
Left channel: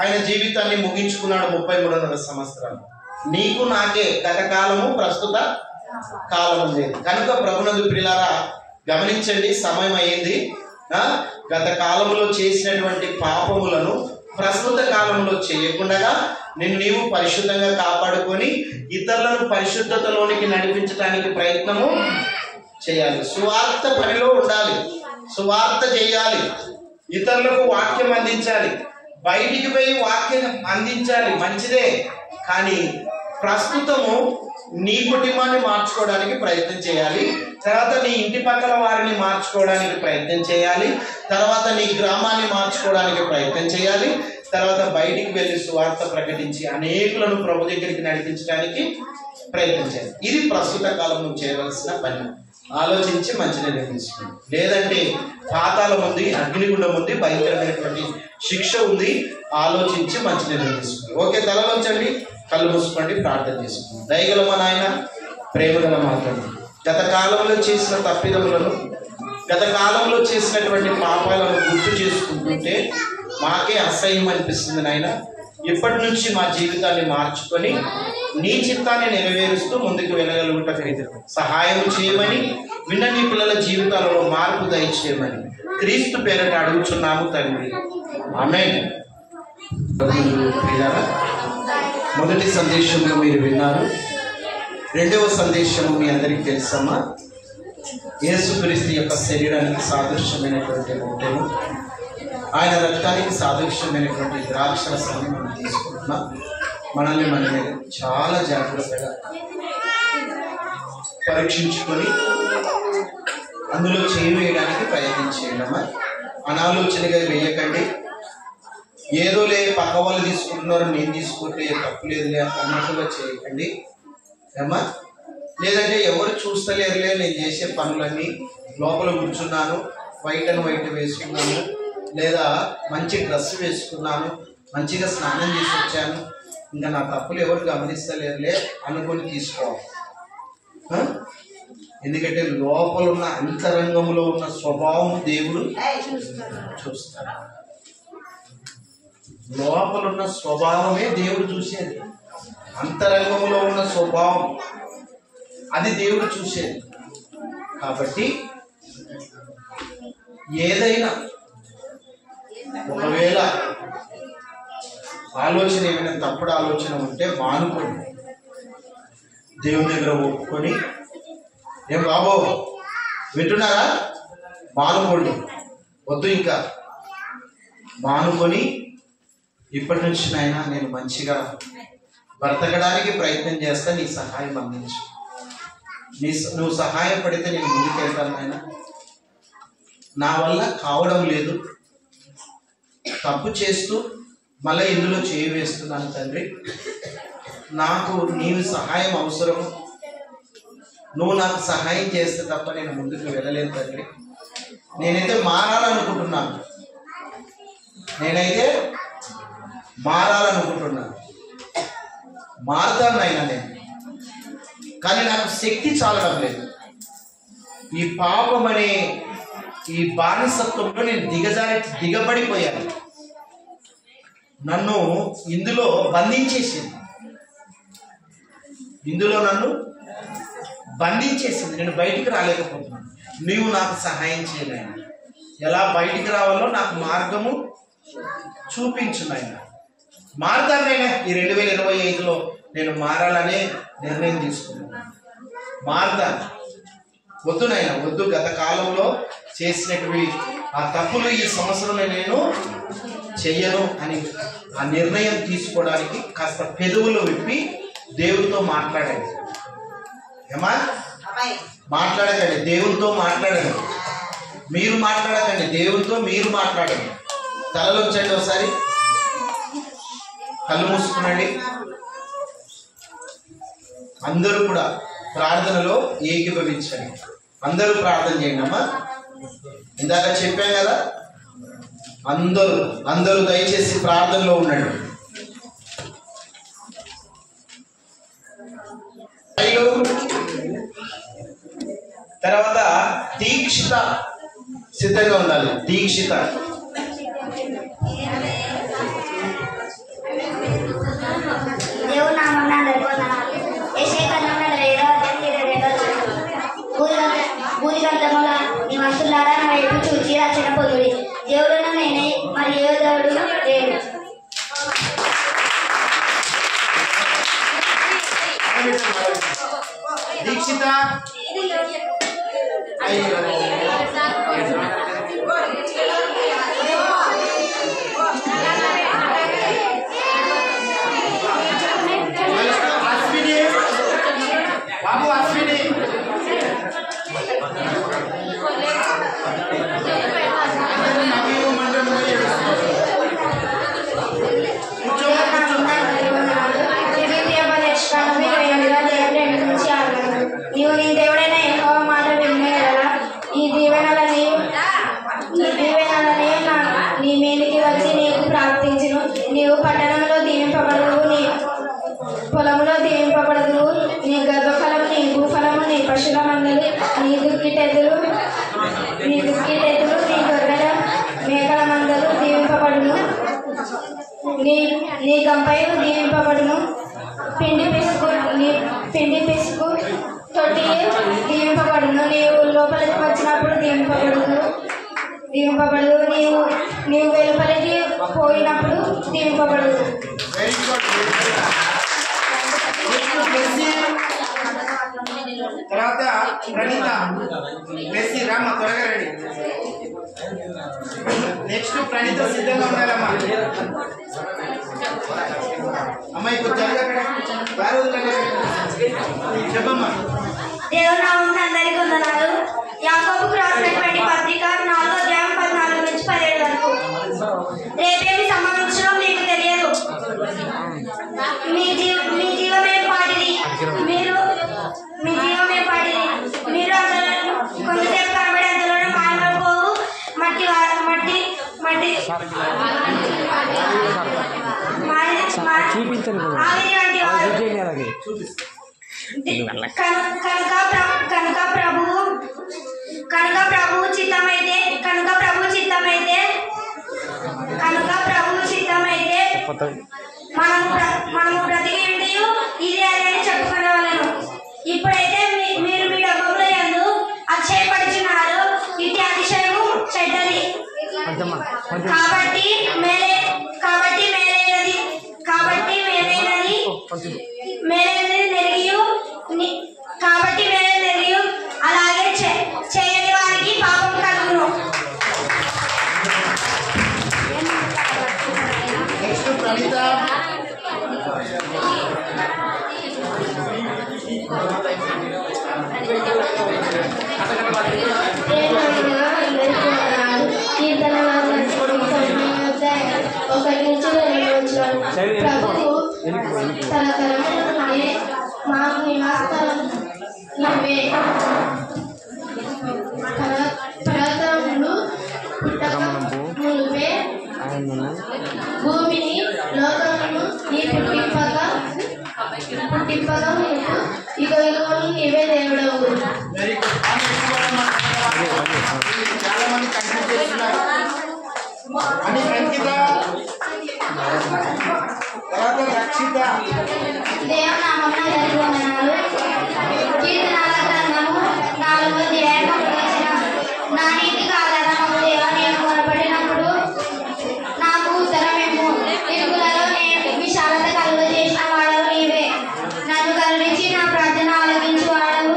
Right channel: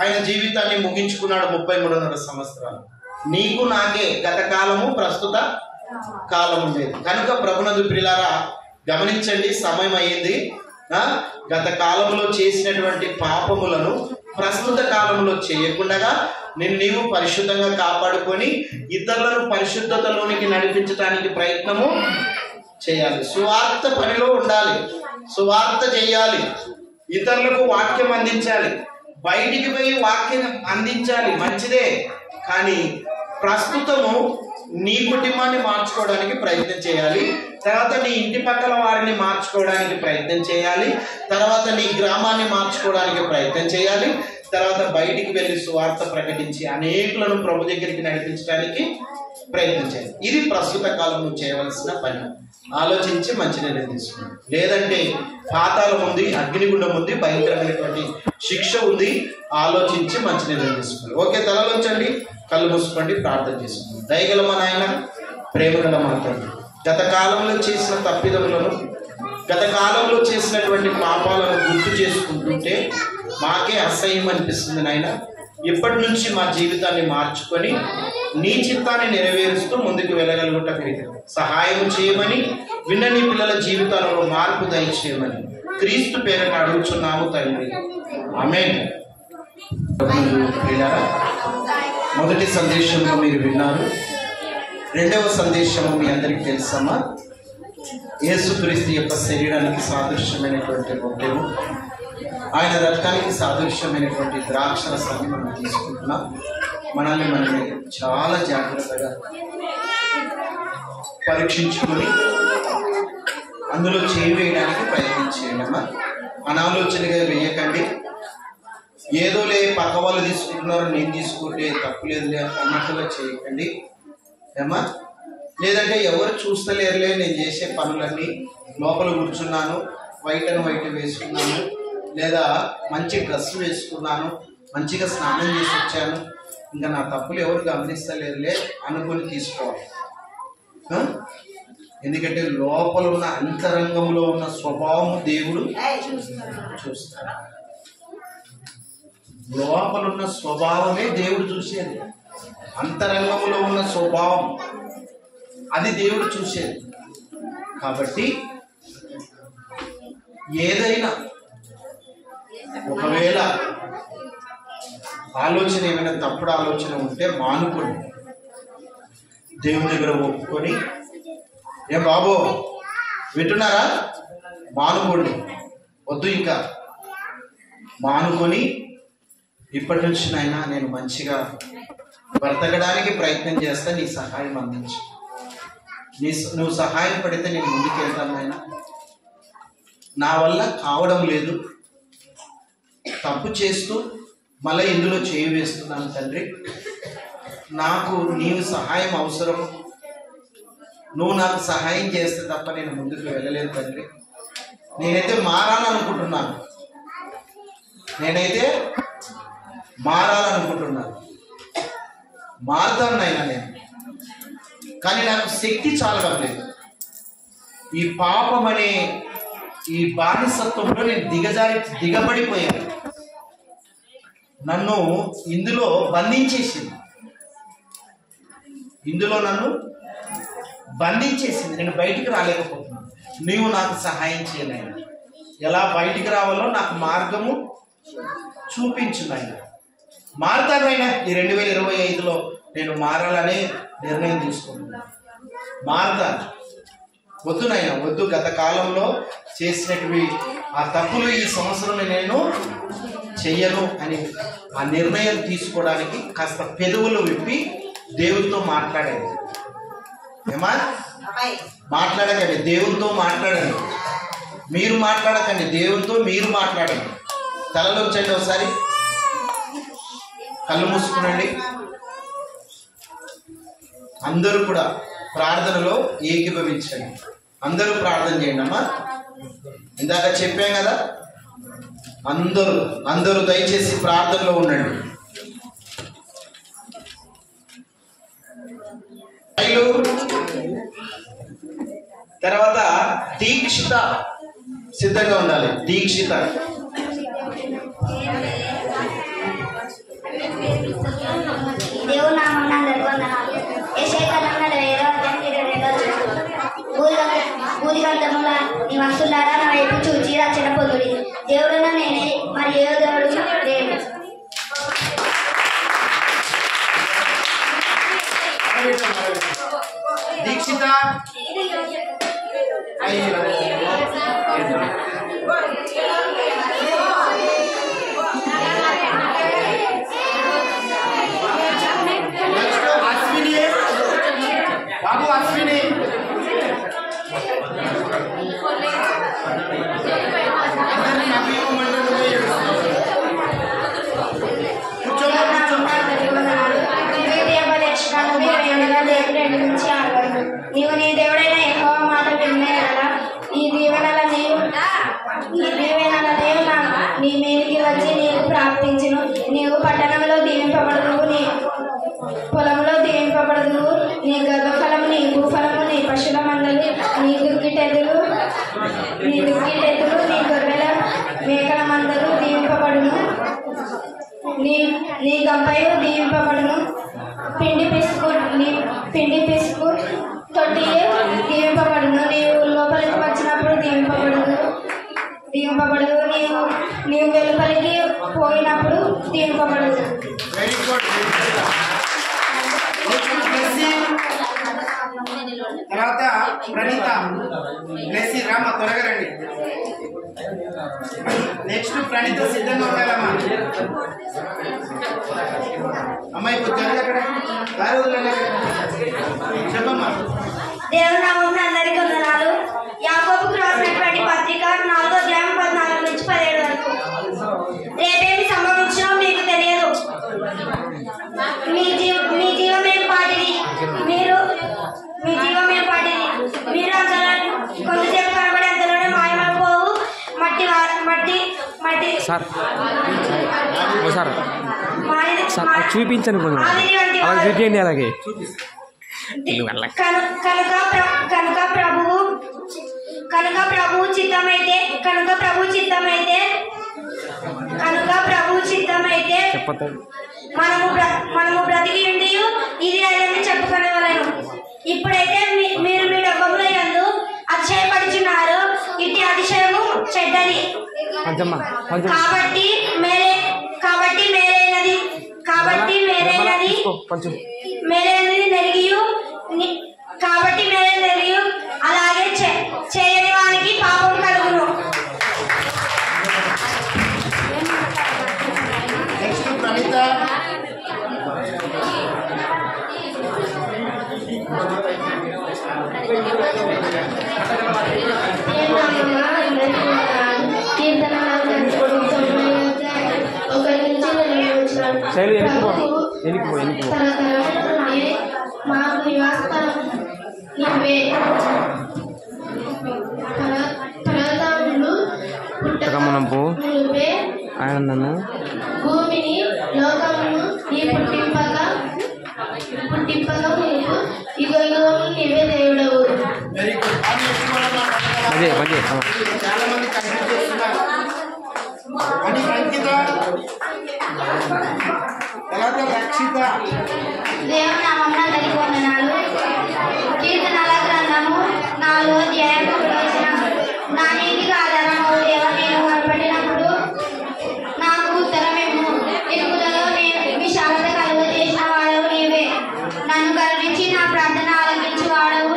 ఆయన జీవితాన్ని ముగించుకున్నాడు. 33 సంవత్సరాలు. నీకు నాకే గత కాలము ప్రస్తుత కాలము లేదు. కనుక ప్రభునందు ప్రియులారా గమనించండి, సమయం అయ్యింది. గత కాలంలో చేసినటువంటి పాపములను ప్రస్తుత కాలంలో చేయకుండా నీవు పరిశుద్ధంగా కాపాడుకొని ఇతరులను పరిశుద్ధతలోనికి నడిపించడానికి ప్రయత్నము చేయాలి. సువార్త పనిలో ఉండాలి, సువార్త చేయాలి, ఇతరులకు వాక్యం అందించాలి, బయటికి పోయి వాక్యం అందించాలి, మంచిదే. కానీ ప్రస్తుతము నీ కుటుంబాన్ని మార్చుకోవడానికి ప్రయత్నం చేయాలి, తర్వాత నీ ఇంటి పక్కల వారిని మార్చుకోవడానికి ప్రయత్నం చేయాలి, తర్వాత నీ గ్రామాన్ని మార్చుకోవడానికి ప్రయత్నం చేయాలి, తర్వాత బయటికి వెళ్ళి సువార్త ప్రకటించి అనేకులను ప్రభు దగ్గరికి నడిపించడానికి ప్రయత్నం చేయాలి. ఇది ప్రస్తుత కాలంలో చేయవలసిన పని. ఆలోచించి మంచి నిర్ణయం తీసుకోండి. లేదంటే పాతాళం ఉంది, అగ్నిగుండం ఉంది, భయంకరమైనటువంటి శిక్ష ఉంది. ఆలోచించి మంచి నిర్ణయం తీసుకోండి. ఓకే, తలలోంచండి, కళ్ళు మూసుకోండి, ప్రార్థన చేసుకోండి. దయగల మా నాయన, ప్రేమగల మా తండ్రి, గత కాలంలో చేసిన తప్పిదములను, గత కాలంలో చేసినటువంటి పాపాలను గుర్తు చేసుకుంటుంటే మాకే అసహ్యం అనిపిస్తుంది నాయన. ఇప్పటి నుంచి మా జీవితాన్ని మార్చుకొని నీ చిత్తాన్ని నెరవేరుస్తూ ముందుకు వెళ్ళగలుగుట సహాయం చేయమని, విన్న నీ పిల్లల జీవితాలలో మార్పు దయచేయమని క్రీస్తు పేరట అడుగుచున్నాము తండ్రి, ఆమేన్. మొదటి సందేశంలో మీరు విన్నారు. రెండవ సందేశము మీ అందరికీ తెలుసమ్మా. యేసుక్రీస్తు యొక్క శరీరానికి సాదృశ్యమైనటువంటి రొట్టెను, ఆయన రక్తానికి సాదృశ్యమైనటువంటి ద్రాక్షరసాన్ని మనం తీసుకుంటున్నాం. మనల్ని మనమే చాలా జాగ్రత్తగా పరీక్షించుకొని అందులో చేయడానికి ప్రయత్నం చేయడమా. అనాలోచనగా వేయకండి. ఏదోలే పక్క వాళ్ళు తీసుకుంటున్నారు, నేను తీసుకుంటే తప్పులేదులే అన్నట్టుగా చేయకండి ఏమా. లేదంటే ఎవరు చూస్తలేరులే, నేను చేసే పనులన్నీ, లోపల కూర్చున్నాను, వైట్ అండ్ వైట్ వేసుకున్నాను, లేదా మంచి డ్రెస్ వేసుకున్నాను, మంచిగా స్నానం చేసి వచ్చాను, ఇంకా నా తప్పులు ఎవరు గమనిస్తలేరులే అనుకొని తీసుకోవాలి. ఎందుకంటే లోపల ఉన్న అంతరంగంలో ఉన్న స్వభావం దేవుడు చూస్తాడు. లోపల ఉన్న స్వభావమే దేవుడు చూసేది. అంతరంగంలో ఉన్న స్వభావం అది దేవుడు చూసేది. కాబట్టి ఏదైనా ఒకవేళ ఆలోచన ఏమైనా తప్పుడు ఆలోచన ఉంటే మానుకోండి. దేవుని దగ్గర ఒప్పుకొని, ఏం బాబు వింటున్నారా, మానుకోండి, వద్దు ఇంకా మానుకొని ఇప్పటి నుంచి నాయనా నేను మంచిగా బ్రతకడానికి ప్రయత్నం చేస్తా, నీ సహాయం అందించు, నువ్వు సహాయం పడితే నేను ముందుకెళ్తాను నాయనా, నా వల్ల కావడం లేదు, తప్పు చేస్తూ మళ్ళీ ఇందులో చేయి వేస్తున్నాను తండ్రి, నాకు నీవు సహాయం అవసరం, నువ్వు నాకు సహాయం చేస్తే తప్ప నేను ముందుకు వెళ్ళలేను తండ్రి, నేనైతే మారాలనుకుంటున్నాను, మారుతాను నాయనా నేను, కానీ నాకు శక్తి చాలడం లేదు, ఈ పాపం అనే ఈ బానిసత్వంలో నేను దిగబడిపోయాను, నన్ను ఇందులో బంధించేసింది, నన్ను బంధించేసింది, నేను బయటికి రాలేకపోతున్నాను, నీవు నాకు సహాయం చేయలేను, ఎలా బయటికి రావాలో నాకు మార్గము చూపించు నాయన, మారుతాను నాయన, ఈ 2025లో నేను మారాలనే నిర్ణయం తీసుకున్నాను, మారుతాను, వద్దు నాయన వద్దు, గత కాలంలో చేసినటువంటి ఆ తప్పులు ఈ సంవత్సరం నేను చెయ్యను అని ఆ నిర్ణయం తీసుకోవడానికి కాస్త పెదవులు విప్పి దేవుడితో మాట్లాడండి, ఏమా మాట్లాడకండి, దేవునితో మాట్లాడండి, మీరు మాట్లాడకండి, దేవునితో మీరు మాట్లాడండి, తలలో వచ్చండి, ఒకసారి కళ్ళు మూసుకునండి, అందరూ కూడా ప్రార్థనలో ఏకీభవించండి, అందరూ ప్రార్థన చేయండి అమ్మా, ఇందాక చెప్పాం కదా, అందరూ దయచేసి ప్రార్థనలో ఉండండి. తర్వాత దీక్షిత సిద్ధంగా ఉండాలి, దీక్షిత దీక్షిత బాబు అశ్విని పిండి పిసుకు తొట్టి దీవింపబడును, నీవు లోపలికి వచ్చినప్పుడు దీవింపబడదు, నీవు వెలుపలికి పోయినప్పుడు దీవింపబడదు. తర్వాత ప్రణీత మెస్సి రామ త్వరగా రండి. నెక్స్ట్ ప్రణీత సిద్ధంగా ఉండాలమ్మా. అమ్మాయి చెప్పమ్మా. దేవుని నామమున అందరికీ వందనాలు. యాకోబుకు రాసినటువంటి పత్రిక 4వ అధ్యాయం 14 నుంచి 17 వరకు. రేపేమి సంభవించునో మీకు తెలియదు. మీ జీవమేం పాటిది, మీరు అందులో కొంతసేపు కనబడి అందులోనే మాయమైపోవు మట్టి చూపించండి అలాగే. కనుక ప్రభు చిత్తమైతే మనము బ్రతికి ఉండి ఇది అని చెప్పుకునేవాళ్ళను. ఇప్పుడైతే మీరు మీ డబ్బుల యందు అతిశయపడుచున్నారు. ఇట్టి అతిశయము చెడ్డది. కాబట్టి మేలైనది నెరిగియు చాలా మంది కన్ఫ్యూజ్ చేస్తున్నారు అని అంకిత తర్వాత రక్షిత దేవునామమున వందనాలు. కీర్తనల గ్రంథము 4వ అధ్యాయం 1వ వచనం. నా నీతికి ఆధారము దేవా, నేను మొరపెట్టినప్పుడు నాకు ఉత్తరమిమ్ము. ఇరుకులలో విశాలత కలుగజేసిన వాడవు నీవే. నన్ను కరుణించి నా ప్రార్థన ఆలకించువాడు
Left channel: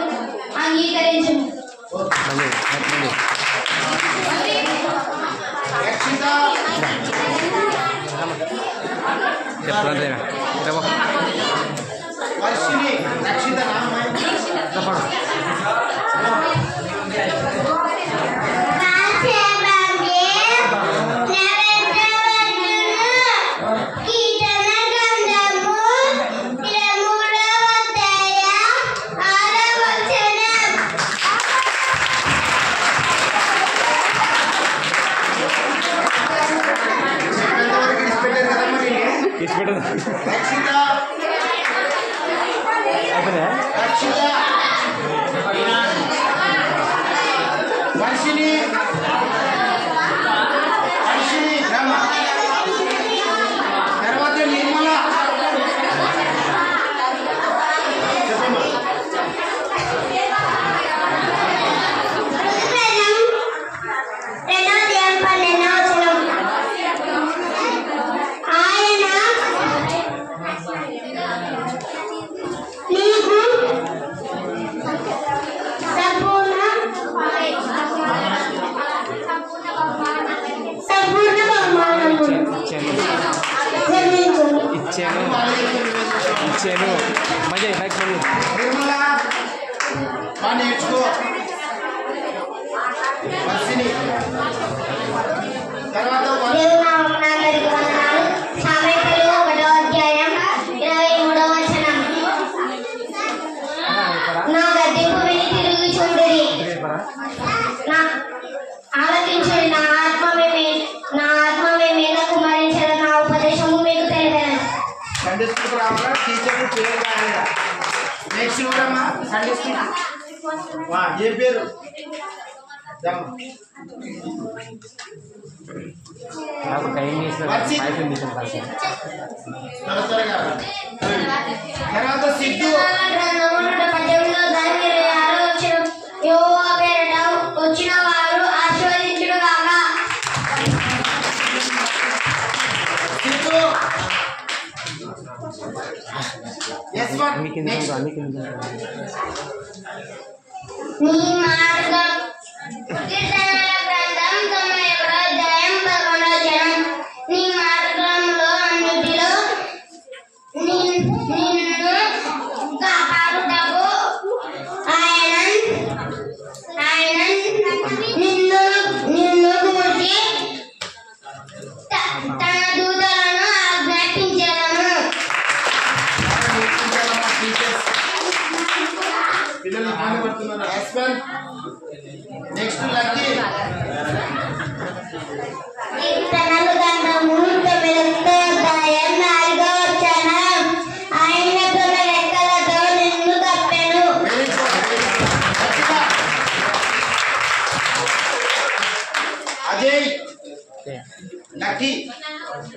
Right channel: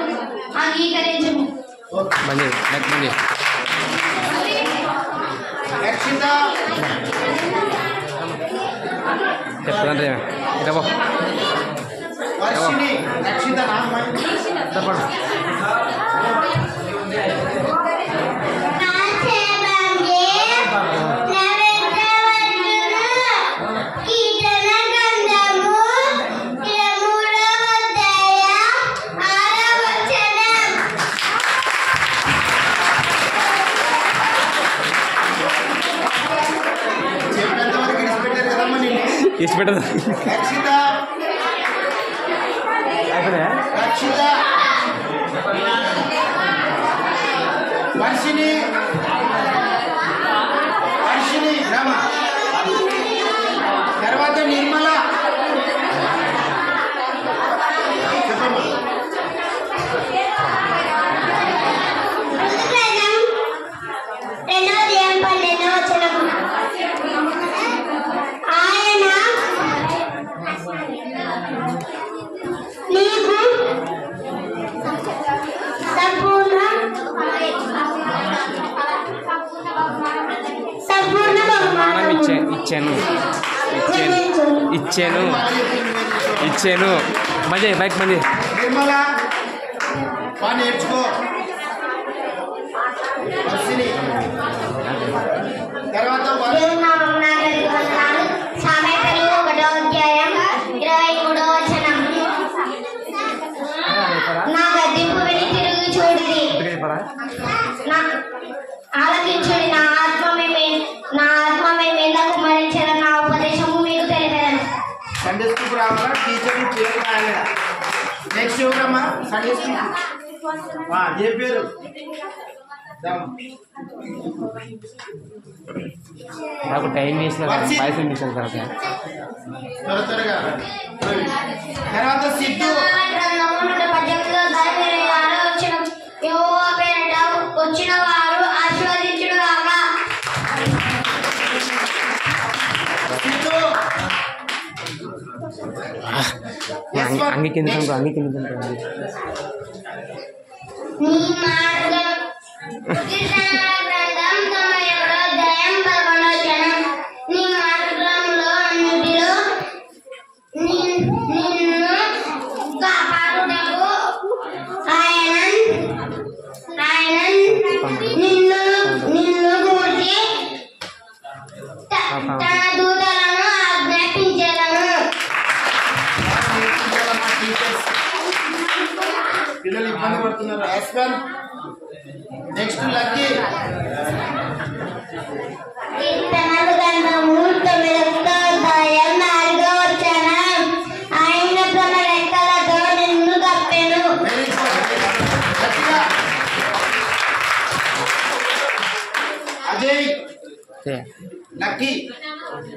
అంగీకరించుము. రక్షిత వర్షిణి రక్షిత ఇష్టపెట్టదు రక్షిత రక్షిత వర్షిణి వర్షిణి రామ తర్వాత నిర్మల ఇచ్చాను మజే బైక్ మజే నిర్మల బాగా నేర్చుకో వర్షిణి తర్వాత సామెతలు 1వ అధ్యాయం 23వ వచనం. నా గద్దింపు విని తిరిగి చూడుడి, ఆలకించుడి. నా ఆత్మ మీద కుమరించిన నా ఉపదేశము మీకు తెలిపాను. సండే స్కూల్ రావాలా టీచర్ పేరు రాయాలి నెక్స్ట్ ఎవరమ్మా సండే స్కూల్ ఏ పేరు నాకు టైం వేసిన తర్వాత సిద్ధు వచ్చిన వారు ఆశీర్వదించుడుగాక. సిద్ధు అంగి కింద నీ మార్గం కీర్తనల గ్రంథం 91వ అధ్యాయం 11వ వచనం. నీ మార్గంలో అన్నిటిలో నిన్ను కాపాడుటకు ఆయన నిన్ను గూర్చి తన దూతలను ఆజ్ఞాపించెదను. పిల్లలు ఇబ్బంది పడుతున్నారు యాస్మన్ నెక్స్ట్ లక్కీ కీర్తనల గ్రంథము 9వ అధ్యాయం 4వ వచనం. ఆయన తన రెక్కలతో నిన్ను కప్పెను. వెరీ గుడ్ అజయ్ లక్కీ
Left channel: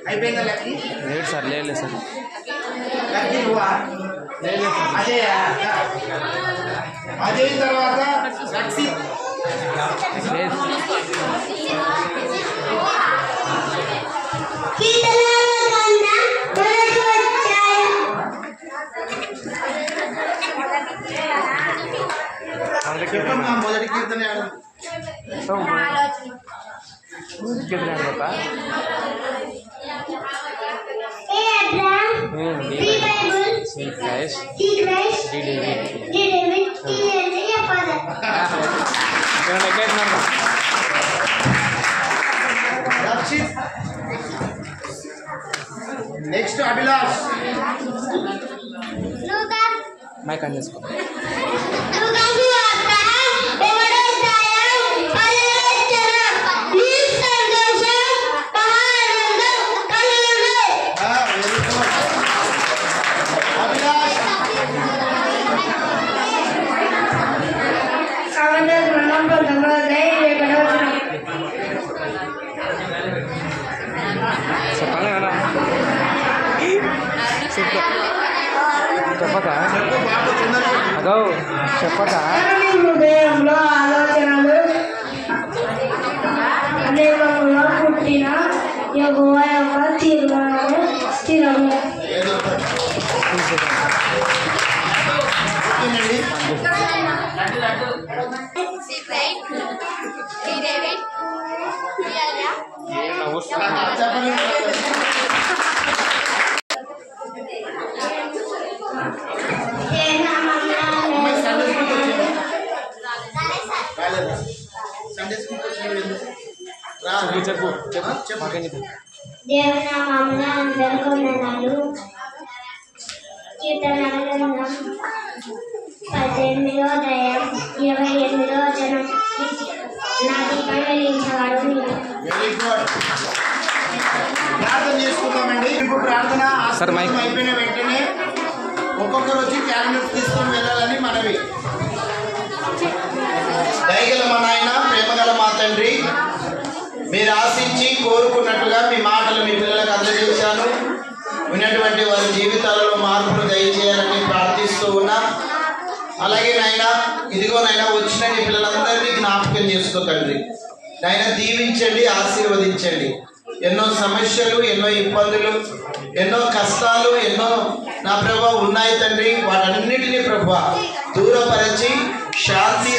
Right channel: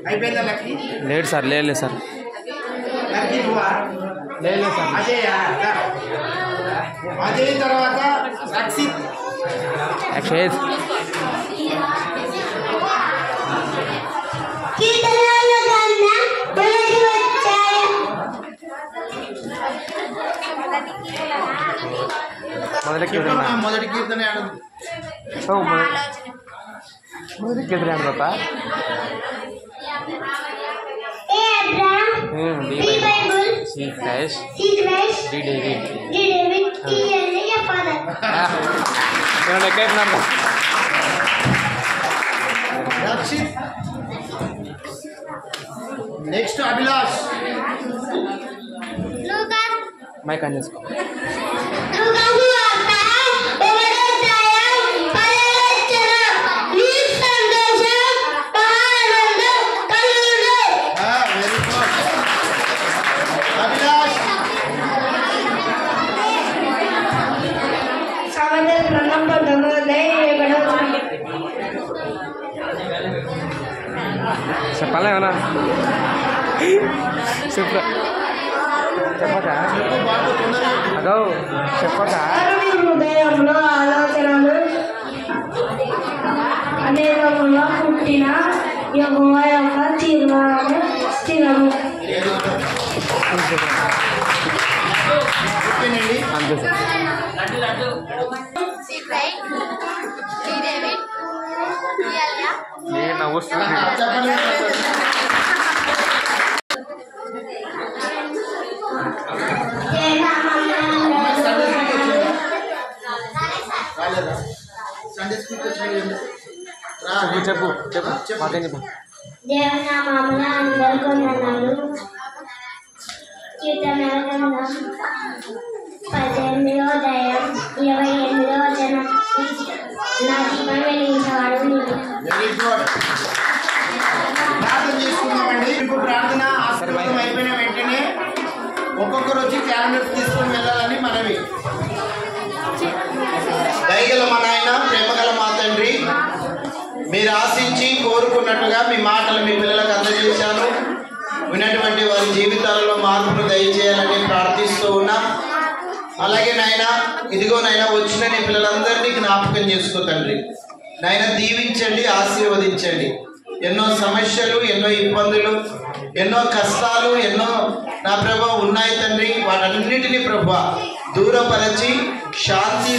అయిపోయిందా లక్కీ లేదు సార్ లేదు సార్ లక్కీ నువ్వా లేదు సార్ అజయ్ అజయ్ తర్వాత రక్షిత్ అక్షయ్ కీర్తనల గ్రంథం 1వ అధ్యాయం చెప్పమ్మా మొదటి కీర్తన ఆడు పాప A Abraham the Bible C Christ C Christ D David D David కి Elijah father. Rakshit next Abhilash Lucas mike on చేసుకో లూకాసు వార్త 1వ అధ్యాయం 10వ వచనం. నీ సంతోషం మహానందం కలుగును. వెరీ గుడ్ అభిలాష్ సామెతల గ్రంథం 19వ అధ్యాయం చెప్పక అగో చెప్పక మీ హృదయంలో ఆలోచనలు అనేకముగా పుట్టిన యెహోవా యొక్క తీర్మానము స్థిరము. ఓకేనండి. చెప్పండి. రాలేదా? సండే స్కూల్కి వచ్చినావు ఎందుకు? రా చెప్పు చెప్పు చెప్పు. మాకేం చెప్పు. దేవుని నామమున అందరికీ వందనాలు. కీర్తనల గ్రంథం 18వ అధ్యాయం 28వ వచనం. నా దీపం వెలిగించేవాడు నీవే. Very good. ప్రార్థన చేసుకుందామండి. ఇప్పుడు ప్రార్థన ఆశీర్వాదం అయిపోయిన వెంటనే ఒక్కొక్కరు వచ్చి క్యాలెండర్ తీసుకొని వెళ్ళాలని మనవి. దయగల మా నాయన, ప్రేమగల మా తండ్రి, మీరు ఆశించి కోరుకున్నట్టుగా మీ మాటలు మీ పిల్లలకు అందజేశాను. విన్నటువంటి వారి జీవితాలలో మార్పులు దయచేయాలని ప్రార్థిస్తూ ఉన్నా. అలాగే నాయన, ఇదిగో నాయన, వచ్చిన నీ పిల్లలందరినీ జ్ఞాపకం చేసుకో తండ్రి. నాయన దీవించండి, ఆశీర్వదించండి. ఎన్నో సమస్యలు, ఎన్నో ఇబ్బందులు, ఎన్నో కష్టాలు, ఎన్నో నా ప్రభు ఉన్నాయి తండ్రి. వాటన్నిటినీ ప్రభు దూరపరిచి శాంతి